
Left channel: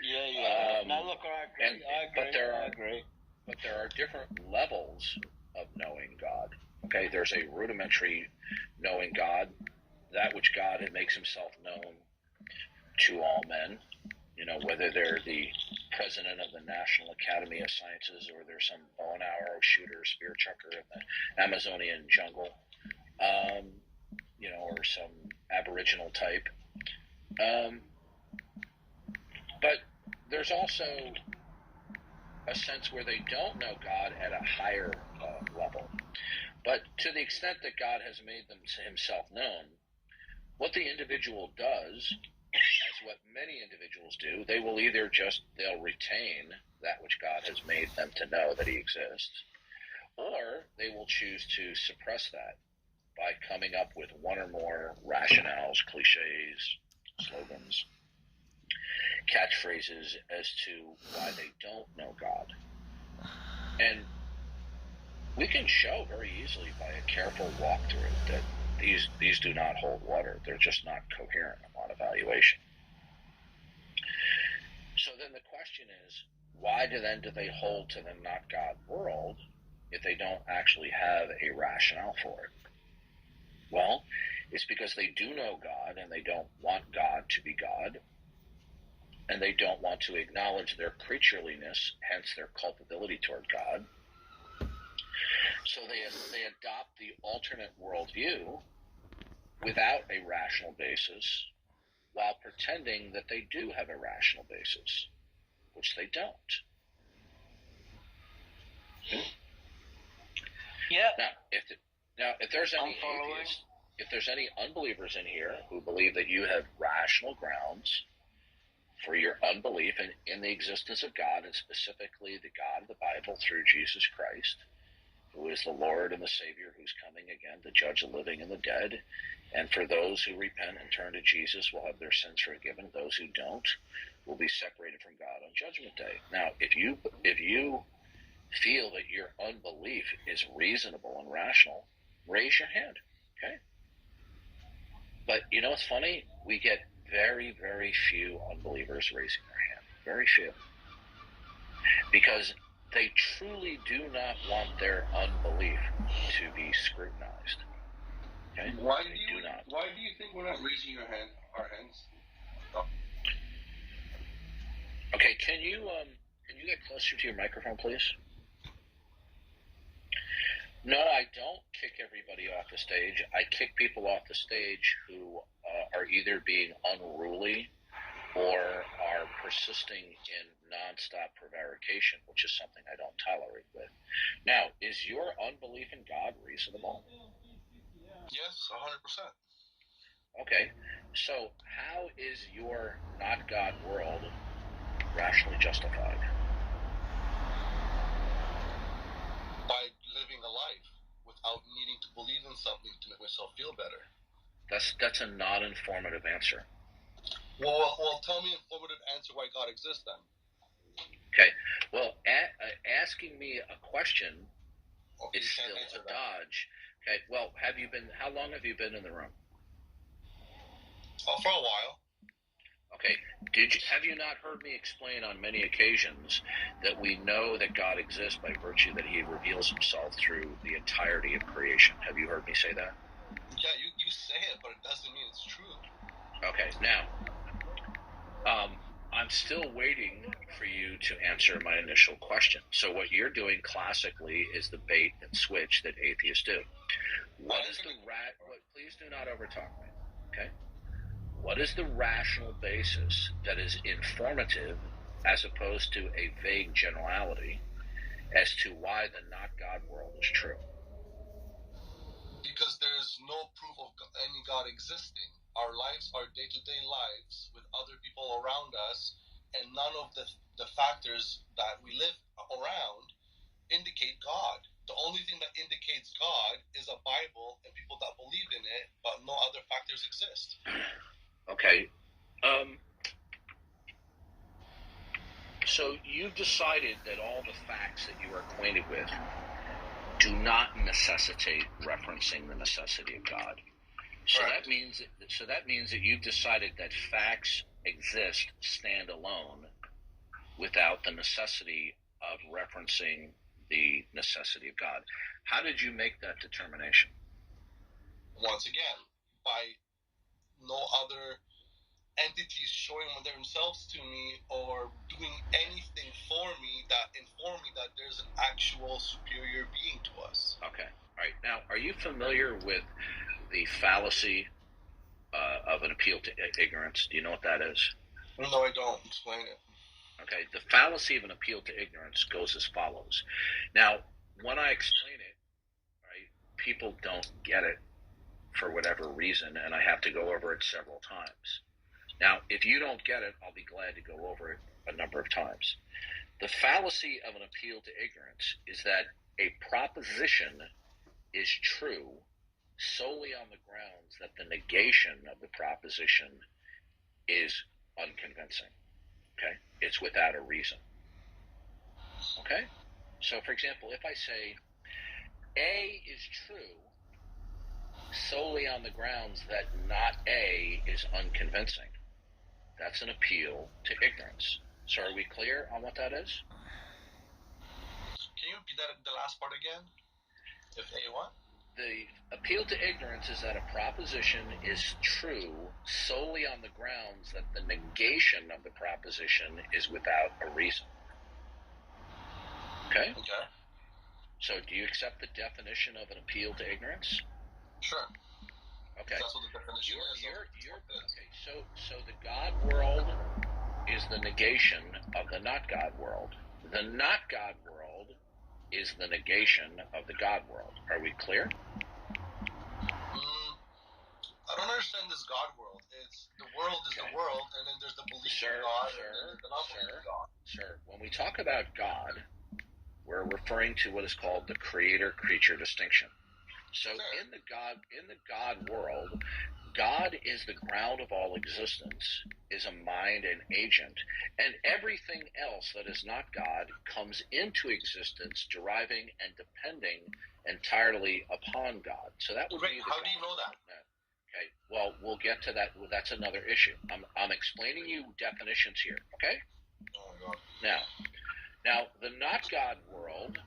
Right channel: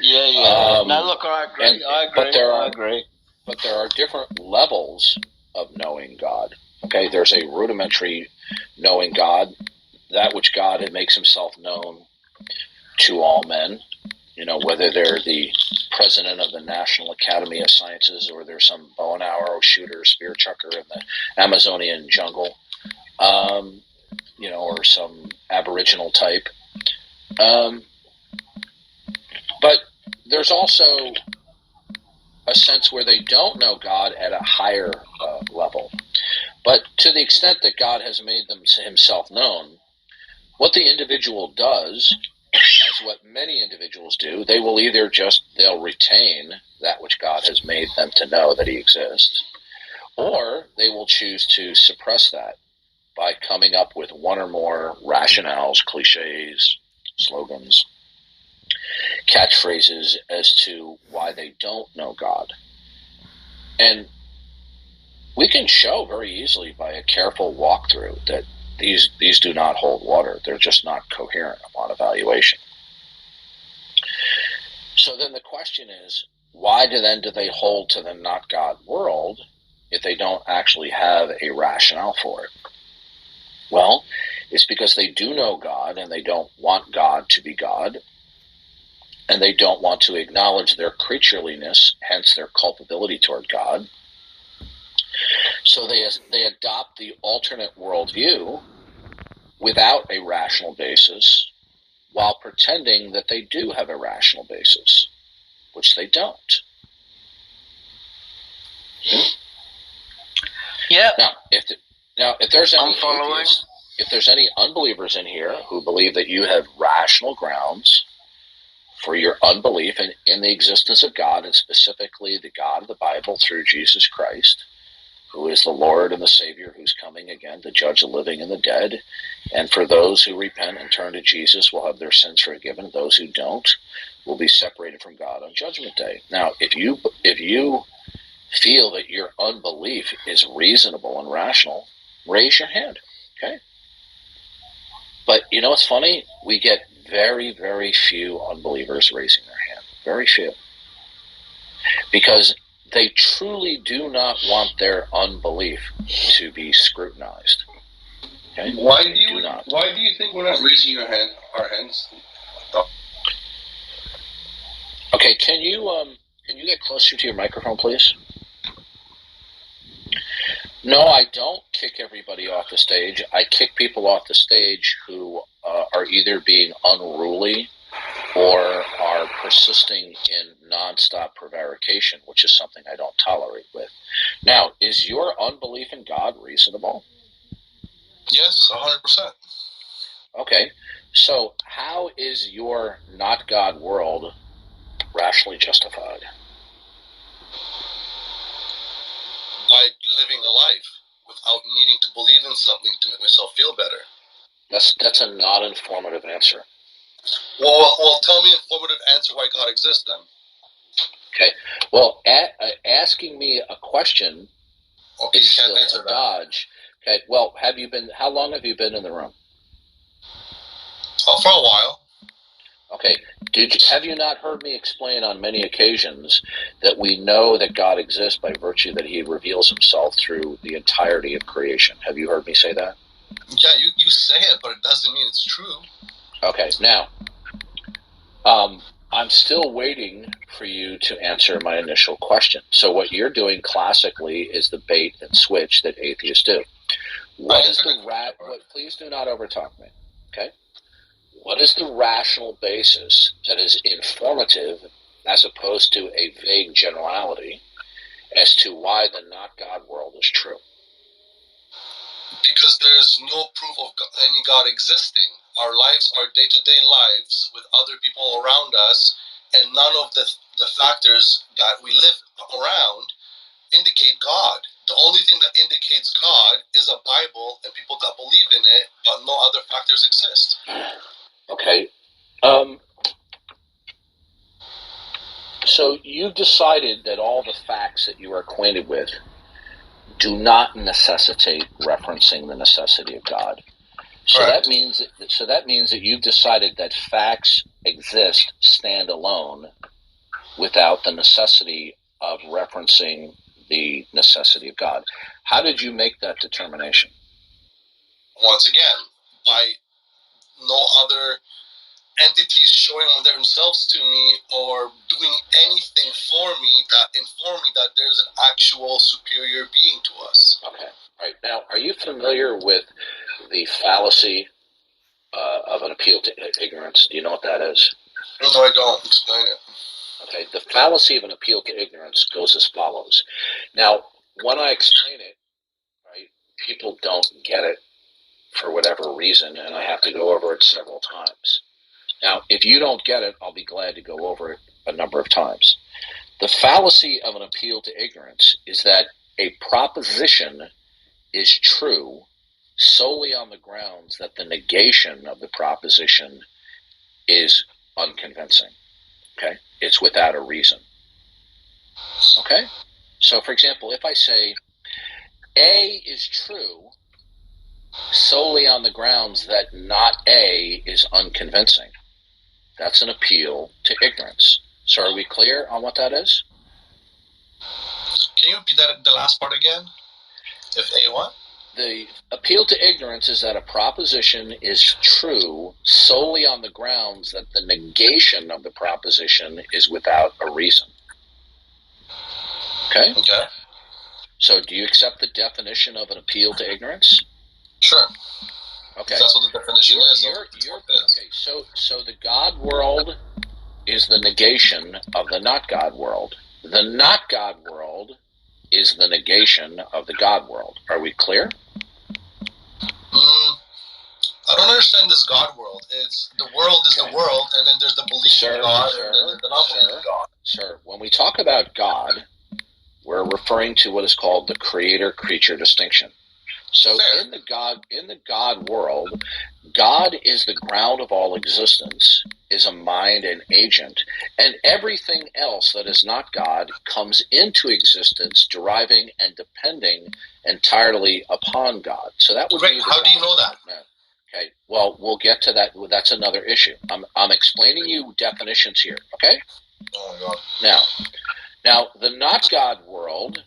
No, look, I agree. But there are different levels of knowing God. Okay, there's a rudimentary knowing God, that which God makes himself known to all men. Whether they're the president of the National Academy of Sciences or they're some bow and arrow shooter, spear chucker in the Amazonian jungle, or some aboriginal type. But there's also a sense where they don't know God at a higher level. But to the extent that God has made himself known, what the individual does, as what many individuals do, they will either they'll retain that which God has made them to know that he exists, or they will choose to suppress that by coming up with one or more rationales, cliches, slogans, catchphrases as to why they don't know God. And we can show very easily by a careful walkthrough that these do not hold water. They're just not coherent upon evaluation. So then the question is, why do they hold to the not God world if they don't actually have a rationale for it? Well, it's because they do know God and they don't want God to be God, and they don't want to acknowledge their creatureliness, hence their culpability toward God. So they adopt the alternate worldview without a rational basis, while pretending that they do have a rational basis, which they don't. Yeah. Now, if there's any atheists, if there's any unbelievers in here who believe that you have rational grounds for your unbelief in the existence of God, and specifically the God of the Bible through Jesus Christ, who is the Lord and the Savior, who's coming again to judge the living and the dead. And for those who repent and turn to Jesus will have their sins forgiven. Those who don't will be separated from God on Judgment Day. Now, if you feel that your unbelief is reasonable and rational, raise your hand, okay? But you know what's funny? We get very, very few unbelievers raising their hand. Very few. Because they truly do not want their unbelief to be scrutinized. Okay? Why do you think we're not raising our hands? Okay, can you get closer to your microphone, please? No, I don't kick everybody off the stage. I kick people off the stage who are either being unruly or are persisting in nonstop prevarication, which is something I don't tolerate with. Now, is your unbelief in God reasonable? Yes, 100%. Okay, so how is your not God world rationally justified? By living a life without needing to believe in something to make myself feel better. That's a non-informative answer. Well, tell me an informative answer why God exists then. Okay. Well, asking me a question is still a dodge. Okay. Well, how long have you been in the room? Oh, for a while. Okay. Have you not heard me explain on many occasions that we know that God exists by virtue that he reveals himself through the entirety of creation? Have you heard me say that? Yeah, you say it, but it doesn't mean it's true. Okay. Now, I'm still waiting for you to answer my initial question. So what you're doing classically is the bait and switch that atheists do. Please do not overtalk me. Okay. What is the rational basis that is informative as opposed to a vague generality as to why the not God world is true? Because there's no proof of any God existing. Our lives are day-to-day lives with other people around us, and none of the factors that we live around indicate God. The only thing that indicates God is a Bible and people that believe in it, but no other factors exist. Okay. So you've decided that all the facts that you are acquainted with do not necessitate referencing the necessity of God. So that means that you've decided that facts exist stand alone without the necessity of referencing the necessity of God. How did you make that determination? Once again, by no other entities showing themselves to me or doing anything for me that inform me that there's an actual superior being to us. Okay. All right. Now, are you familiar with the fallacy of an appeal to ignorance? Do you know what that is? No, I don't. Explain it. Okay. The fallacy of an appeal to ignorance goes as follows. Now, when I explain it, right, people don't get it for whatever reason, and I have to go over it several times. Now, if you don't get it, I'll be glad to go over it a number of times. The fallacy of an appeal to ignorance is that a proposition is true solely on the grounds that the negation of the proposition is unconvincing. Okay? It's without a reason. Okay? So, for example, if I say A is true solely on the grounds that not A is unconvincing, that's an appeal to ignorance. So are we clear on what that is? Can you repeat that, the last part again? If A what? The appeal to ignorance is that a proposition is true solely on the grounds that the negation of the proposition is without a reason. Okay? Okay. So do you accept the definition of an appeal to ignorance? Sure. Okay. That's what the definition is. Okay, so the God world is the negation of the not God world. The not God world is the negation of the God world. Are we clear? I don't understand this God world. It's the world is the world, and then there's the belief in God, and then there's the not belief in God. Sir, when we talk about God, we're we're referring to what is called the creator-creature distinction. So in the God world, God is the ground of all existence, is a mind and agent, and everything else that is not God comes into existence deriving and depending entirely upon God. So that would be the How do you know that? Okay, well, we'll get to that. That's another issue. I'm explaining you definitions here, okay? Oh, God. Now, the not God world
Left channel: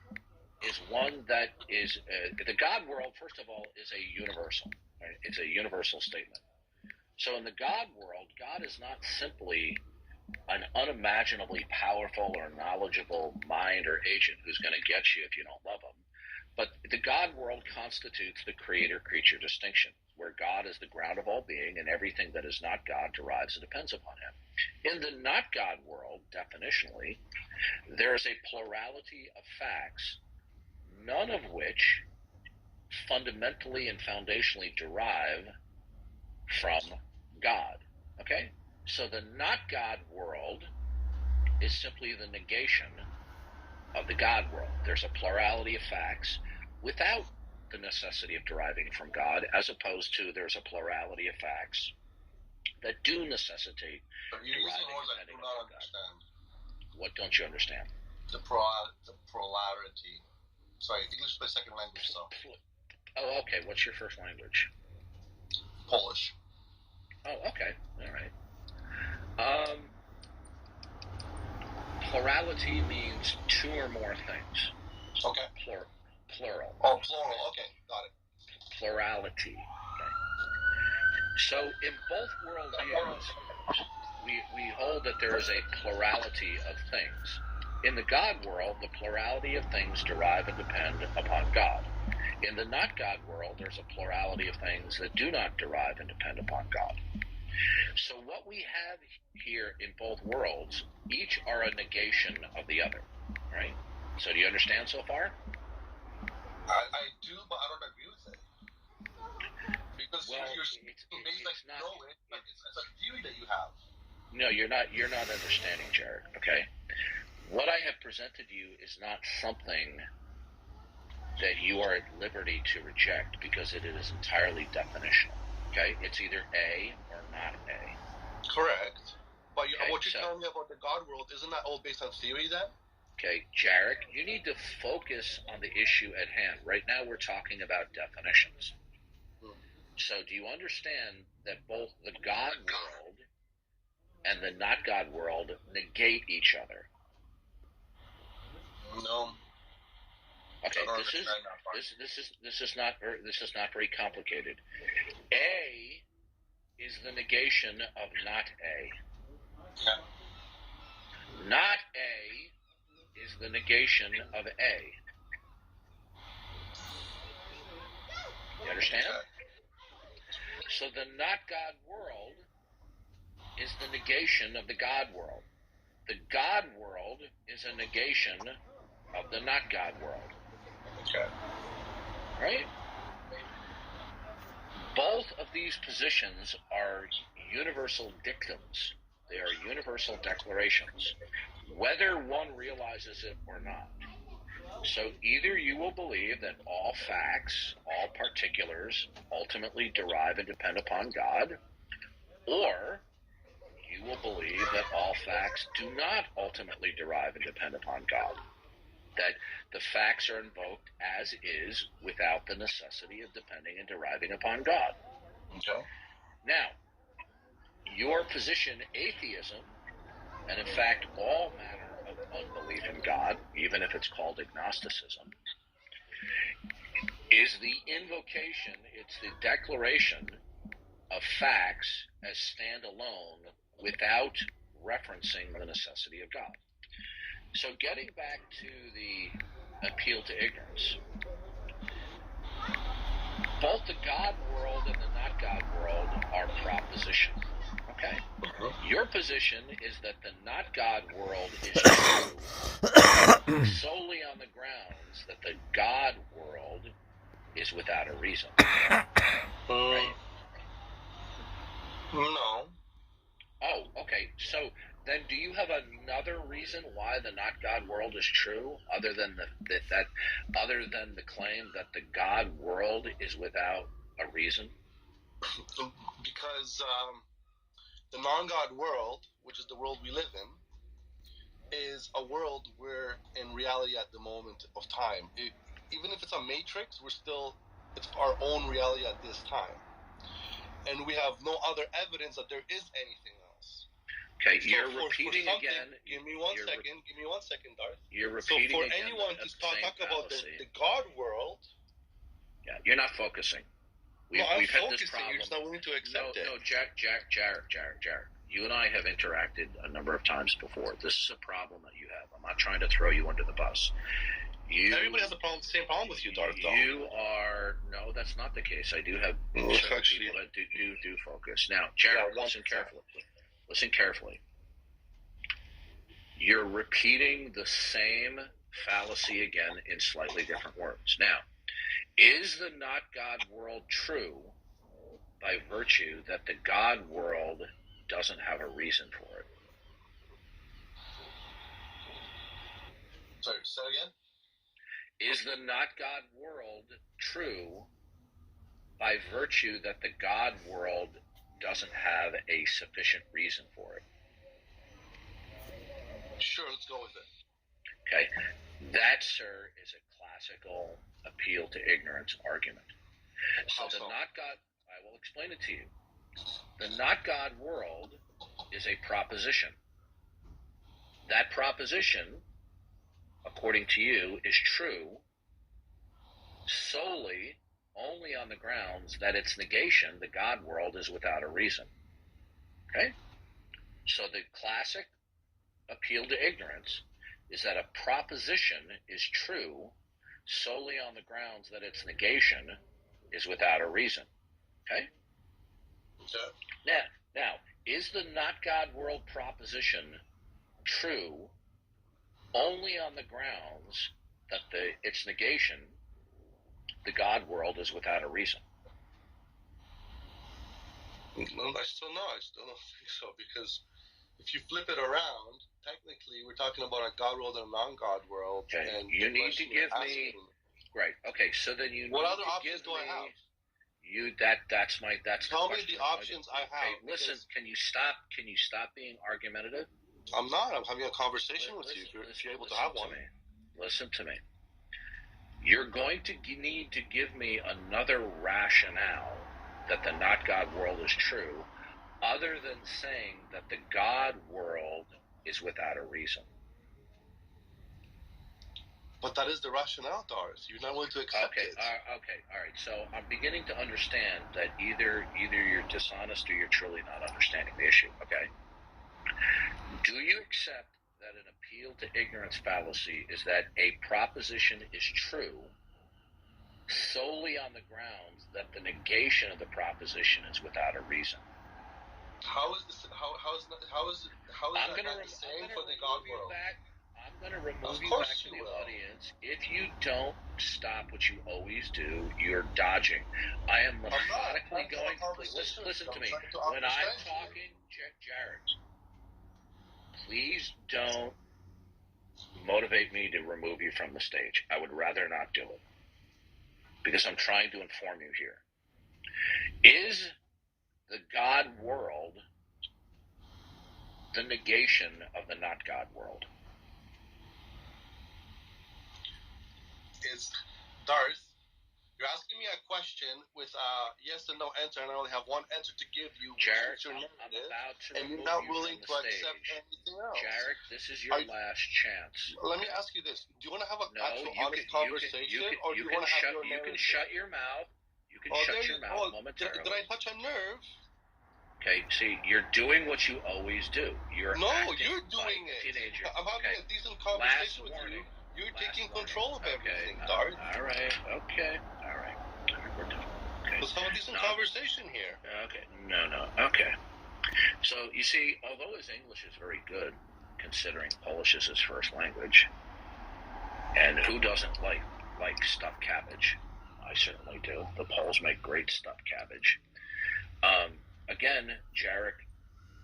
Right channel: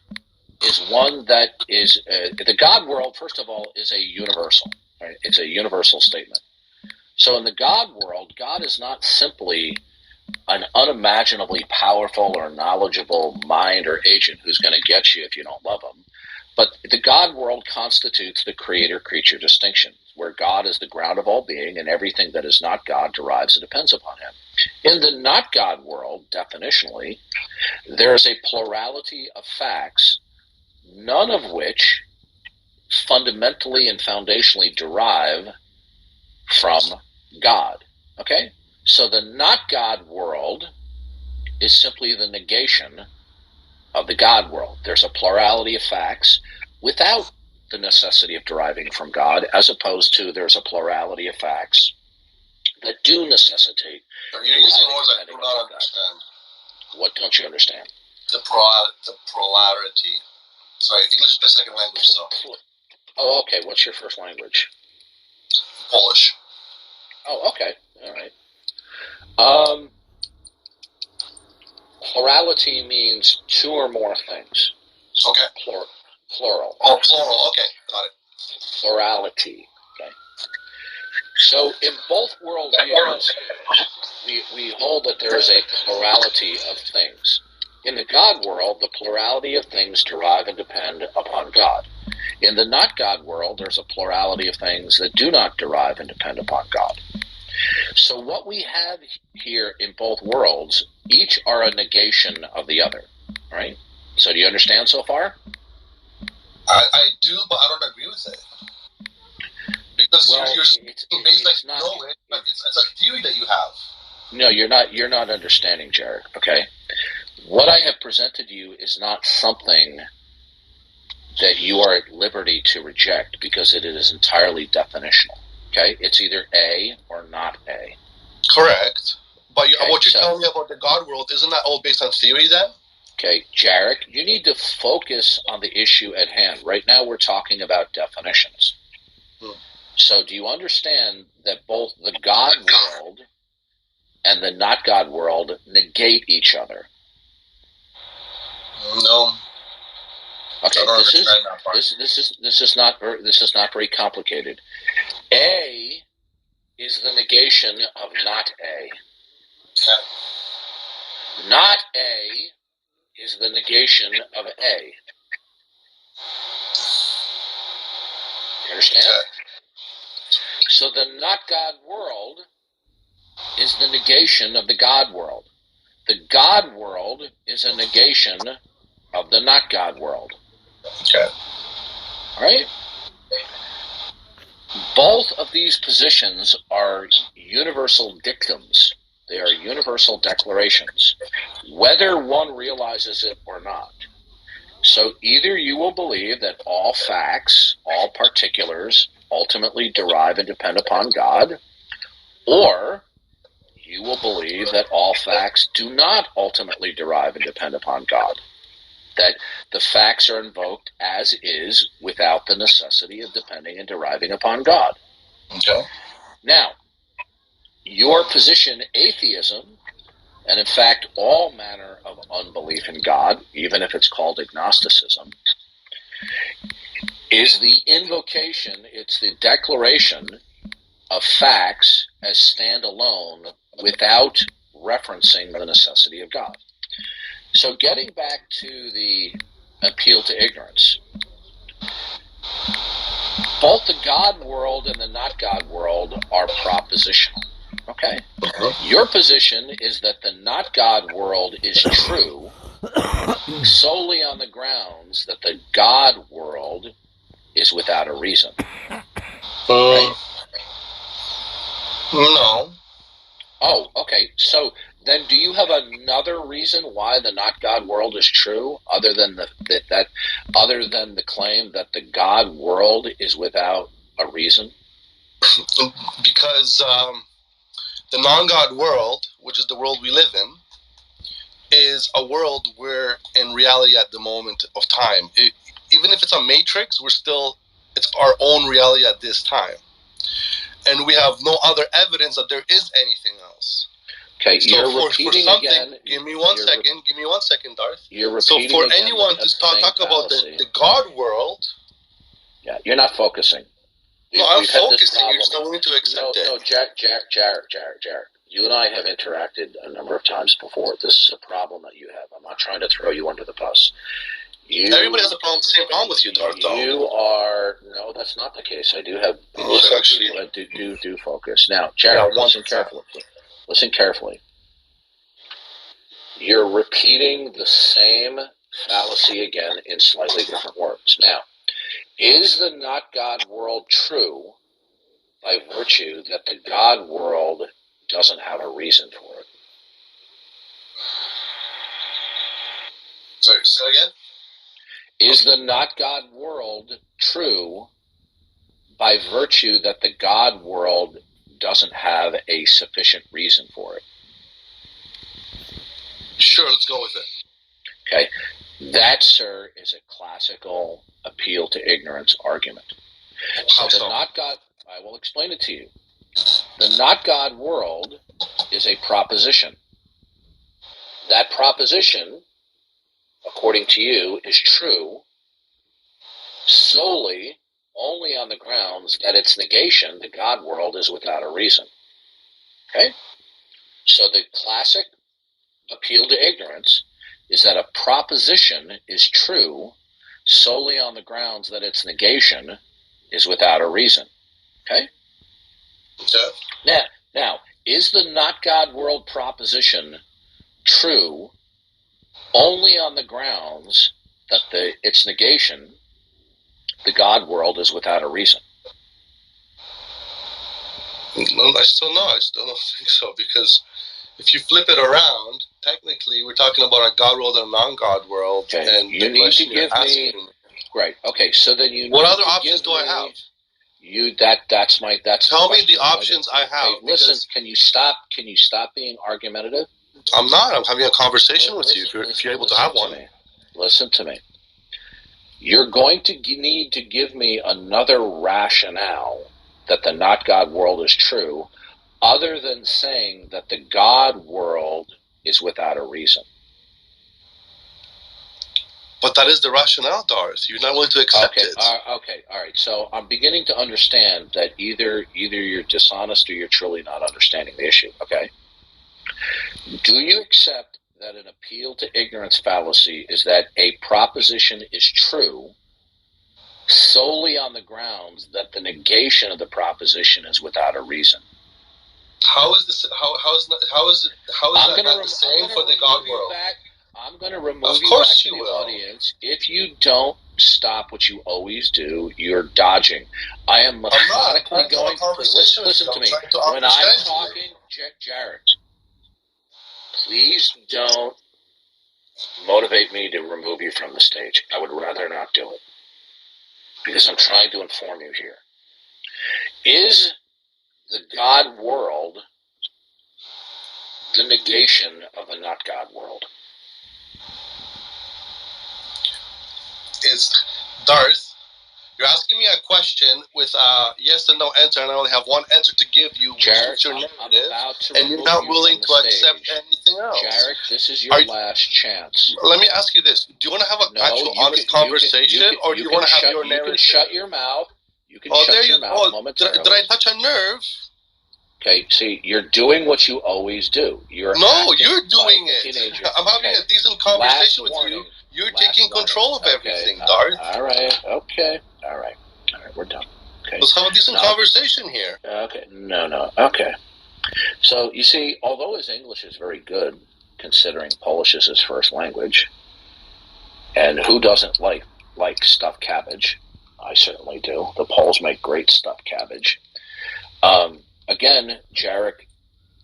is one that is the God world. First of all, is a universal. Right? It's a universal statement. So, in the God world, God is not simply an unimaginably powerful or knowledgeable mind or agent who's going to get you if you don't love him. But the God world constitutes the creator-creature distinction, where God is the ground of all being, and everything that is not God derives and depends upon him. In the not God world, definitionally, there is a plurality of facts, none of which fundamentally and foundationally derive from God. Okay? So the not God world is simply the negation of the God world. There's a plurality of facts without the necessity of deriving from God, as opposed to there's a plurality of facts that do necessitate. You're using words I do not understand. What don't you understand? The plurality. Sorry, English is my second language, so. Oh, okay. What's your first language? Polish. Oh, okay. All right. Plurality means two or more things. Okay. Plural. Oh, plural. Okay, got it. Plurality. Okay. So in both worldviews, we hold that there is a plurality of things. In the God world, the plurality of things derive and depend upon God. In the not God world, there's a plurality of things that do not derive and depend upon God. So what we have here in both worlds, each are a negation of the other, right? So do you understand so far? I do, but I don't agree with it. Because you're speaking based like you know it, but it's a theory that you have. No, you're not understanding, Jared, okay? What I have presented to you is not something that you are at liberty to reject because it is entirely definitional. Okay, it's either A or not A. Correct. But what you're telling me about the God world, isn't that all based on theory then? Okay, Jarek, you need to focus on the issue at hand. Right now we're talking about definitions. So do you understand that both the God world and the not God world negate each other? No. Okay, this is not very complicated. A is the negation of not A. Okay. Not A is the negation of A. You understand? Okay. So the not God world is the negation of the God world. The God world is a negation of the not God world. Okay. All right? Both of these positions are universal dictums. They are universal declarations, whether one realizes it or not. So either you will believe that all facts, all particulars, ultimately derive and depend upon God, or you will believe that all facts do not ultimately derive and depend upon God, that the facts are invoked as is without the necessity of depending and deriving upon God. Okay. Now, your position, atheism, and in fact all manner of unbelief in God, even if it's called agnosticism, is the invocation, it's the declaration of facts as standalone without referencing the necessity of God. So getting back to the appeal to ignorance, both the God world and the not God world are propositional. Okay? Your position is that the not God world is true solely on the grounds that the God world is without a reason. Right? No. Oh, okay. So Then do you have another reason why the not God world is true, other than the claim that the God world is without a reason? Because the non-God world, which is the world we live in, is a world where, in reality, at the moment of time, even if it's a matrix, it's our own reality at this time, and we have no other evidence that there is anything else. Okay, so you're for something, again, give me one second, Darth. You're so repeating for again anyone to talk about the God world, yeah, you're not focusing. No, I'm focusing. You're just not willing to accept it. No, Jared. You and I have interacted a number of times before. This is a problem that you have. I'm not trying to throw you under the bus. Everybody has the same problem with you, Darth. No, that's not the case. I do have people that do focus. Now, Jared, listen carefully. You're repeating the same fallacy again in slightly different words. Now, is the not God world true by virtue that the God world doesn't have a reason for it? Sorry, say again? Is the not God world true by virtue that the God world doesn't have a sufficient reason for it? Sure, let's go with it. Okay. That, sir, is a classical appeal to ignorance argument. So the not God, I will explain it to you. The not God world is a proposition. That proposition, according to you, is true solely only on the grounds that its negation, the God world, is without a reason. Okay? So the classic appeal to ignorance is that a proposition is true solely on the grounds that its negation is without a reason. Okay? Okay. Now, is the not God world proposition true only on the grounds that its negation, the God world, is without a reason? No, I still don't think so, because if you flip it around, technically we're talking about a God world and a non-God world. Okay. And you need to give me. Right. Okay. So then you. What other options do I have? That's Tell me the options I have. Listen, can you stop being argumentative? I'm not. I'm having a conversation with you. If you're able to have one. Listen to me. You're going to need to give me another rationale that the not God world is true, other than saying that the God world is without a reason. But that is the rationale, Darth. You're not willing to accept it. Okay, all right. So I'm beginning to understand that either you're dishonest or you're truly not understanding the issue, okay? Do you accept that an appeal to ignorance fallacy is that a proposition is true solely on the grounds that the negation of the proposition is without a reason? How is this? How is that not the same for the God world? I'm going to remove you back to the audience. If you don't stop what you always do, you're dodging. I am methodically going to listen to me. When I'm talking, Jared, please don't motivate me to remove you from the stage. I would rather not do it, because I'm trying to inform you here. Is the God world the negation of the not God world? Is Darth, you're asking me a question with a yes and no answer, and I only have one answer to give you, which is your narrative, and you're not willing to accept anything else. Jared, this is your last chance. Let me ask you this. Do you want to have an actual honest conversation, or do you want to have your narrative? You can shut your mouth. You can shut your mouth momentarily. Did I touch a nerve? Okay, see, you're doing what you always do. You're doing it. I'm having a decent conversation with you. You're taking control of everything, Darth. All right, we're done. Okay. Let's have a decent conversation here. Okay, no, okay. So, you see, although his English is very good, considering Polish is his first language, and who doesn't like stuffed cabbage? I certainly do. The Poles make great stuffed cabbage. Again, Jarek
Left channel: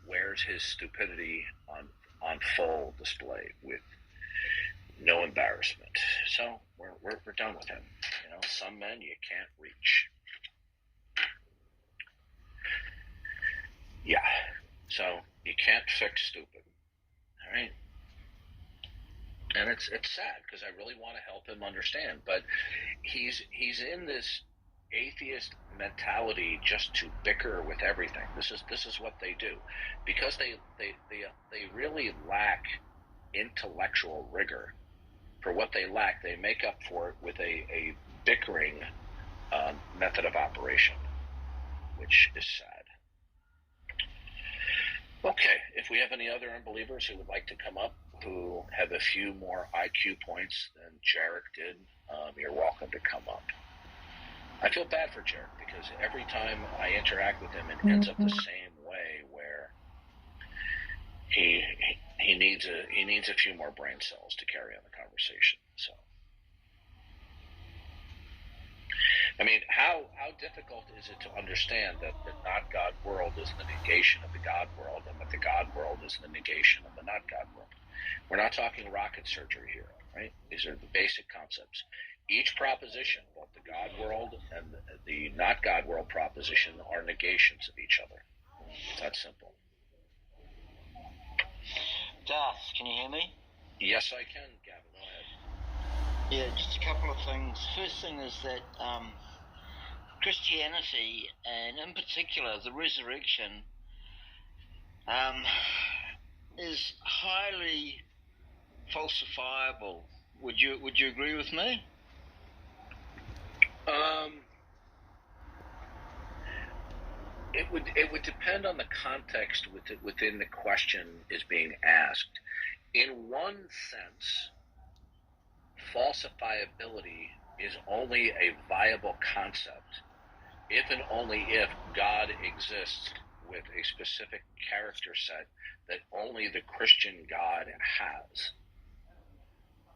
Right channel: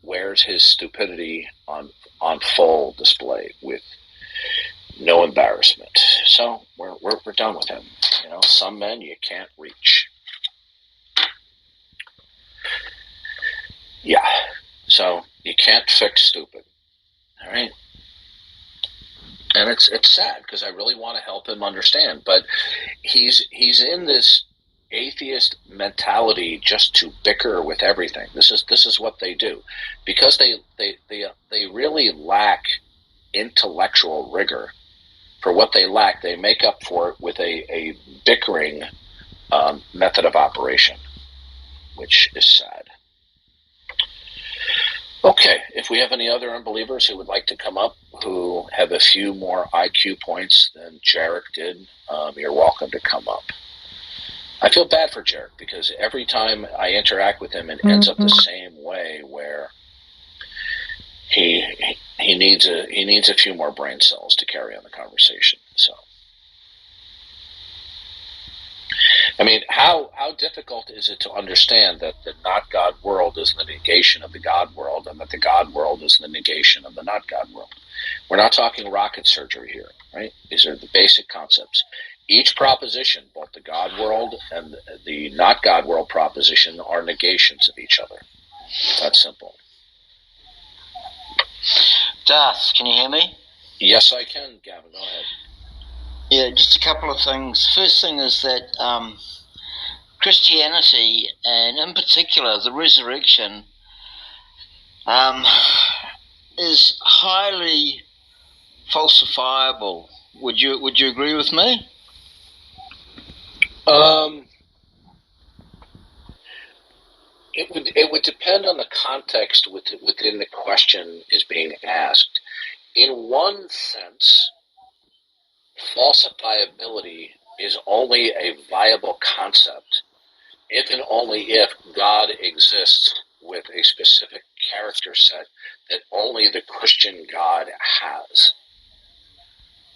wears his stupidity on full display with no embarrassment. So we're done with him. Some men you can't reach. Yeah. So you can't fix stupid. All right. And it's sad because I really want to help him understand, but he's in this atheist mentality just to bicker with everything. This is what they do, because they really lack intellectual rigor. For what they lack, they make up for it with a bickering method of operation, which is sad. Okay, if we have any other unbelievers who would like to come up, who have a few more IQ points than Jarek did, you're welcome to come up. I feel bad for Jarek because every time I interact with him, it ends up the same way, where he needs a few more brain cells to carry on the conversation. So, I mean, how difficult is it to understand that the not God world is the negation of the God world, and that the God world is the negation of the not God world? We're not talking rocket surgery here, right? These are the basic concepts. Each proposition, both the God world and the not God world proposition, are negations of each other. That's simple. Darth, can you hear me? Yes, I can, Gavin. Go ahead. Yeah, just a couple of things. First thing is that Christianity, and in particular the resurrection, is highly falsifiable. Would you agree with me? It would depend on the context within the question is being asked. In one sense, falsifiability is only a viable concept if and only if God exists with a specific character set that only the Christian God has.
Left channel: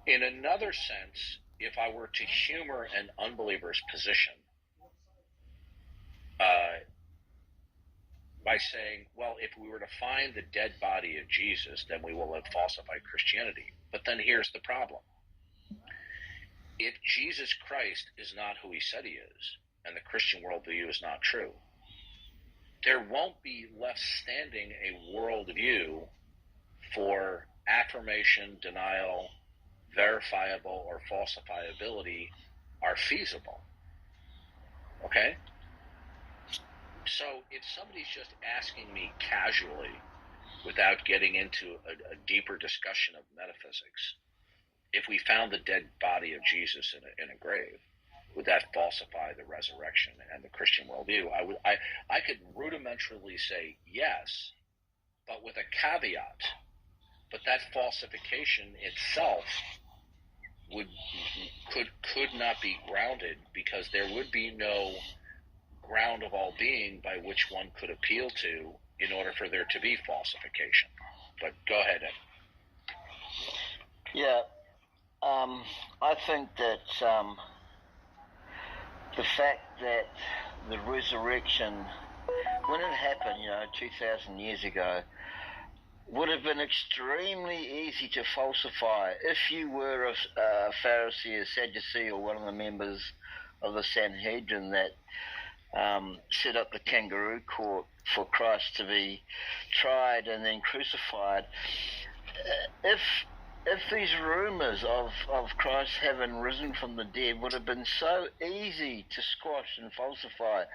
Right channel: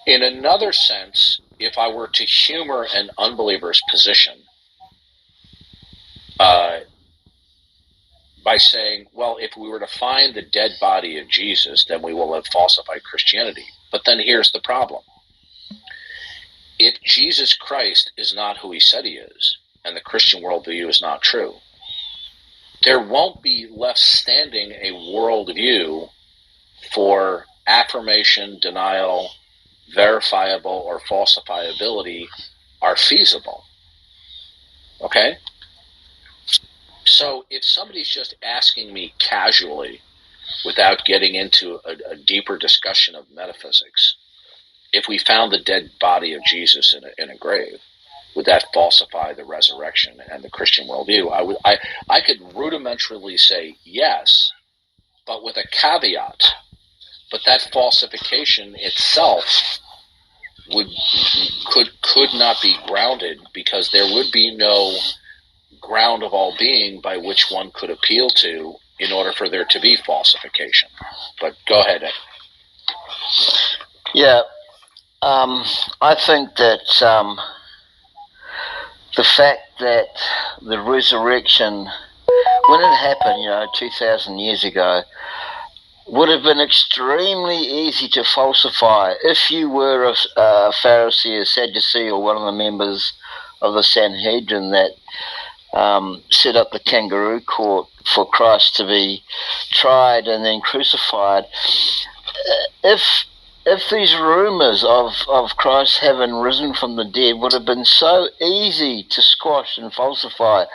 In another sense, if I were to humor an unbeliever's position by saying, well, if we were to find the dead body of Jesus, then we will have falsified Christianity. But then here's the problem. If Jesus Christ is not who he said he is, and the Christian worldview is not true, there won't be left standing a worldview for affirmation, denial, verifiable, or falsifiability are feasible. Okay? So if somebody's just asking me casually, without getting into a deeper discussion of metaphysics, if we found the dead body of Jesus in a grave, would that falsify the resurrection and the Christian worldview? I could rudimentarily say yes, but with a caveat. But that falsification itself could not be grounded, because there would be no ground of all being by which one could appeal to in order for there to be falsification. But go ahead, Ed. Yeah, I think that the fact that the resurrection, when it happened, 2,000 years ago, would have been extremely easy to falsify if you were a Pharisee, a Sadducee, or one of the members of the Sanhedrin that set up the kangaroo court for Christ to be tried and then crucified. If these rumours of Christ having risen from the dead would have been so easy to squash and falsify,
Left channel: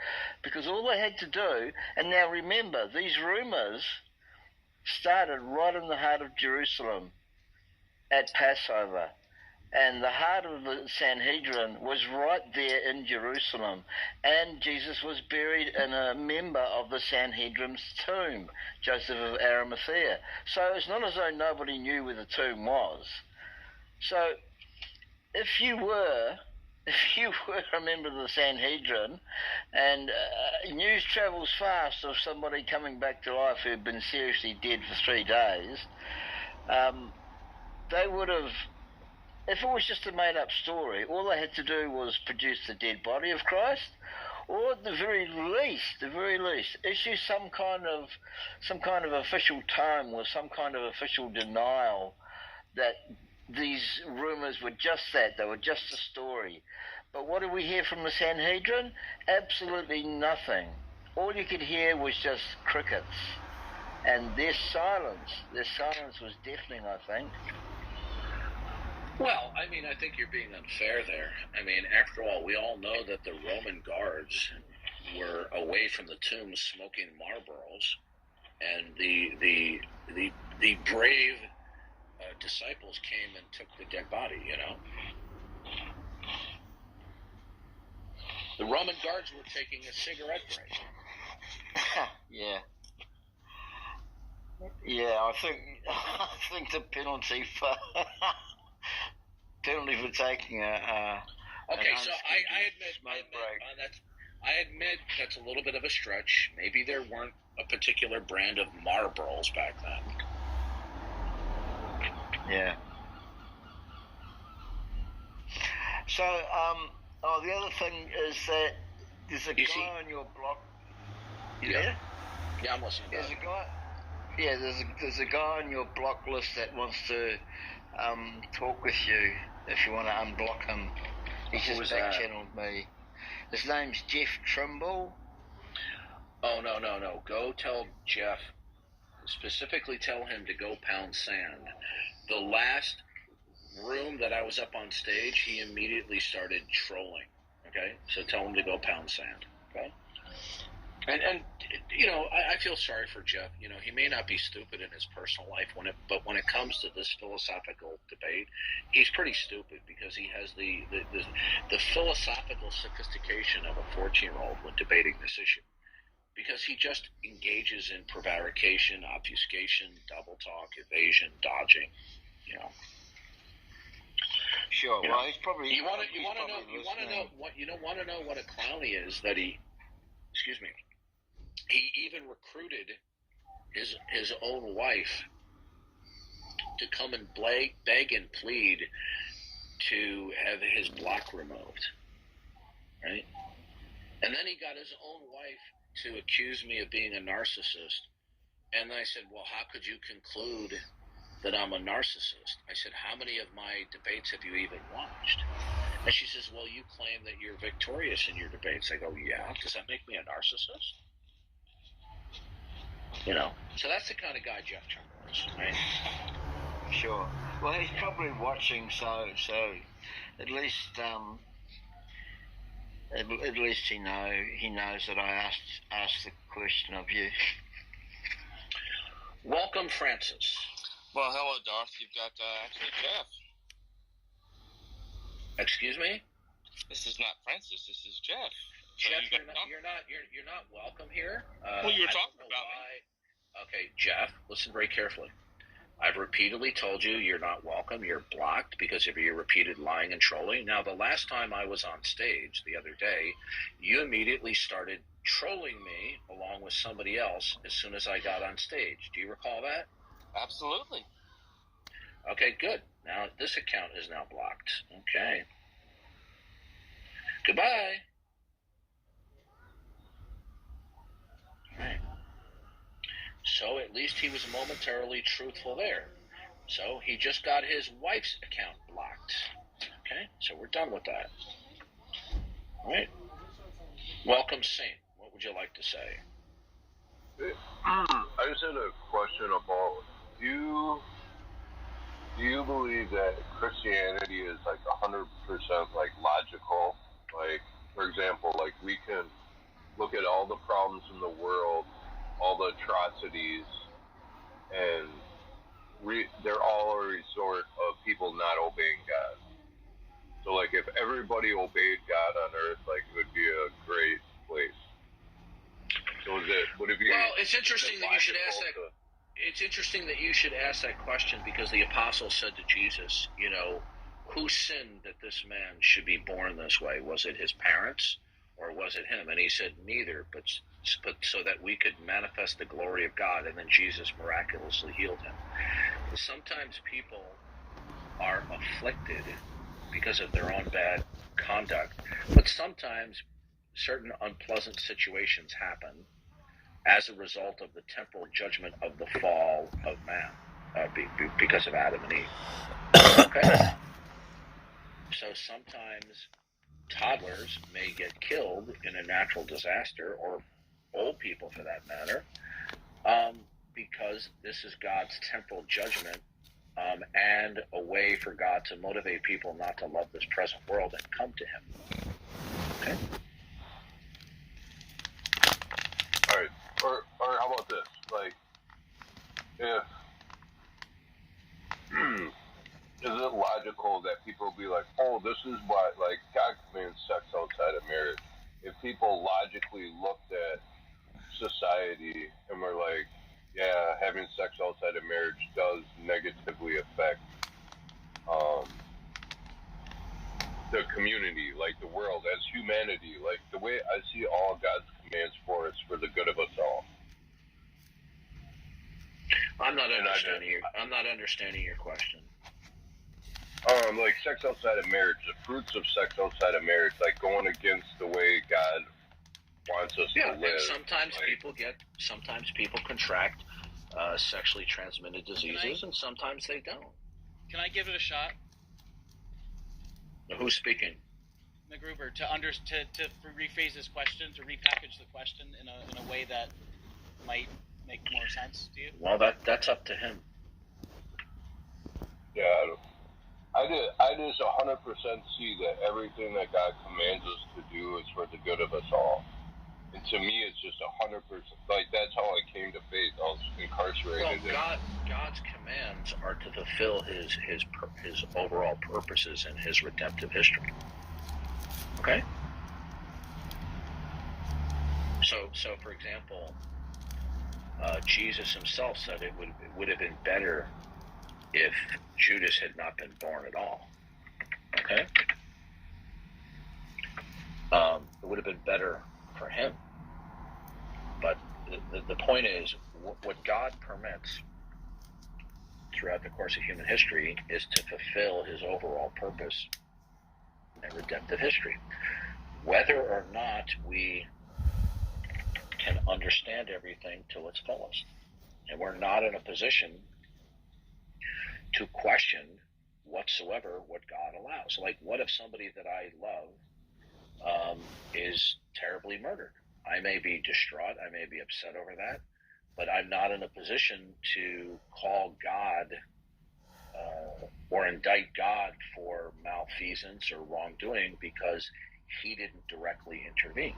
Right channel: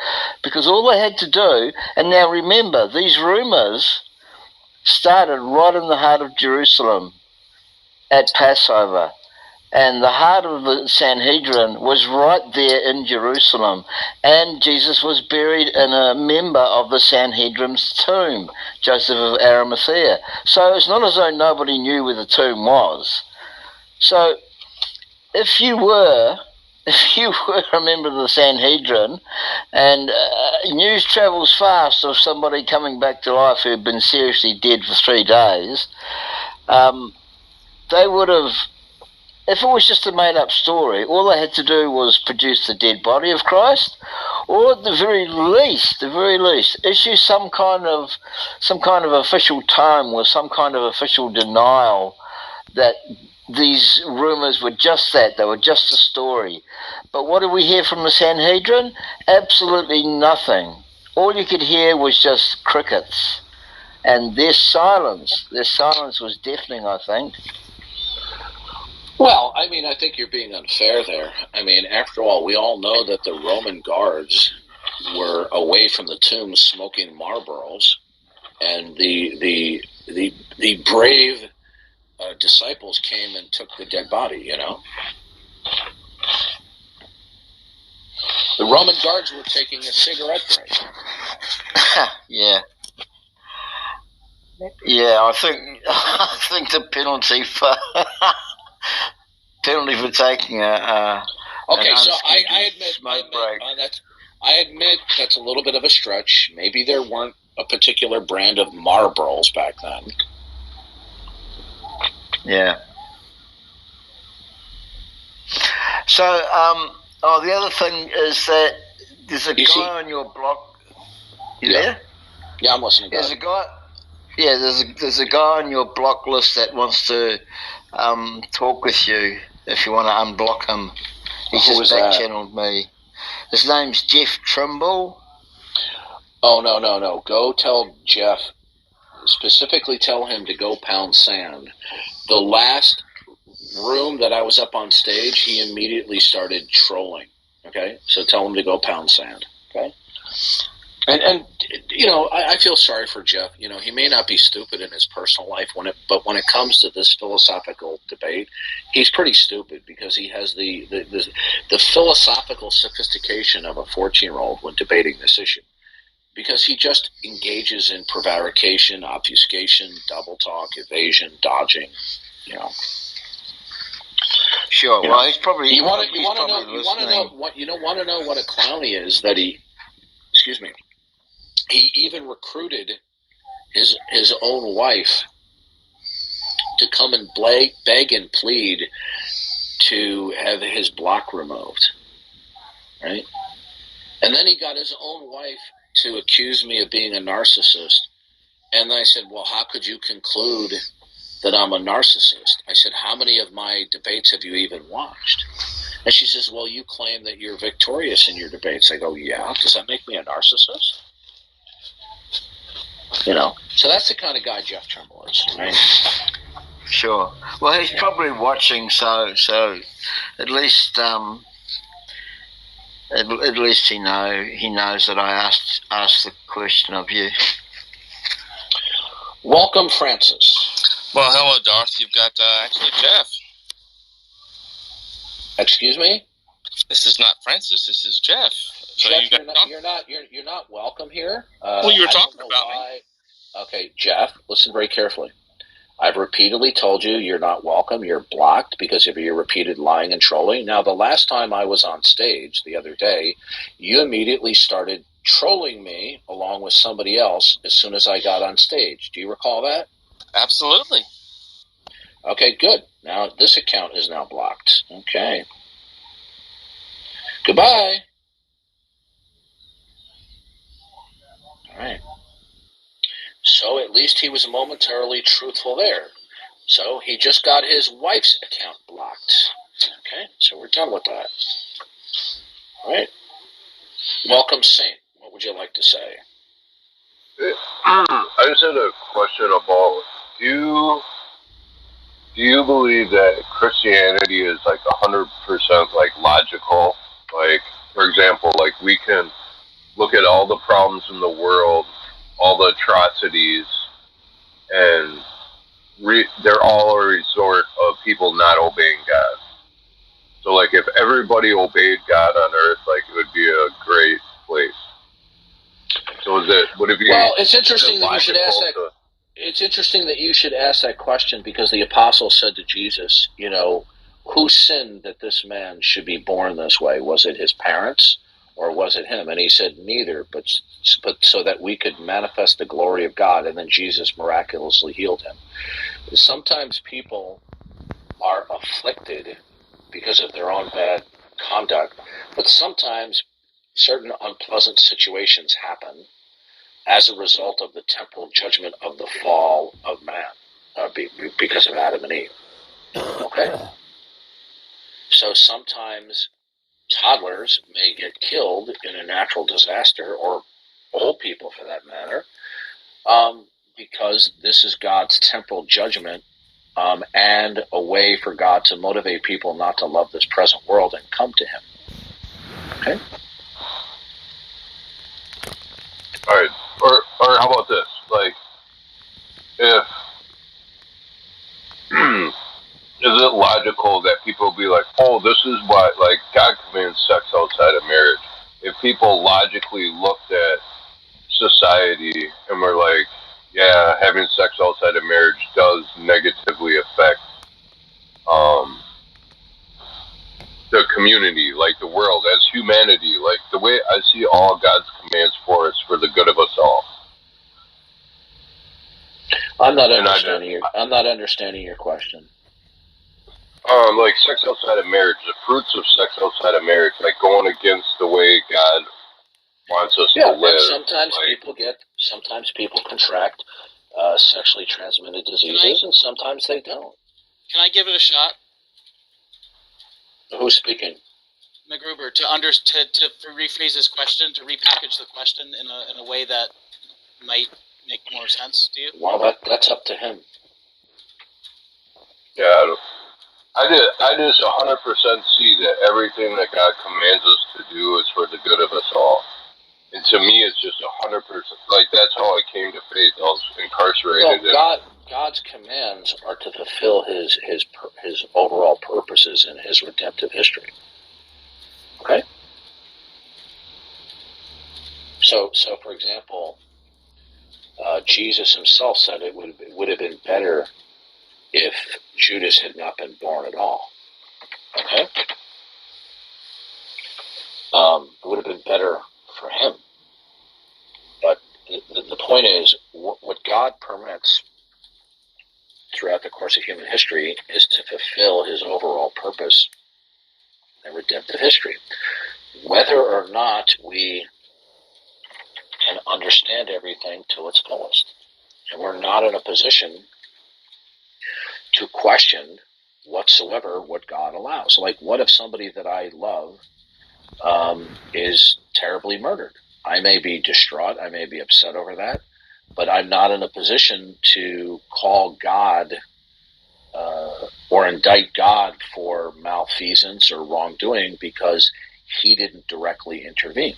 because all they had to do, and now remember, these rumours started right in the heart of Jerusalem at Passover, and the heart of the Sanhedrin was right there in Jerusalem, and Jesus was buried in a member of the Sanhedrin's tomb, Joseph of Arimathea. So it's not as though nobody knew where the tomb was. So if you were a member of the Sanhedrin, and news travels fast of somebody coming back to life who had been seriously dead for 3 days, they would have, if it was just a made-up story, all they had to do was produce the dead body of Christ, or at the very least, issue some kind of official time with some kind of official denial that these rumors were just that, they were just a story. But what did we hear from the Sanhedrin? Absolutely nothing. All you could hear was just crickets. And their silence was deafening, I think. Well, I mean, I think you're being unfair there. I mean, after all, we all know that the Roman guards were away from the tomb smoking Marlboros, and the brave disciples came and took the dead body, you know? The Roman guards were taking a cigarette break. Yeah. Yeah, I think the penalty for taking a okay, so I admit that's a little bit of a stretch. Maybe there weren't a particular brand of Marlboros back then. Yeah. So, the other thing is that there's a guy on your block. You there? Yeah, I'm listening. There's a guy. Yeah, there's a guy on your block list that wants to talk with you. If you want to unblock him, he's just back-channeled me. His name's Jeff Trimble. Oh no! Go tell Jeff. Specifically, tell him to go pound sand. The last room that I was up on stage, he immediately started trolling. Okay, so tell him to go pound sand. Okay, and you know, I feel sorry for Jeff. You know, he may not be stupid in his personal life but when it comes to this philosophical debate, he's pretty stupid because he has the philosophical sophistication of a 14-year-old when debating this issue. Because he just engages in prevarication, obfuscation, double talk, evasion, dodging, you know. Sure. Well, he's probably. You want to know what a clown he is? That he, excuse me, he even recruited his own wife to come and beg and plead to have his block removed, right? And then he got his own wife to accuse me of being a narcissist. And I said, well, how could you conclude that I'm a narcissist? I said, how many of my debates have you even watched? And she says, well, you claim that you're victorious in your debates. I go, yeah, does that make me a narcissist? You know, so that's the kind of guy Jeff Trimble is, right? Sure. Well, he's probably watching, so at least he knows that I asked the question of you. Welcome, Francis. Well, hello, Darth. You've got actually Jeff. Excuse me? This is not Francis. This is Jeff. So Jeff, you're not welcome here. Well, you were talking about me. Okay, Jeff, listen very carefully. I've repeatedly told you you're not welcome. You're blocked because of your repeated lying and trolling. Now, the last time I was on stage the other day, you immediately started trolling me along with somebody else as soon as I got on stage. Do you recall that? Absolutely. Okay, good. Now, this account is now blocked. Okay. Goodbye. All right. So at least he was momentarily truthful there. So he just got his wife's account blocked. Okay, so we're done with that. All right. Welcome, Saint. What would you like to say? I just had a question about, do you believe that Christianity is like 100% like logical? Like, for example, like we can look at all the problems in the world, all the atrocities, and they're all a resort of people not obeying God. So, like, if everybody obeyed God on earth, like, it would be a great place. So, would it be? Well, it's interesting that you should ask that. It's interesting that you should ask that question because the apostle said to Jesus, you know, who sinned that this man should be born this way? Was it his parents or was it him? And he said neither, but so that we could manifest the glory of God. And then Jesus miraculously healed him. Sometimes people are afflicted because of their own bad conduct, but sometimes certain unpleasant situations happen as a result of the temporal judgment of the fall of man, because of Adam and Eve. Okay? So sometimes toddlers may get killed in a natural disaster, or old people for that matter, because this is God's temporal judgment, and a way for God to motivate people not to love this present world and come to Him. Okay? All right. Or how about this? Like, if is it logical that people be like, oh, this is why, like, God commands sex outside of marriage? If people logically looked at society and were like, yeah, having sex outside of marriage does negatively affect the community, like the world, as humanity, like the way I see all God's commands for us for the good of us all. I'm not understanding your question. Like sex outside of marriage, the fruits of sex outside of marriage, like going against the way God wants us to live. Sometimes people contract sexually transmitted diseases, and sometimes they don't. Can I give it a shot? Who's speaking? McGruber, to rephrase his question, to repackage the question in a way that might make more sense to you. Well, that's up to him. Yeah, I just 100% see that everything that God commands us to do is for the good of us all. And to me, it's just 100%. Like, that's how I came to faith. I was incarcerated. Well, God's commands are to fulfill his overall purposes in his redemptive history. Okay? So for example, Jesus himself said it would have been better if Judas had not been born at all. Okay? It would have been better for him. But the point is, what God permits throughout the course of human history is to fulfill his overall purpose in redemptive history. Whether or not we can understand everything to its fullest. And we're not in a position to question whatsoever what God allows. Like, what if somebody that I love is terribly murdered? I may be distraught, I may be upset over that, but I'm not in a position to call God or indict God for malfeasance or wrongdoing, because he didn't directly intervene,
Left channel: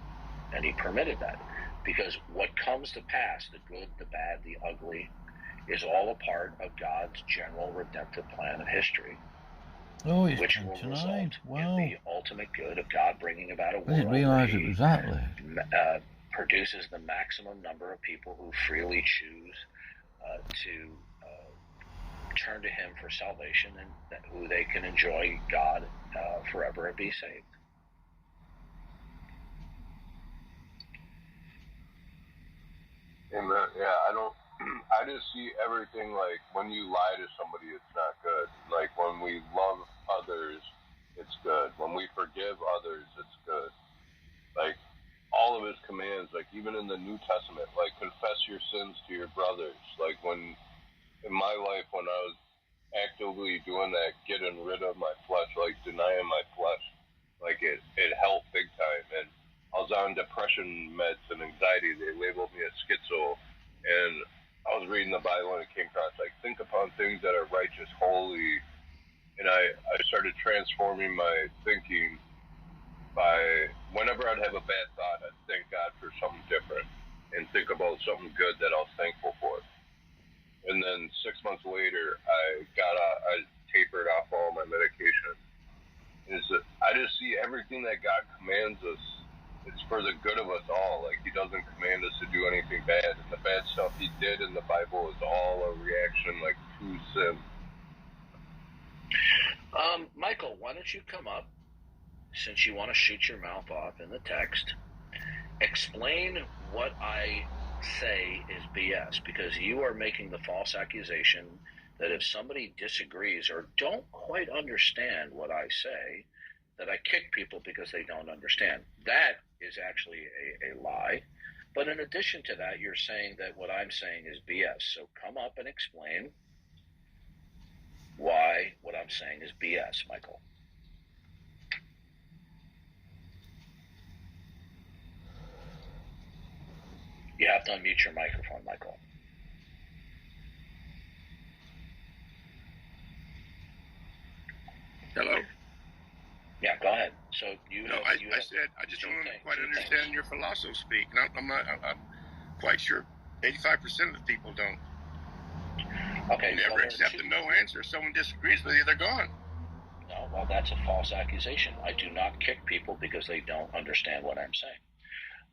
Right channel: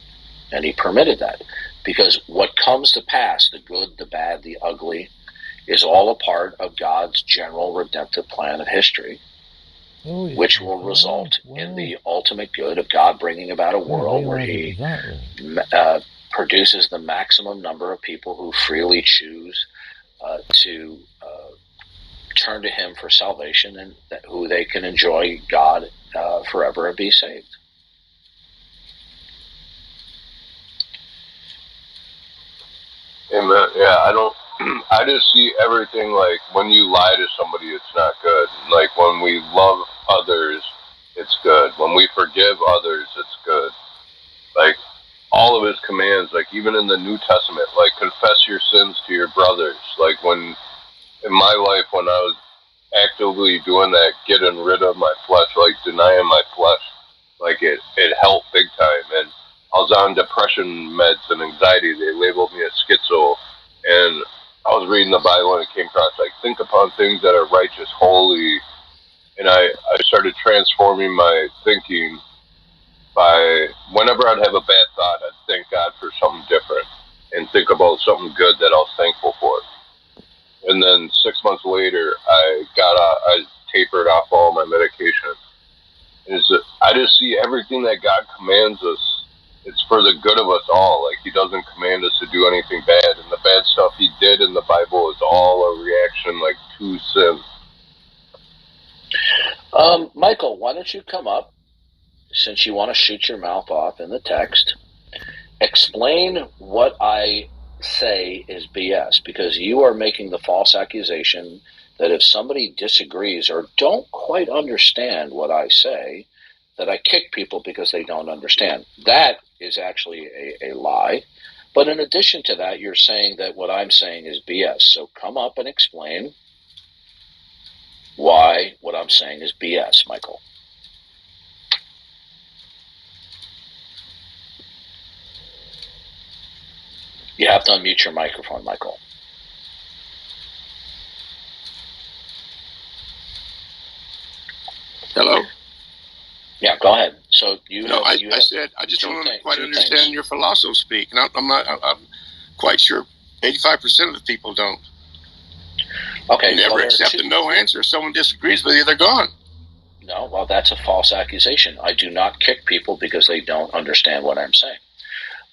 and he permitted that. Because what comes to pass, the good, the bad, the ugly, is all a part of God's general redemptive plan of history, which will result in the ultimate good of God bringing about a world where he produces the maximum number of people who freely choose to turn to him for salvation, and who they can enjoy God forever and be saved. Amen. Yeah, I just see everything like when you lie to somebody, it's not good. Like when we love others, it's good. When we forgive others, it's good. Like all of his commands, like even in the New Testament, like confess your sins to your brothers. Like when in my life, when I was actively doing that, getting rid of my flesh, like denying my flesh, like it helped big time. And I was on depression meds and anxiety. They labeled me a schizo. And I was reading the Bible and it came across, like, think upon things that are righteous, holy. And I started transforming my thinking by, whenever I'd have a bad thought, I'd thank God for something different and think about something good that I was thankful for. And then 6 months later, I tapered off all my medication. And I just see everything that God commands us, it's for the good of us all. Like, he doesn't command us to do anything bad. And the bad stuff he did in the Bible is all a reaction, like, to sin. Michael, why don't you come up, since you want to shoot your mouth off in the text, explain what I say is BS, because you are making the false accusation that if somebody disagrees or don't quite understand what I say, that I kick people because they don't understand. That is actually a lie. But in addition to that, you're saying that what I'm saying is BS. So come up and explain why what I'm saying is BS, Michael. You have to unmute your microphone, Michael. Hello? Yeah, go ahead. So you No, have, I said I just don't quite understand your philosophy speak. And I'm quite sure 85% of the people don't. Okay. You never accept a no answer. If someone disagrees with you, they're gone. No, well, that's a false accusation. I do not kick people because they don't understand what I'm saying.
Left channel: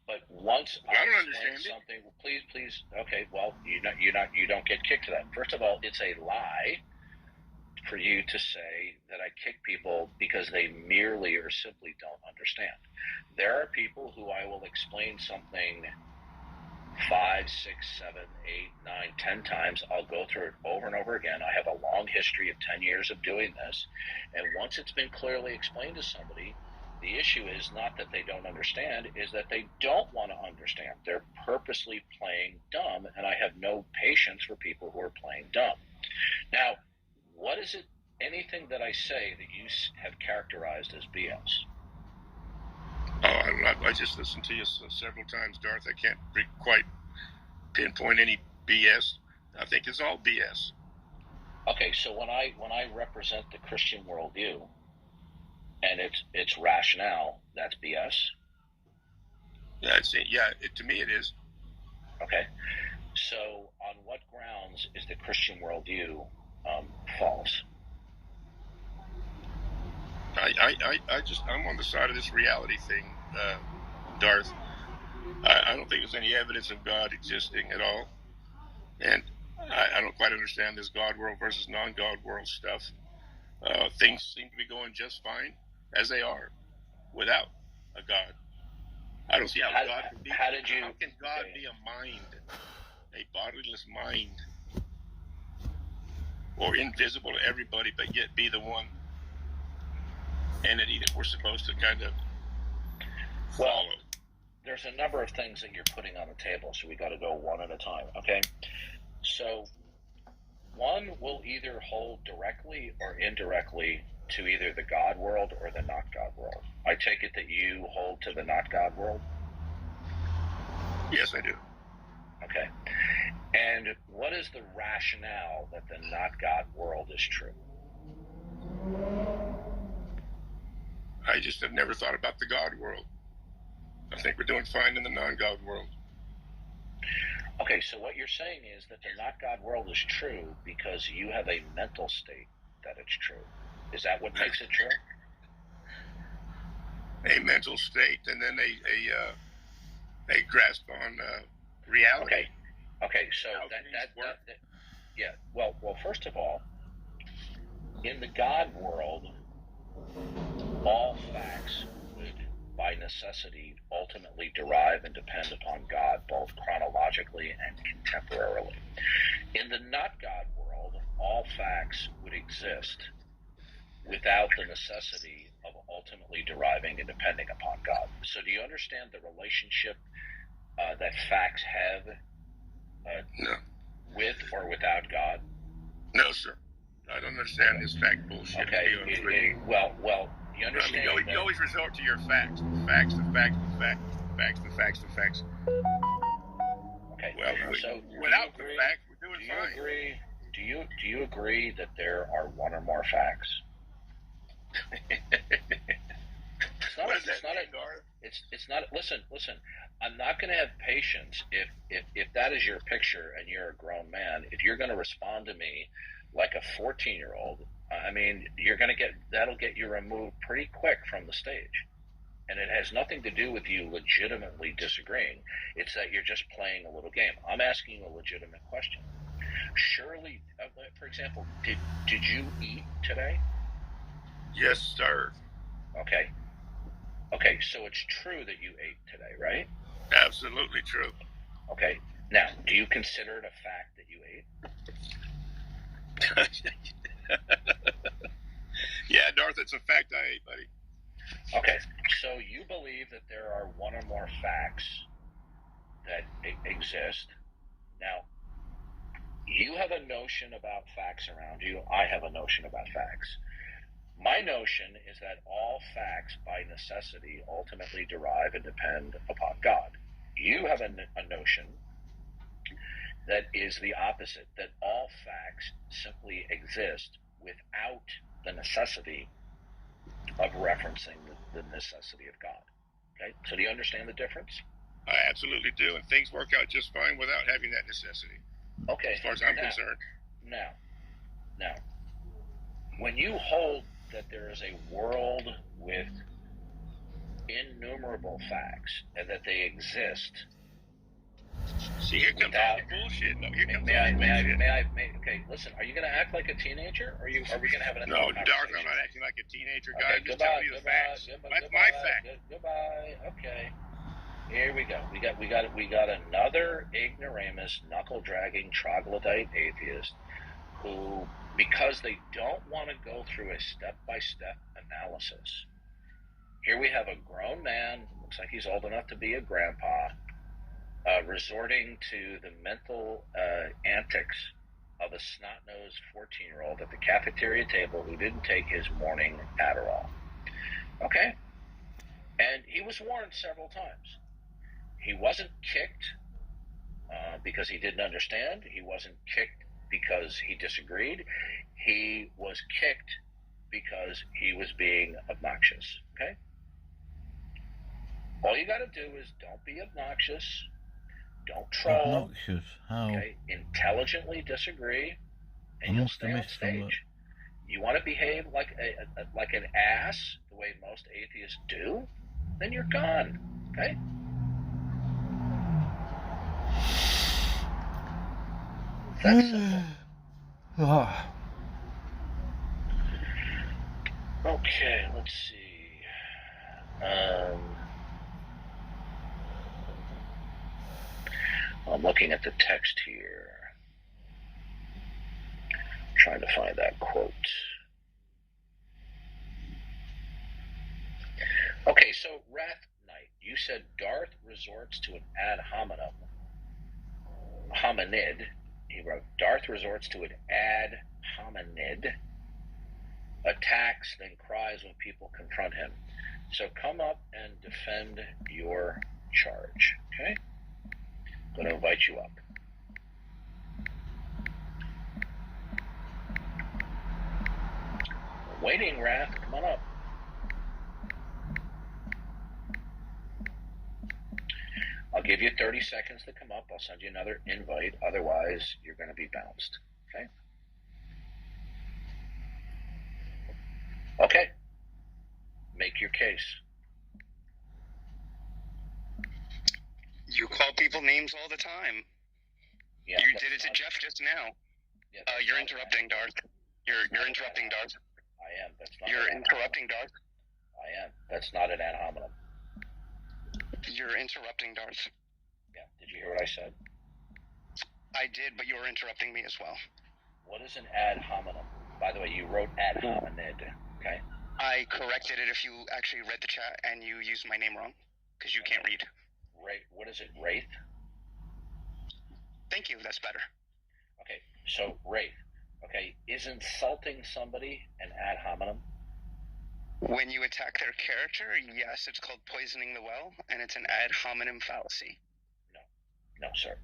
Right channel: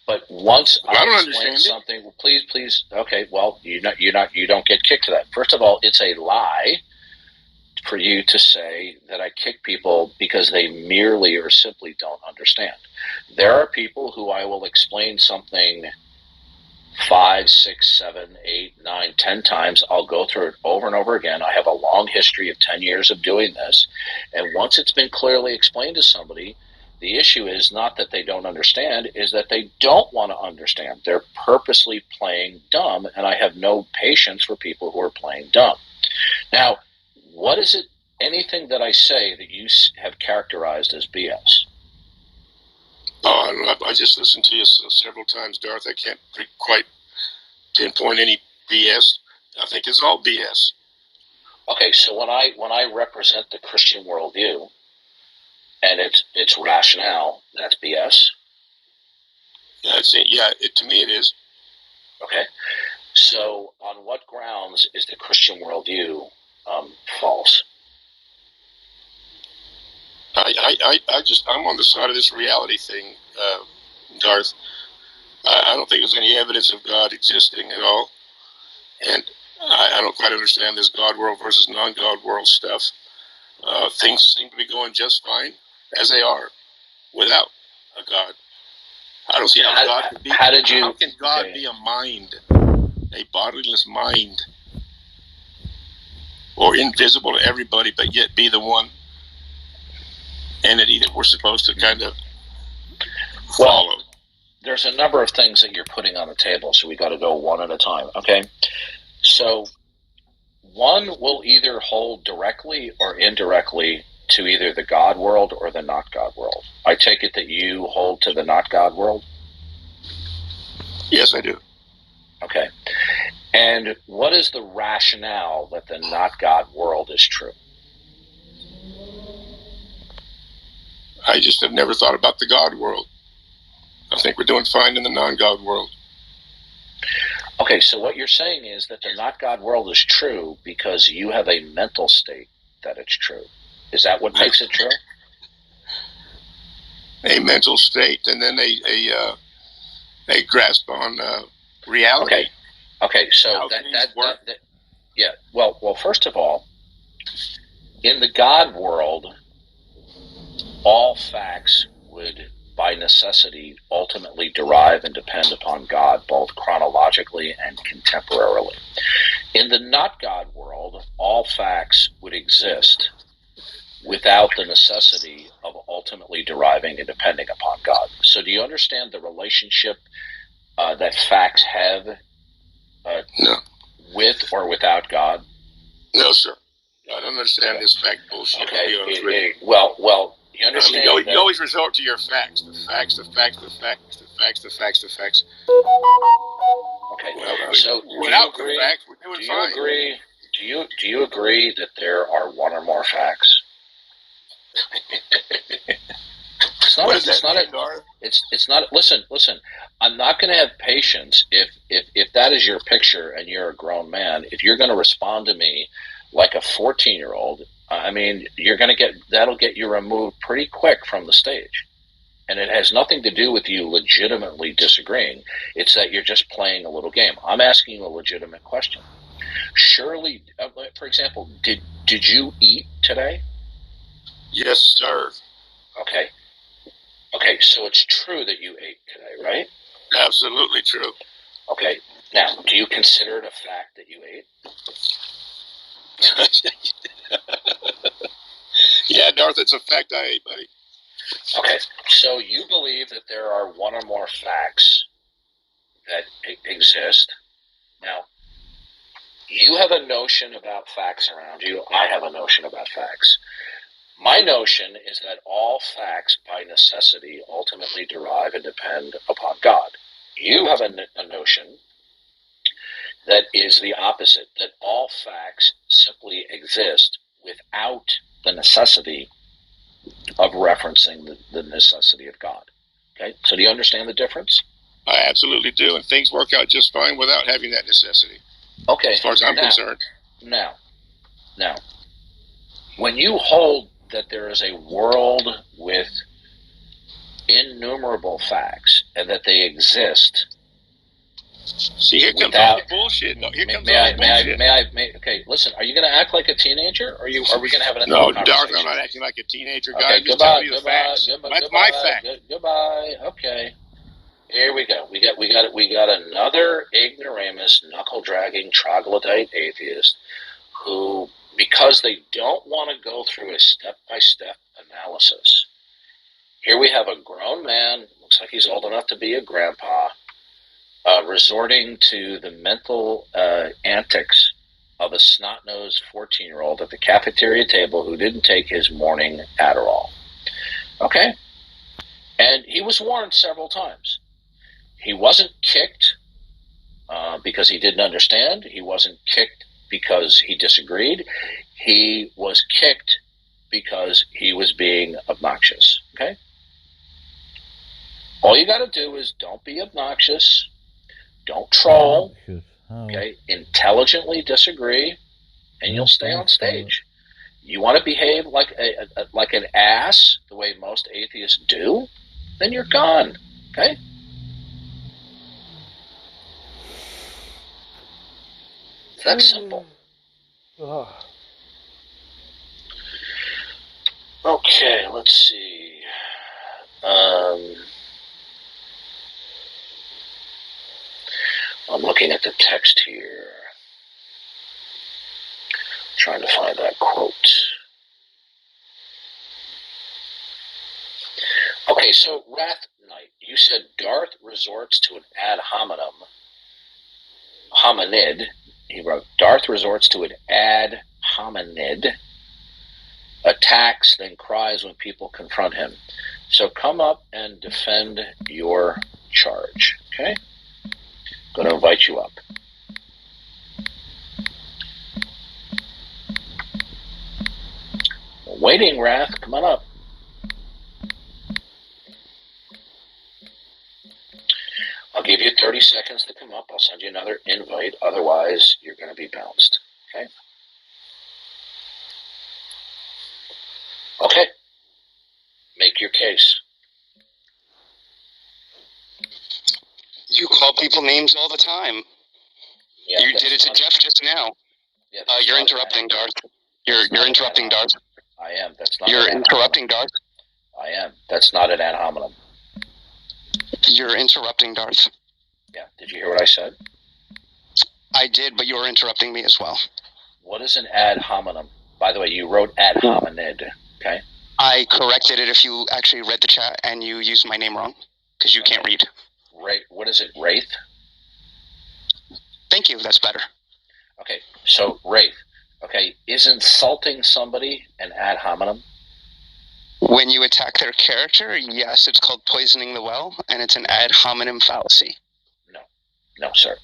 But once I explain something, well, please. Okay, well, you don't get kicked to that. First of all, it's a lie for you to say that I kick people because they merely or simply don't understand. There are people who I will explain something 5, 6, 7, 8, 9, 10 times. I'll go through it over and over again. I have a long history of 10 years of doing this. And once it's been clearly explained to somebody, the issue is not that they don't understand, is that they don't want to understand. They're purposely playing dumb, and I have no patience for people who are playing dumb. Now, what is it, anything that I say that you have characterized as BS? Oh, I don't know. I just listened to you several times, Darth. I can't quite pinpoint any BS. I think it's all BS. Okay, so when I represent the Christian worldview and its rationale, that's BS? To me it is. Okay. So on what grounds is the Christian worldview false? I'm on the side of this reality thing, Darth. I don't think there's any evidence of God existing at all. And I don't quite understand this God world versus non-God world stuff. Things seem to be going just fine as they are without a God. I don't see how God could be. How can God be a mind, a bodiless mind, or invisible to everybody, but yet be the one entity that we're supposed to kind of follow? Well, there's a number of things that you're putting on the table, so we got to go one at a time, okay? So one will either hold directly or indirectly to either the God world or the not God world. I take it that you hold to the not God world? Yes, I do. Okay. And what is the rationale that the not God world is true? I just have never thought about the God world. I think we're doing fine in the non-God world. Okay, so what you're saying is that the not God world is true because you have a mental state that it's true. Is that what makes it true? A mental state, and then a grasp on reality. Okay. So that yeah. Well, first of all, in the God world, all facts would, by necessity, ultimately derive and depend upon God, both chronologically and contemporarily. In the not God world, all facts would exist without the necessity of ultimately deriving and depending upon God. So do you understand the relationship that facts have no. with or without God? No, sir. I don't understand this fact bullshit. Okay. Well, you understand. I mean, you always resort to your facts. The facts. Okay. Well, so without the facts, we're doing fine. Do you agree that there are one or more facts? It's not. Listen. I'm not going to have patience if that is your picture and you're a grown man. If you're going to respond to me like a 14-year-old, I mean, that'll get you removed pretty quick from the stage. And it has nothing to do with you legitimately disagreeing. It's that you're just playing a little game. I'm asking you a legitimate question. Surely, for example, did you eat today? Yes, sir. Okay, so it's true that you ate today, right? Absolutely true. Okay, now, do you consider it a fact that you ate? Yeah, Darth, it's a fact I ate, buddy. Okay, so you believe that there are one or more facts that exist. Now, you have a notion about facts around you. I have a notion about facts. My notion is that all facts, by necessity, ultimately derive and depend upon God. You have a notion that is the opposite, that all facts simply exist without the necessity of referencing the necessity of God. Okay, so do you understand the difference? I absolutely do, and things work out just fine without having that necessity. Okay, as far as I'm concerned. Now, when you hold that there is a world with innumerable facts and that they exist. See, here comes all the bullshit. No, here comes all the bullshit. Okay, listen, are you going to act like a teenager, or are we going to have an No, adult Darth, conversation? I'm not acting like a teenager. Okay, Just goodbye. That's my fact. Goodbye. Okay, here we go. We got another ignoramus, knuckle-dragging, troglodyte atheist who, because they don't want to go through a step-by-step analysis. Here we have a grown man, looks like he's old enough to be a grandpa, resorting to the mental antics of a snot-nosed 14-year-old at the cafeteria table who didn't take his morning Adderall. Okay? And he was warned several times. He wasn't kicked because he didn't understand. He wasn't kicked because he disagreed. He was kicked because he was being obnoxious. Okay? All you got to do is don't be obnoxious. Don't troll. Okay? Intelligently disagree, and you'll stay on stage. You want to behave like an ass, the way most atheists do, then you're gone. Okay? That's simple. Okay, let's see. I'm looking at the text here. Trying to find that quote. Okay, so Wrath Knight, you said Darth resorts to an ad hominid. He wrote, Darth resorts to an ad hominid, attacks, then cries when people confront him. So come up and defend your charge. Okay? I'm going to invite you up. Waiting, Wrath. Come on up. I'll give you 30 seconds to come up. I'll send you another invite. Otherwise, you're going to be bounced. Okay? Okay. Make your case. You call people names all the time. Yeah, you did it to Jeff just now. Yeah, you're interrupting, Darth. You're interrupting, Darth. I am. That's not. You're interrupting, Darth. I am. That's not an ad hominem. You're interrupting, Darth. Yeah. Did you hear what I said? I did, but you're interrupting me as well. What is an ad hominem? By the way, you wrote ad hominid. Okay. I corrected it if you actually read the chat and you used my name wrong, because you can't read. What is it, Wraith? Thank you, that's better. Okay, so Wraith. Okay, is insulting somebody an ad hominem? When you attack their character, yes, it's called poisoning the well, and it's an ad hominem fallacy. No, sir.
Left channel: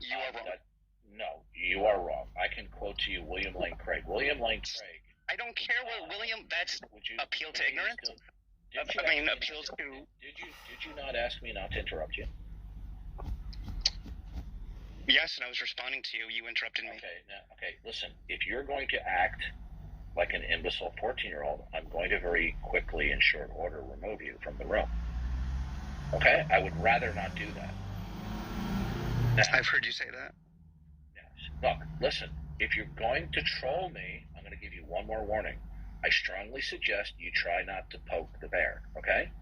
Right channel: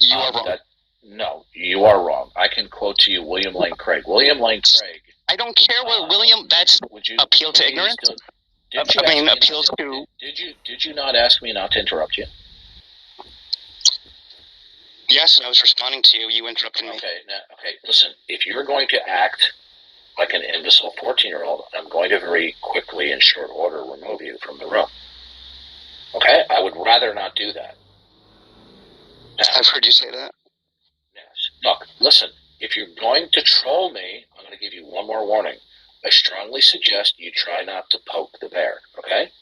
You are wrong. No, you are wrong. I can quote to you William Lane Craig. William Lane Craig. I don't care what William. That's appeal to ignorance. Appeal to. Did you not ask me not to interrupt you? Yes, I was responding to you. You interrupted me. Okay. Listen, if you're going to act like an imbecile 14-year-old, I'm going to very quickly, in short order, remove you from the room. Okay? I would rather not do that. Now, I've heard you say that. Yes. Look, listen, if you're going to troll me, I'm going to give you one more warning. I strongly suggest you try not to poke the bear, okay?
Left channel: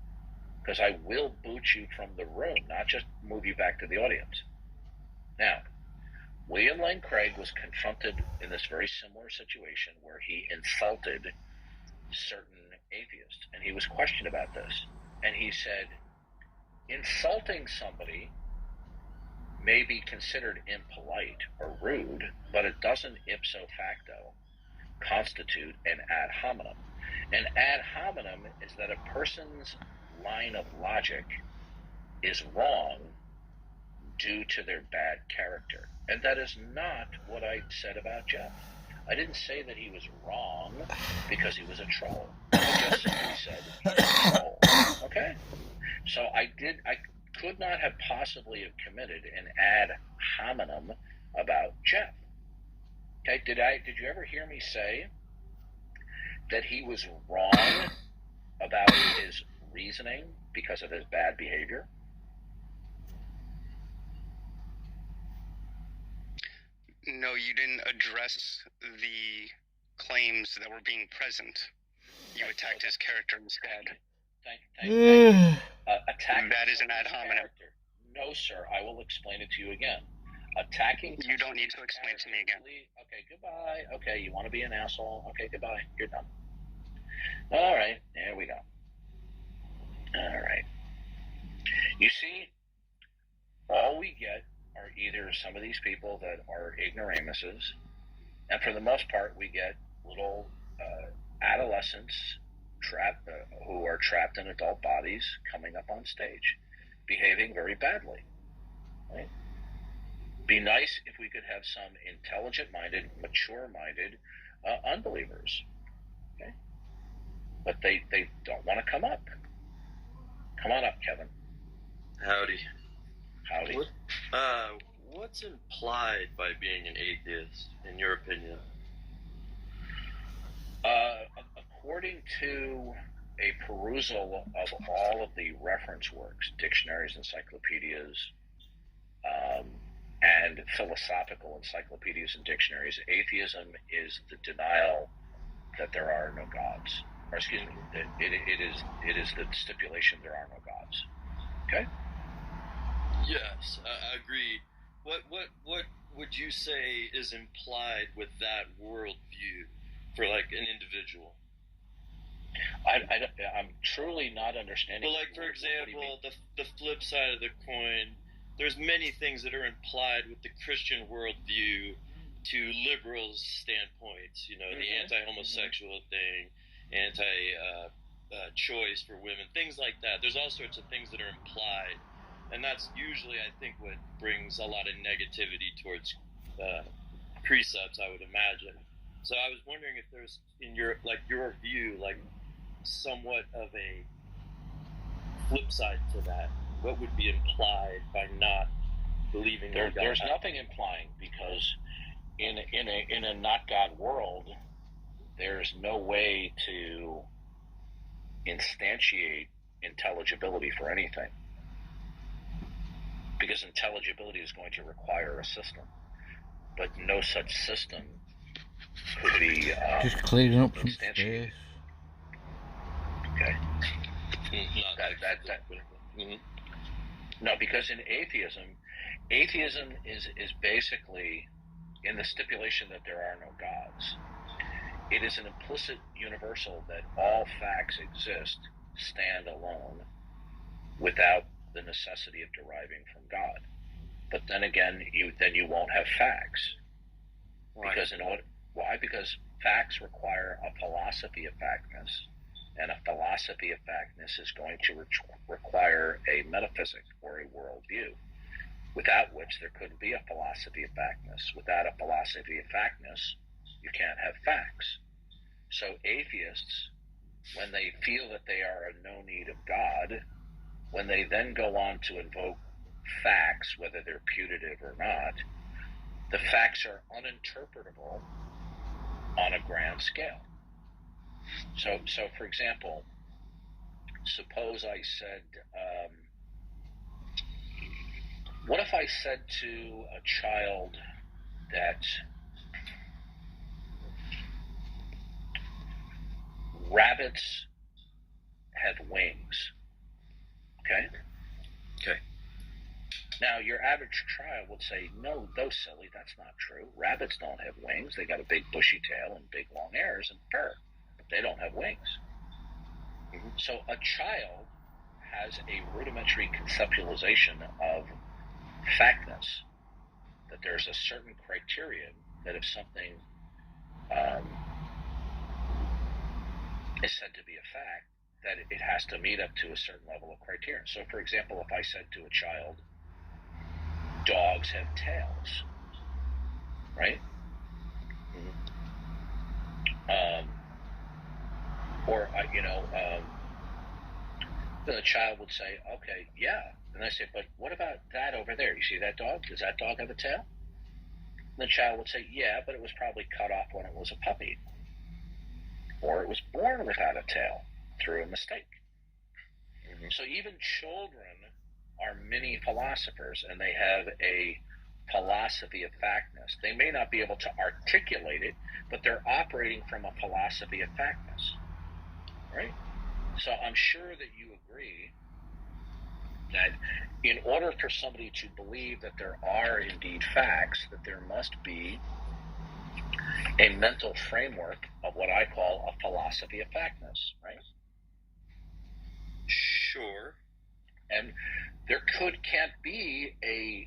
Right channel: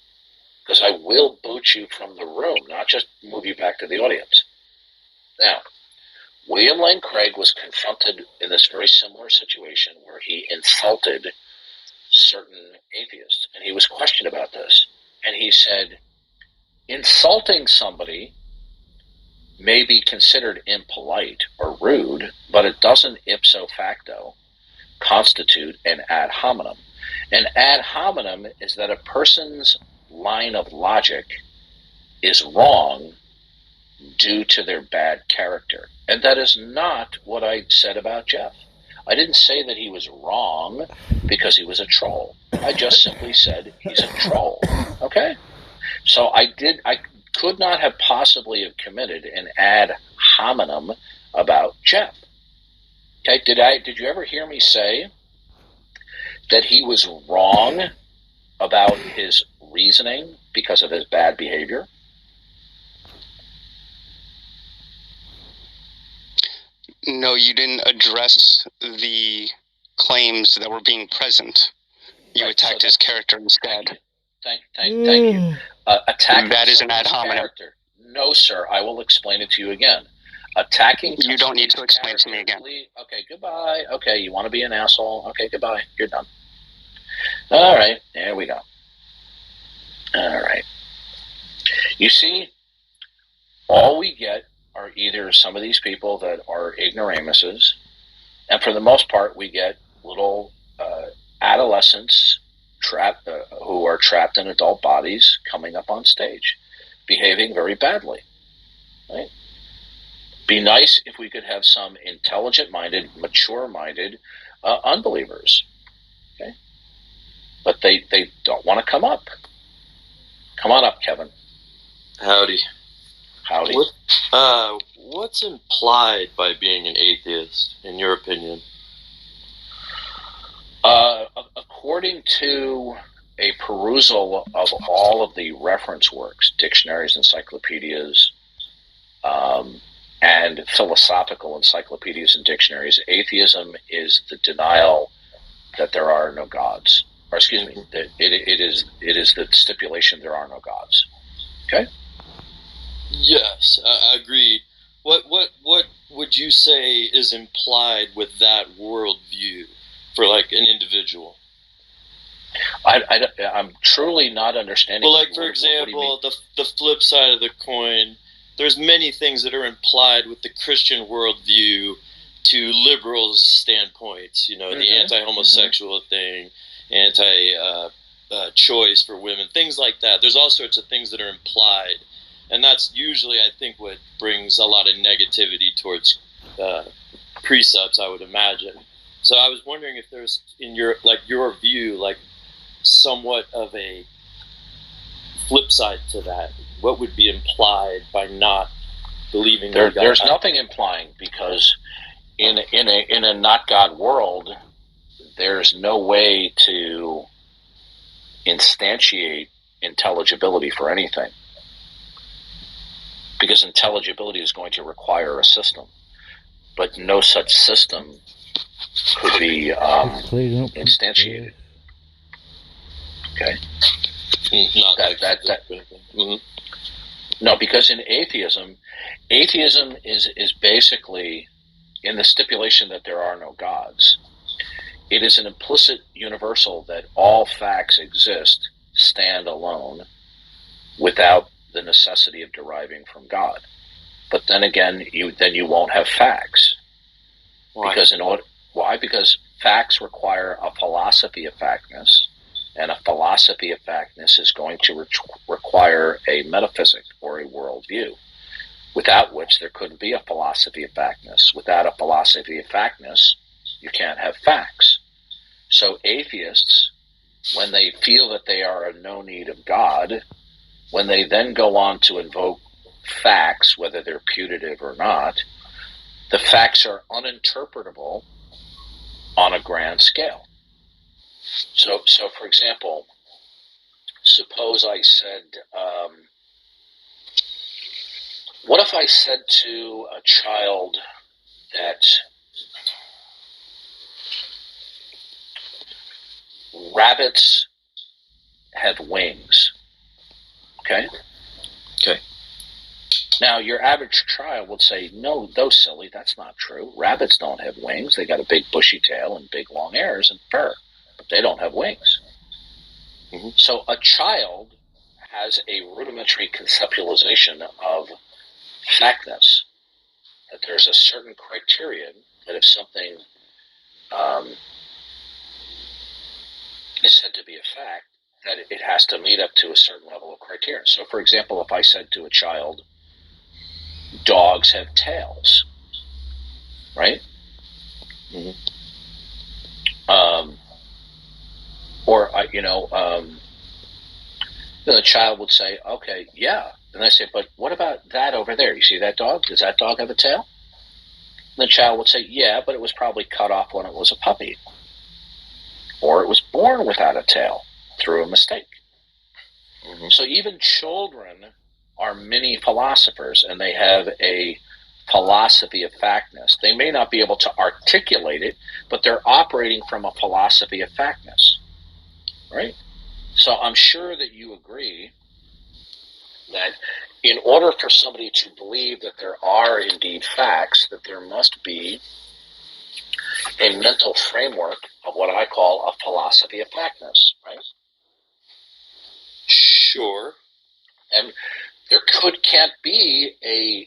Because I will boot you from the room, not just move you back to the audience. Now, William Lane Craig was confronted in this very similar situation where he insulted certain atheists, and he was questioned about this. And he said, insulting somebody may be considered impolite or rude, but it doesn't ipso facto constitute an ad hominem. An ad hominem is that a person's line of logic is wrong due to their bad character. And that is not what I said about Jeff. I didn't say that he was wrong because he was a troll. I just simply said he's a troll. Okay? So I could not have possibly have committed an ad hominem about Jeff. Okay? Did you ever hear me say that he was wrong about his reasoning because of his bad behavior? No, you didn't address the claims that were being present. You attacked his character instead. Thank you. Attacking that is an ad hominem. Character. No, sir. I will explain it to you again. Attacking. You don't need to explain to me again. Okay, goodbye. Okay, you want to be an asshole? Okay, goodbye. You're done. All right, there we go. All right. You see, all we get are either some of these people that are ignoramuses, and for the most part, we get little adolescents trapped who are trapped in adult bodies coming up on stage, behaving very badly. Right? Be nice if we could have some intelligent-minded, mature-minded unbelievers. Okay, but they don't want to come up. Come on up, Kevin. Howdy. Howdy. What's implied by being an atheist, in your opinion? According to a perusal of all of the reference works, dictionaries, encyclopedias, and philosophical encyclopedias and dictionaries, atheism is the denial that there are no gods. Or excuse me, it is the stipulation there are no gods. Okay? Yes, I agree. What would you say is implied with that worldview for like an individual? I'm truly not understanding. Well, like for example, the flip side of the coin, there's many things that are implied with the Christian worldview to liberals' standpoints. You know, the anti-homosexual thing, anti-choice for women, things like that. There's all sorts of things that are implied. And that's usually, I think, what brings a lot of negativity towards precepts, I would imagine. So I was wondering if there's, in your view, like somewhat of a flip side to that. What would be implied by not believing that God? There's nothing implying, because in a not God world, there's no way to instantiate intelligibility for anything. Because intelligibility is going to require a system, but no such system could be instantiated. Okay. No, because in atheism is basically in the stipulation that there are no gods. It is an implicit universal that all facts exist, stand alone, without the necessity of deriving from God. But then again, you won't have facts. Why? Why? Because facts require a philosophy of factness, and a philosophy of factness is going to require a metaphysic or a worldview, without which there couldn't be a philosophy of factness. Without a philosophy of factness, you can't have facts. So atheists, when they feel that they are in no need of God, when they then go on to invoke facts, whether they're putative or not, the facts are uninterpretable on a grand scale. So for example, suppose I said, what if I said to a child that rabbits have wings? Okay? Okay. Now, your average child would say, no, silly, that's not true. Rabbits don't have wings. They got a big bushy tail and big long ears and fur. They don't have wings. Mm-hmm. So a child has a rudimentary conceptualization of factness, that there's a certain criterion that if something is said to be a fact, that it has to meet up to a certain level of criterion. So, for example, if I said to a child, dogs have tails, right? Mm-hmm. The child would say, okay, yeah. And I say, but what about that over there? You see that dog? Does that dog have a tail? And the child would say, yeah, but it was probably cut off when it was a puppy. Or it was born without a tail through a mistake. Mm-hmm. So even children are mini philosophers, and they have a philosophy of factness. They may not be able to articulate it, but they're operating from a philosophy of factness, right? So I'm sure that you agree that in order for somebody to believe that there are indeed facts, that there must be a mental framework of what I call a philosophy of factness, right? Sure. And there can't be a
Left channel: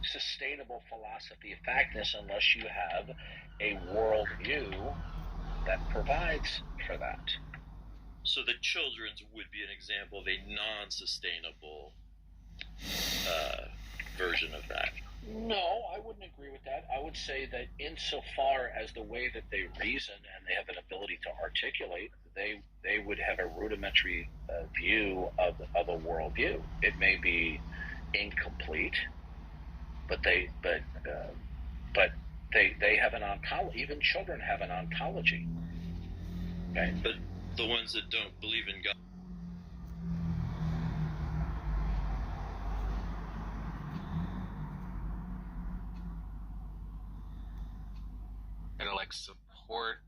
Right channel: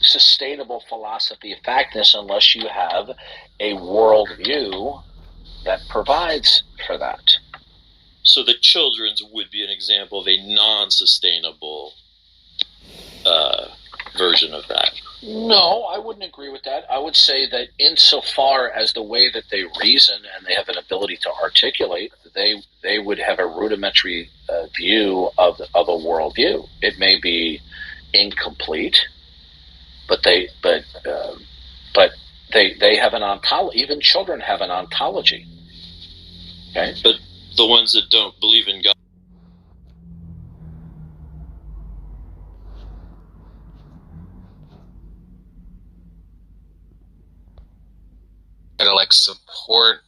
sustainable philosophy of factness unless you have a worldview that provides for that. So the children's would be an example of a non-sustainable version of that. No, I wouldn't agree with that. I would say that insofar as the way that they reason and they have an ability to articulate, they would have a rudimentary view of a worldview. It may be incomplete, but they have an ontology. Even children have an ontology. Okay, but the ones that don't believe in God. To like support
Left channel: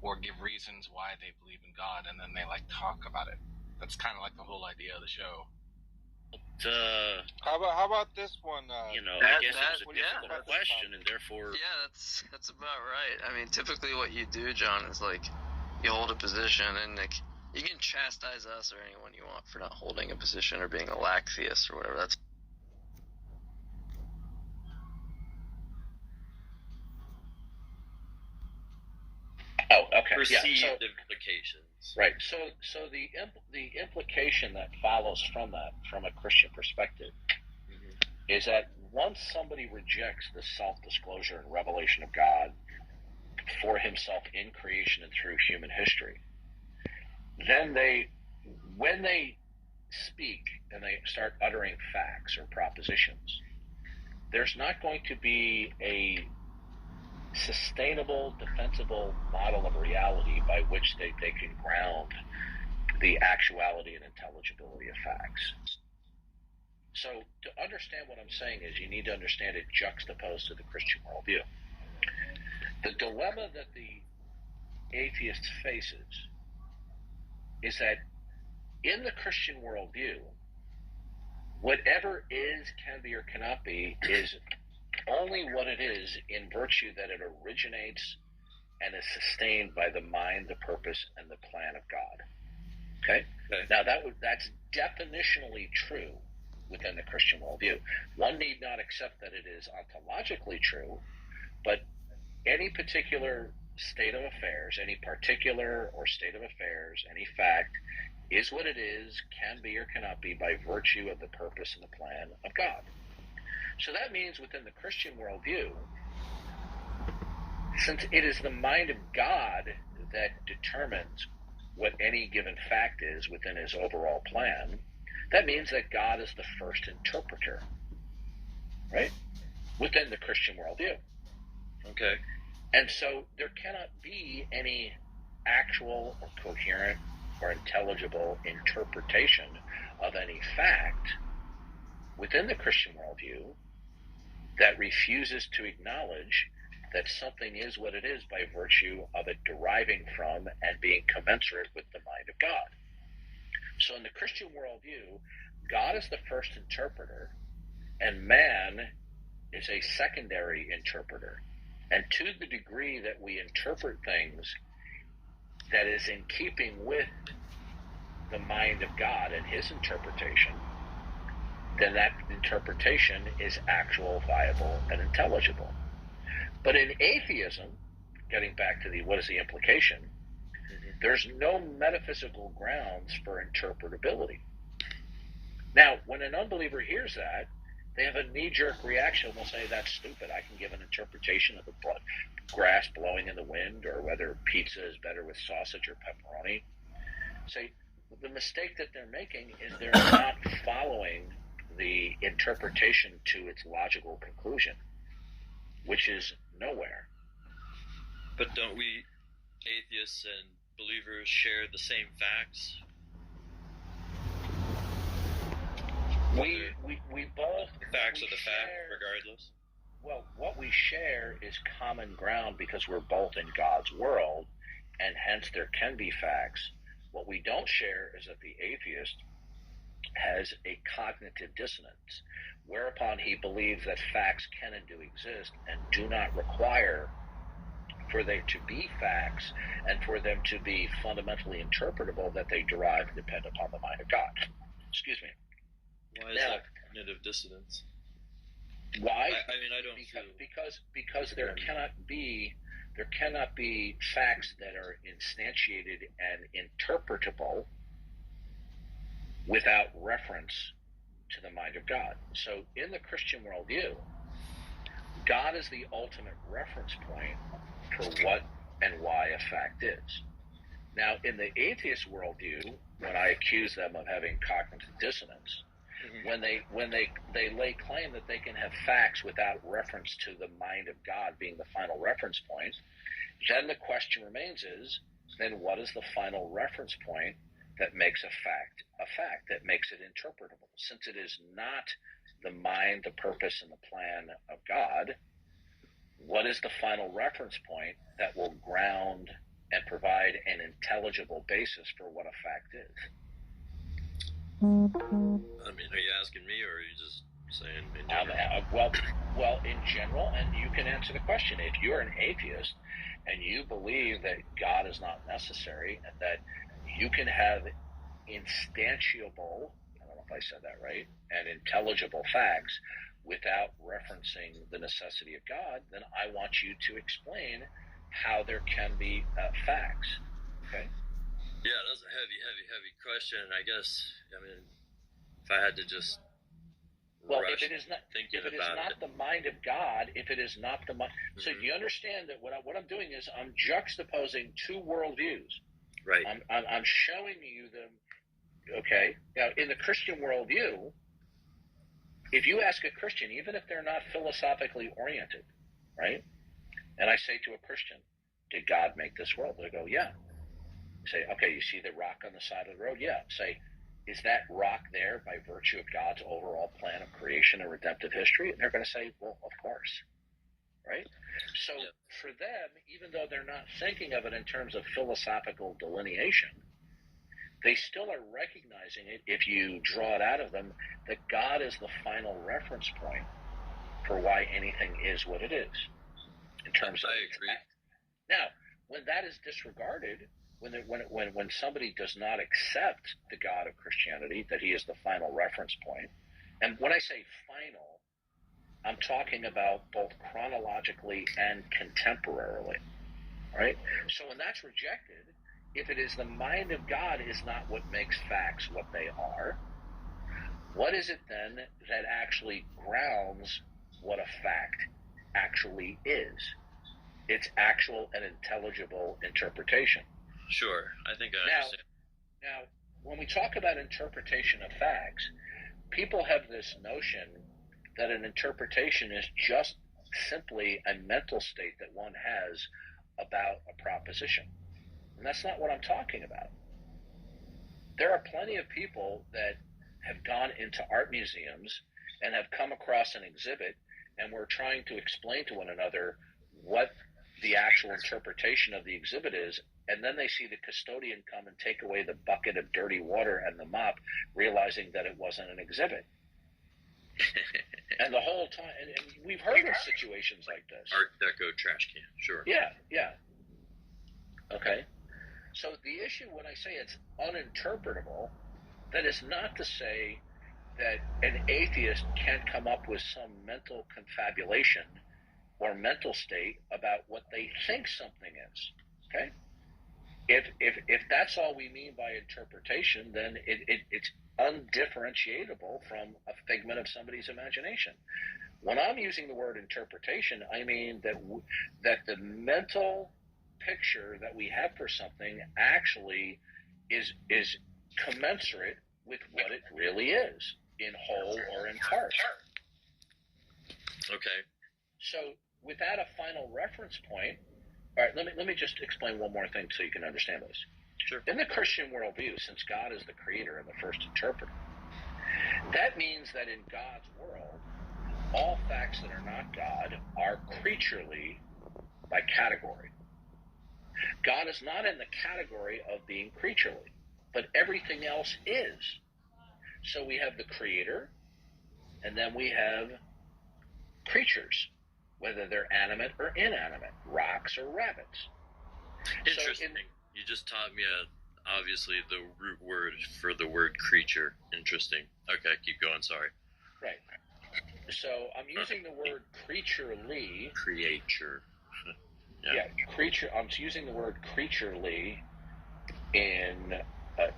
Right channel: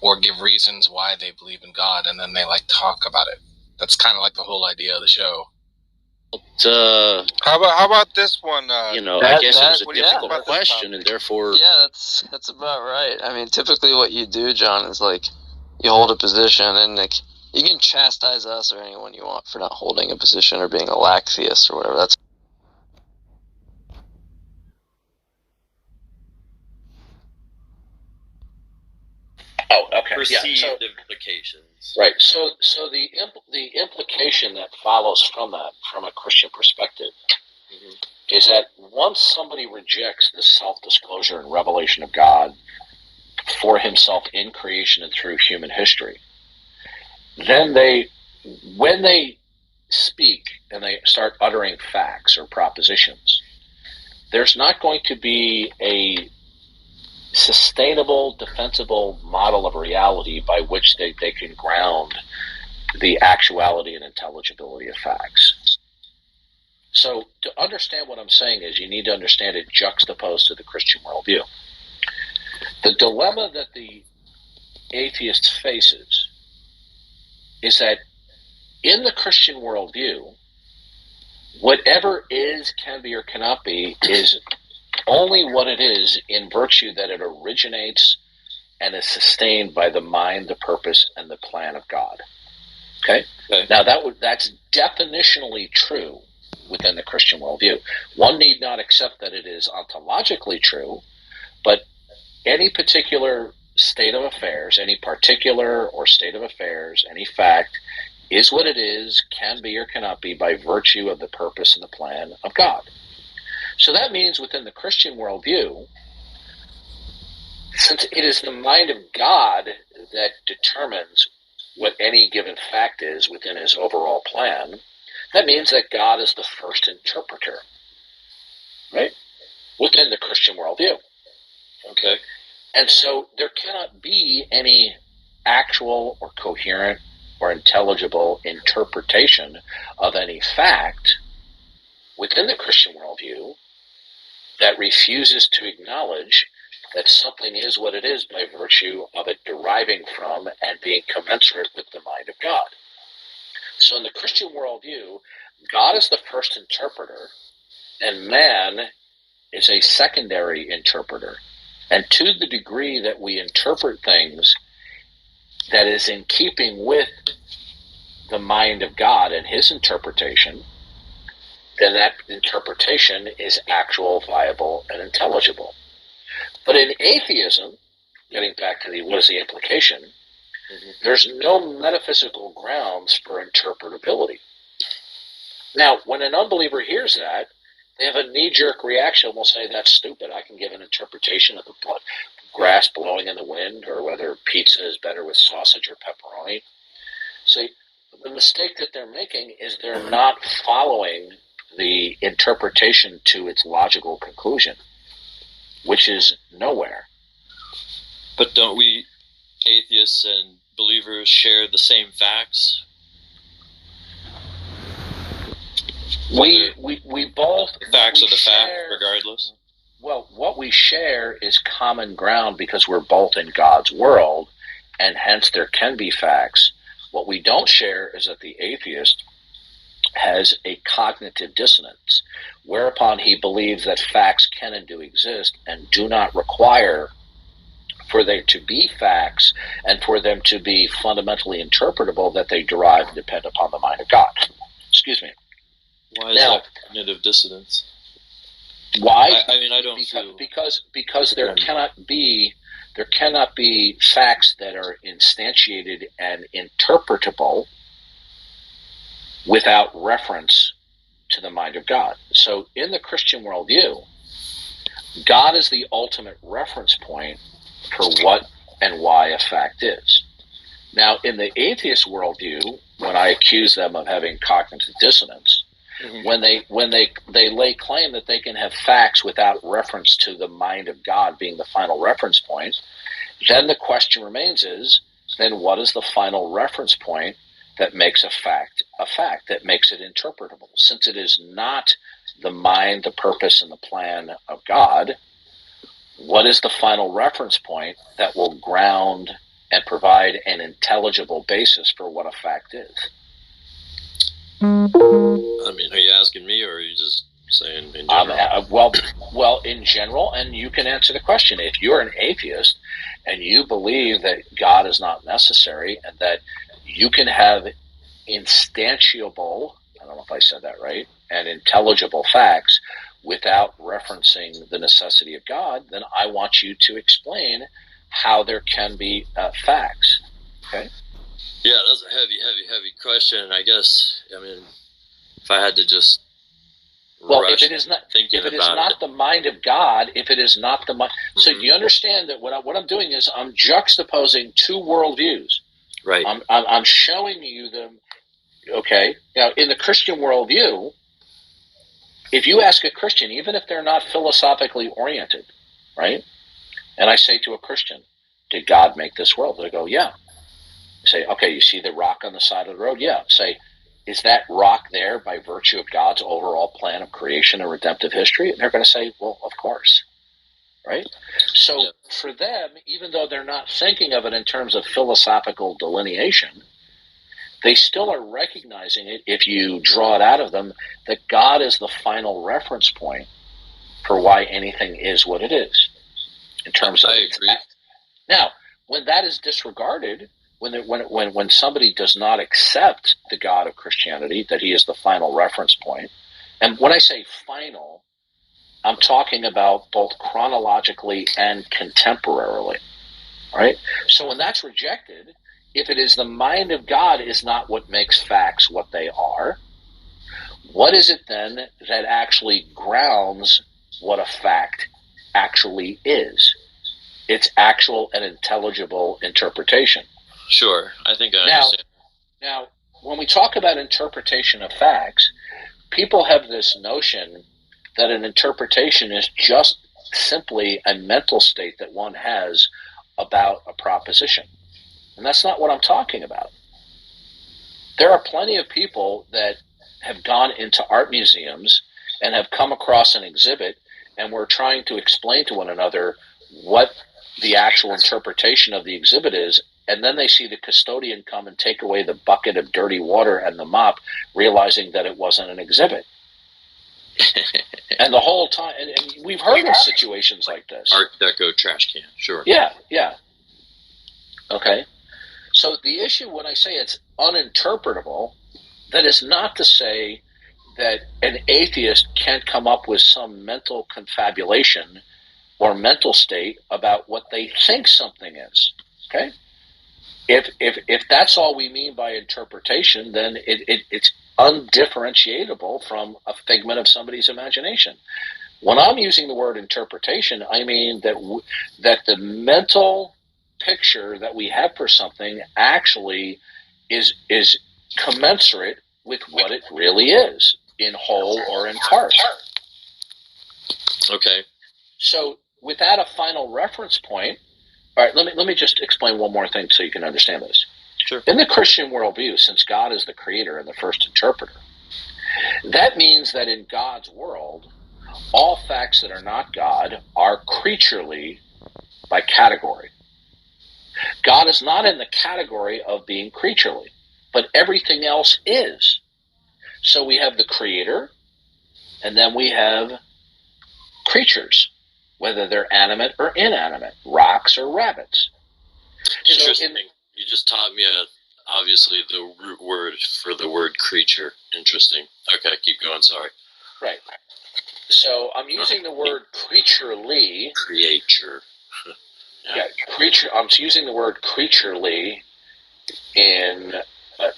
or give reasons why they believe in God, and then they like talk about it. That's kind of like the whole idea of the show. How about this one? I guess it was a difficult question, and therefore. Yeah, that's about right. I mean, typically what you do, John, is like you hold a position, and like you can chastise us or anyone you want for not holding a position or being a lack theist or whatever. That's. Oh, okay. Perceived implications. Right. So the implication that follows from that, from a Christian perspective, is that once somebody rejects the self-disclosure and revelation of God for himself in creation and through human history, then when they speak and they start uttering facts or propositions, there's not going to be a sustainable, defensible model of reality by which they can ground the actuality and intelligibility of facts. So to understand what I'm saying is you need to understand it juxtaposed to the Christian worldview. The dilemma that the atheist faces is that in the Christian worldview, whatever is, can be, or cannot be is only what it is in virtue that it originates and is sustained by the mind, the purpose, and the plan of God. Okay? Now that's definitionally true within the Christian worldview. One need not accept that it is ontologically true, but any particular state of affairs, any particular or state of affairs, any fact is what it is, can be or cannot be by virtue of the purpose and the plan of God. So that means within the Christian worldview, since it is the mind of God that determines what any given fact is within his overall plan, that means that God is the first interpreter, right? Within the Christian worldview. Okay. And so there cannot be any actual or coherent or intelligible interpretation of any fact within the Christian worldview that refuses to acknowledge that something is what it is by virtue of it deriving from and being commensurate with the mind of God. So in the Christian worldview, God is the first interpreter, and man is a secondary interpreter. And to the degree that we interpret things that is in keeping with the mind of God and his interpretation, then that interpretation is actual, viable, and intelligible. But in atheism, getting back to what is the implication, there's no metaphysical grounds for interpretability. Now, when an unbeliever hears that, they have a knee-jerk reaction and will say, that's stupid. I can give an interpretation of the grass blowing in the wind, or whether pizza is better with sausage or pepperoni. See, the mistake that they're making is they're not following the interpretation to its logical conclusion, which is nowhere. But don't we, atheists and believers, share the same facts? We both... The facts are the facts, regardless. Well, what we share is common ground because we're both in God's world, and hence there can be facts. What we don't share is that the atheist has a cognitive dissonance, whereupon he believes that facts can and do exist and do not require for there to be facts and for them to be fundamentally interpretable, that they derive and depend upon the mind of God. Excuse me. Why is that cognitive dissonance? Why? I mean, I don't feel... Because there cannot be facts that are instantiated and interpretable without reference to the mind of God. So in the Christian worldview, God is the ultimate reference point for what and why a fact is. Now, in the atheist worldview, when I accuse them of having cognitive dissonance, when they lay claim that they can have facts without reference to the mind of God being the final reference point, then the question remains is, then what is the final reference point that makes a fact, that makes it interpretable? Since it is not the mind, the purpose, and the plan of God, what is the final reference point that will ground and provide an intelligible basis for what a fact is? I mean, are you asking me, or are you just saying in general? Well, in general, and you can answer the question. If you're an atheist and you believe that God is not necessary and that you can have instantiable, I don't know if I said that right, and intelligible facts without referencing the necessity of God, then I want you to explain how there can be facts. Okay? Yeah, that's a heavy question. And I guess, I mean, if I had to just if it is not the mind of God, if it is not the mind, so do you understand that what I'm doing is I'm juxtaposing two worldviews. Right. I'm showing you them. Okay. Now, in the Christian worldview, if you ask a Christian, even if they're not philosophically oriented, right? And I say to a Christian, did God make this world? They go, yeah. I say, okay, you see the rock on the side of the road? Yeah. Say, is that rock there by virtue of God's overall plan of creation and redemptive history? And they're going to say, well, of course. Right? So for them, even though they're not thinking of it in terms of philosophical delineation, they still are recognizing it, if you draw it out of them, that God is the final reference point for why anything is what it is. In terms of its act. Now, when that is disregarded, when somebody does not accept the God of Christianity, that he is the final reference point, and when I say final, I'm talking about both chronologically and contemporarily, right? So when that's rejected, if it is the mind of God is not what makes facts what they are, what is it then that actually grounds what a fact actually is? Its actual and intelligible interpretation. Sure, I think I understand. Now, when we talk about interpretation of facts, people have this notion that an interpretation is just simply a mental state that one has about a proposition. And that's not what I'm talking about. There are plenty of people that have gone into art museums and have come across an exhibit, and we're trying to explain to one another what the actual interpretation of the exhibit is, and then they see the custodian come and take away the bucket of dirty water and the mop, realizing that it wasn't an exhibit. And the whole time, and we've heard of situations like this. Art Deco trash can, sure. Yeah. Okay. So the issue when I say it's uninterpretable, that is not to say that an atheist can't come up with some mental confabulation or mental state about what they think something is. Okay? If that's all we mean by interpretation, then it's undifferentiable from a figment of somebody's imagination. When I'm using the word interpretation, I mean that the mental picture that we have for something actually is commensurate with what it really is, in whole or in part. Okay. So without a final reference point, all right, let me just explain one more thing so you can understand this. Sure. In the Christian worldview, since God is the creator and the first interpreter, that means that in God's world, all facts that are not God are creaturely by category. God is not in the category of being creaturely, but everything else is. So we have the creator, and then we have creatures, whether they're animate or inanimate, rocks or rabbits. Interesting. You just taught me obviously the root word for the word creature. Interesting. Okay, keep going. Sorry. Right. So I'm using the word creaturely. Creature. Yeah, creature. I'm using the word creaturely in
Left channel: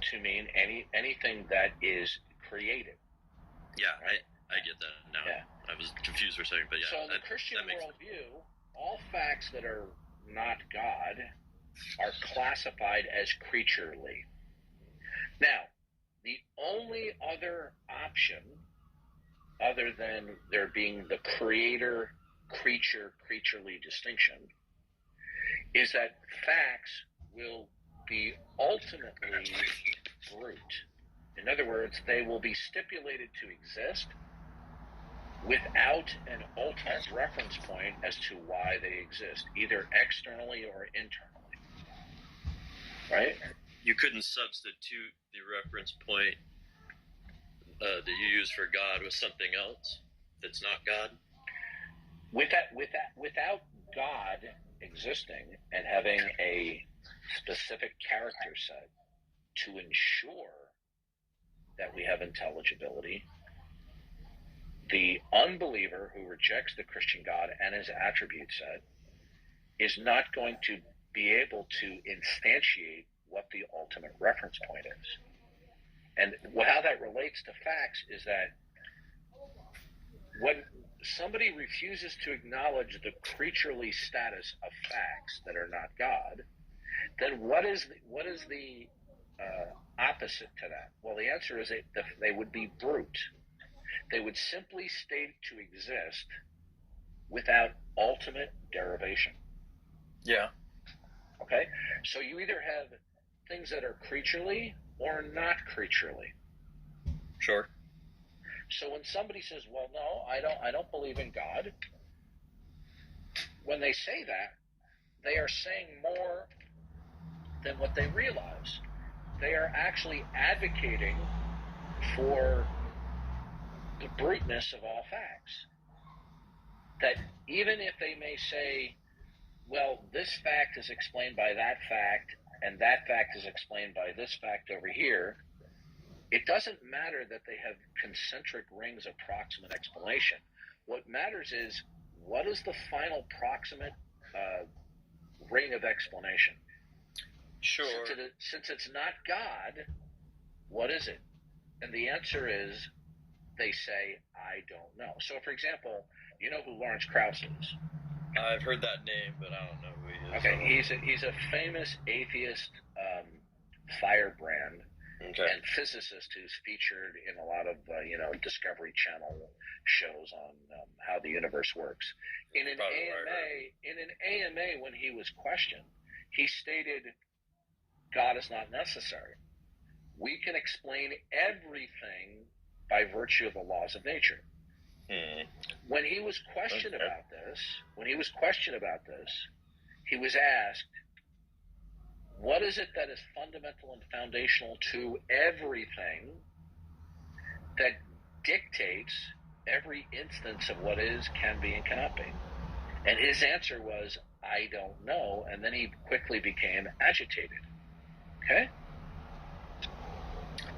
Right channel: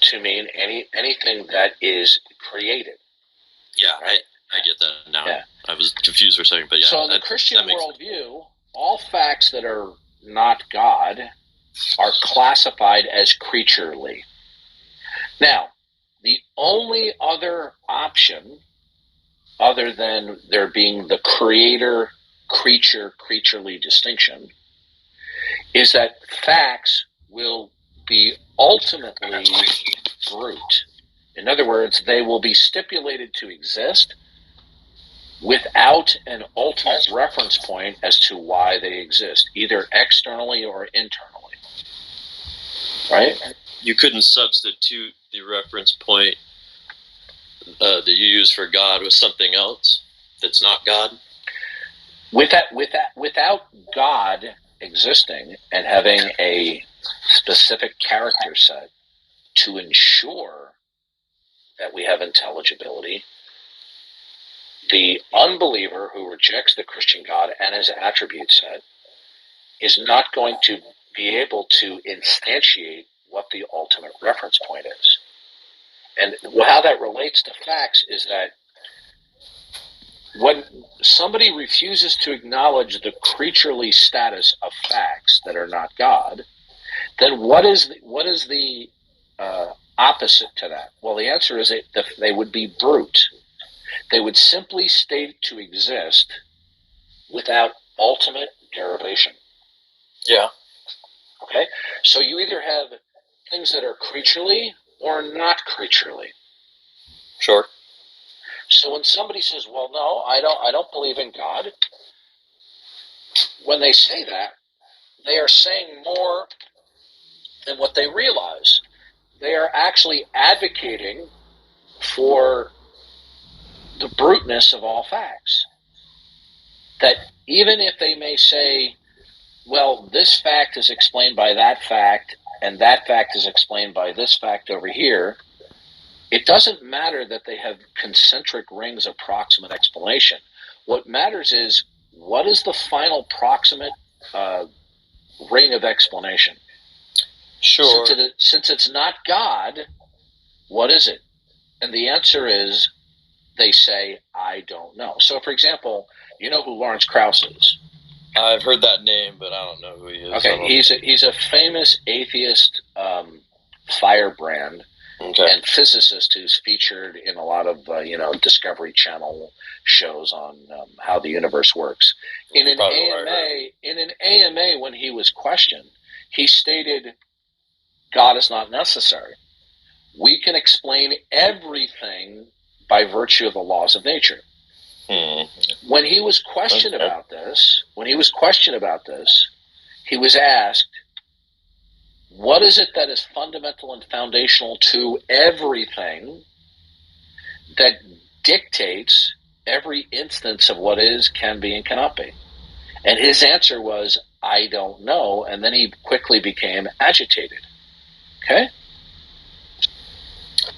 to mean anything that is created. Yeah, right? I get that now. Yeah. I was confused for a second, but yeah. So in the Christian worldview, all facts that are not God are classified as creaturely. Now, the only other option, other than there being the creature-creaturely distinction, is that facts will be ultimately brute. In other words, they will be stipulated to exist without an ultimate reference point as to why they exist, either externally or internally. Right? You couldn't substitute the reference point that you use for God with something else that's not God? Without God existing and having a specific character set to ensure that we have intelligibility, the unbeliever who rejects the Christian God and his attribute set is not going to be able to instantiate what the ultimate reference point is. And how that relates to facts is that when somebody refuses to acknowledge the creaturely status of facts that are not God, then what is the opposite to that? Well, the answer is they would be brute. They would simply state to exist without ultimate derivation. Yeah. Okay? So you either have things that are creaturely or not creaturely. Sure. So when somebody says, well, no, I don't believe in God, when they say that, they are saying more than what they realize. They are actually advocating for the bruteness of all facts. That even if they may say, well, this fact is explained by that fact, and that fact is explained by this fact over here, it doesn't matter that they have concentric rings of proximate explanation. What matters is, what is the final proximate ring of explanation? Sure. Since it's not God, what is it? And the answer is, they say, I don't know. So, for example, you know who Lawrence Krauss is? I've heard that name, but I don't know who he is. Okay, he's a famous atheist firebrand and physicist who's featured in a lot of Discovery Channel shows on how the universe works. In an AMA, when he was questioned, he stated, God is not necessary. We can explain everything by virtue of the laws of nature. When he was questioned about this, he was asked, what is it that is fundamental and foundational to everything that dictates every instance of what is, can be, and cannot be? And his answer was, I don't know. And then he quickly became agitated. Okay?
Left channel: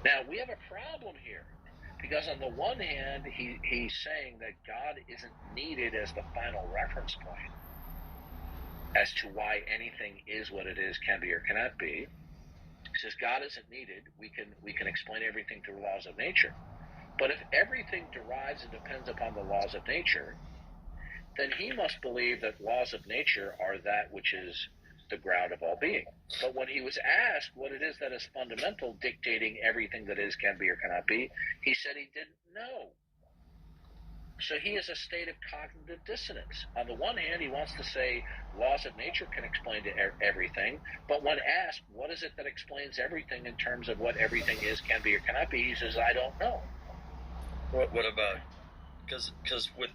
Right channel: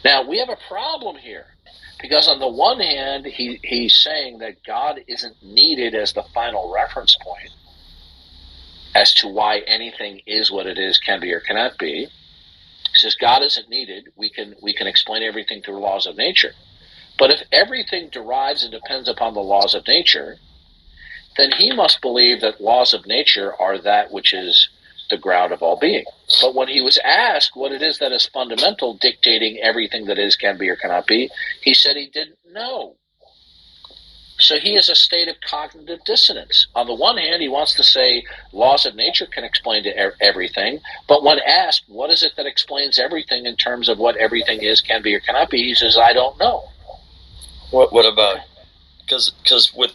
Now, we have a problem here. Because on the one hand, he's saying that God isn't needed as the final reference point as to why anything is what it is, can be, or cannot be. He says God isn't needed. We can explain everything through laws of nature. But if everything derives and depends upon the laws of nature, then he must believe that laws of nature are that which is the ground of all being. But when he was asked what it is that is fundamental, dictating everything that is, can be, or cannot be, he said he didn't know. So he is a state of cognitive dissonance. On the one hand, he wants to say laws of nature can explain everything, but when asked what is it that explains everything in terms of what everything is, can be, or cannot be, he says, I don't know. What about, because with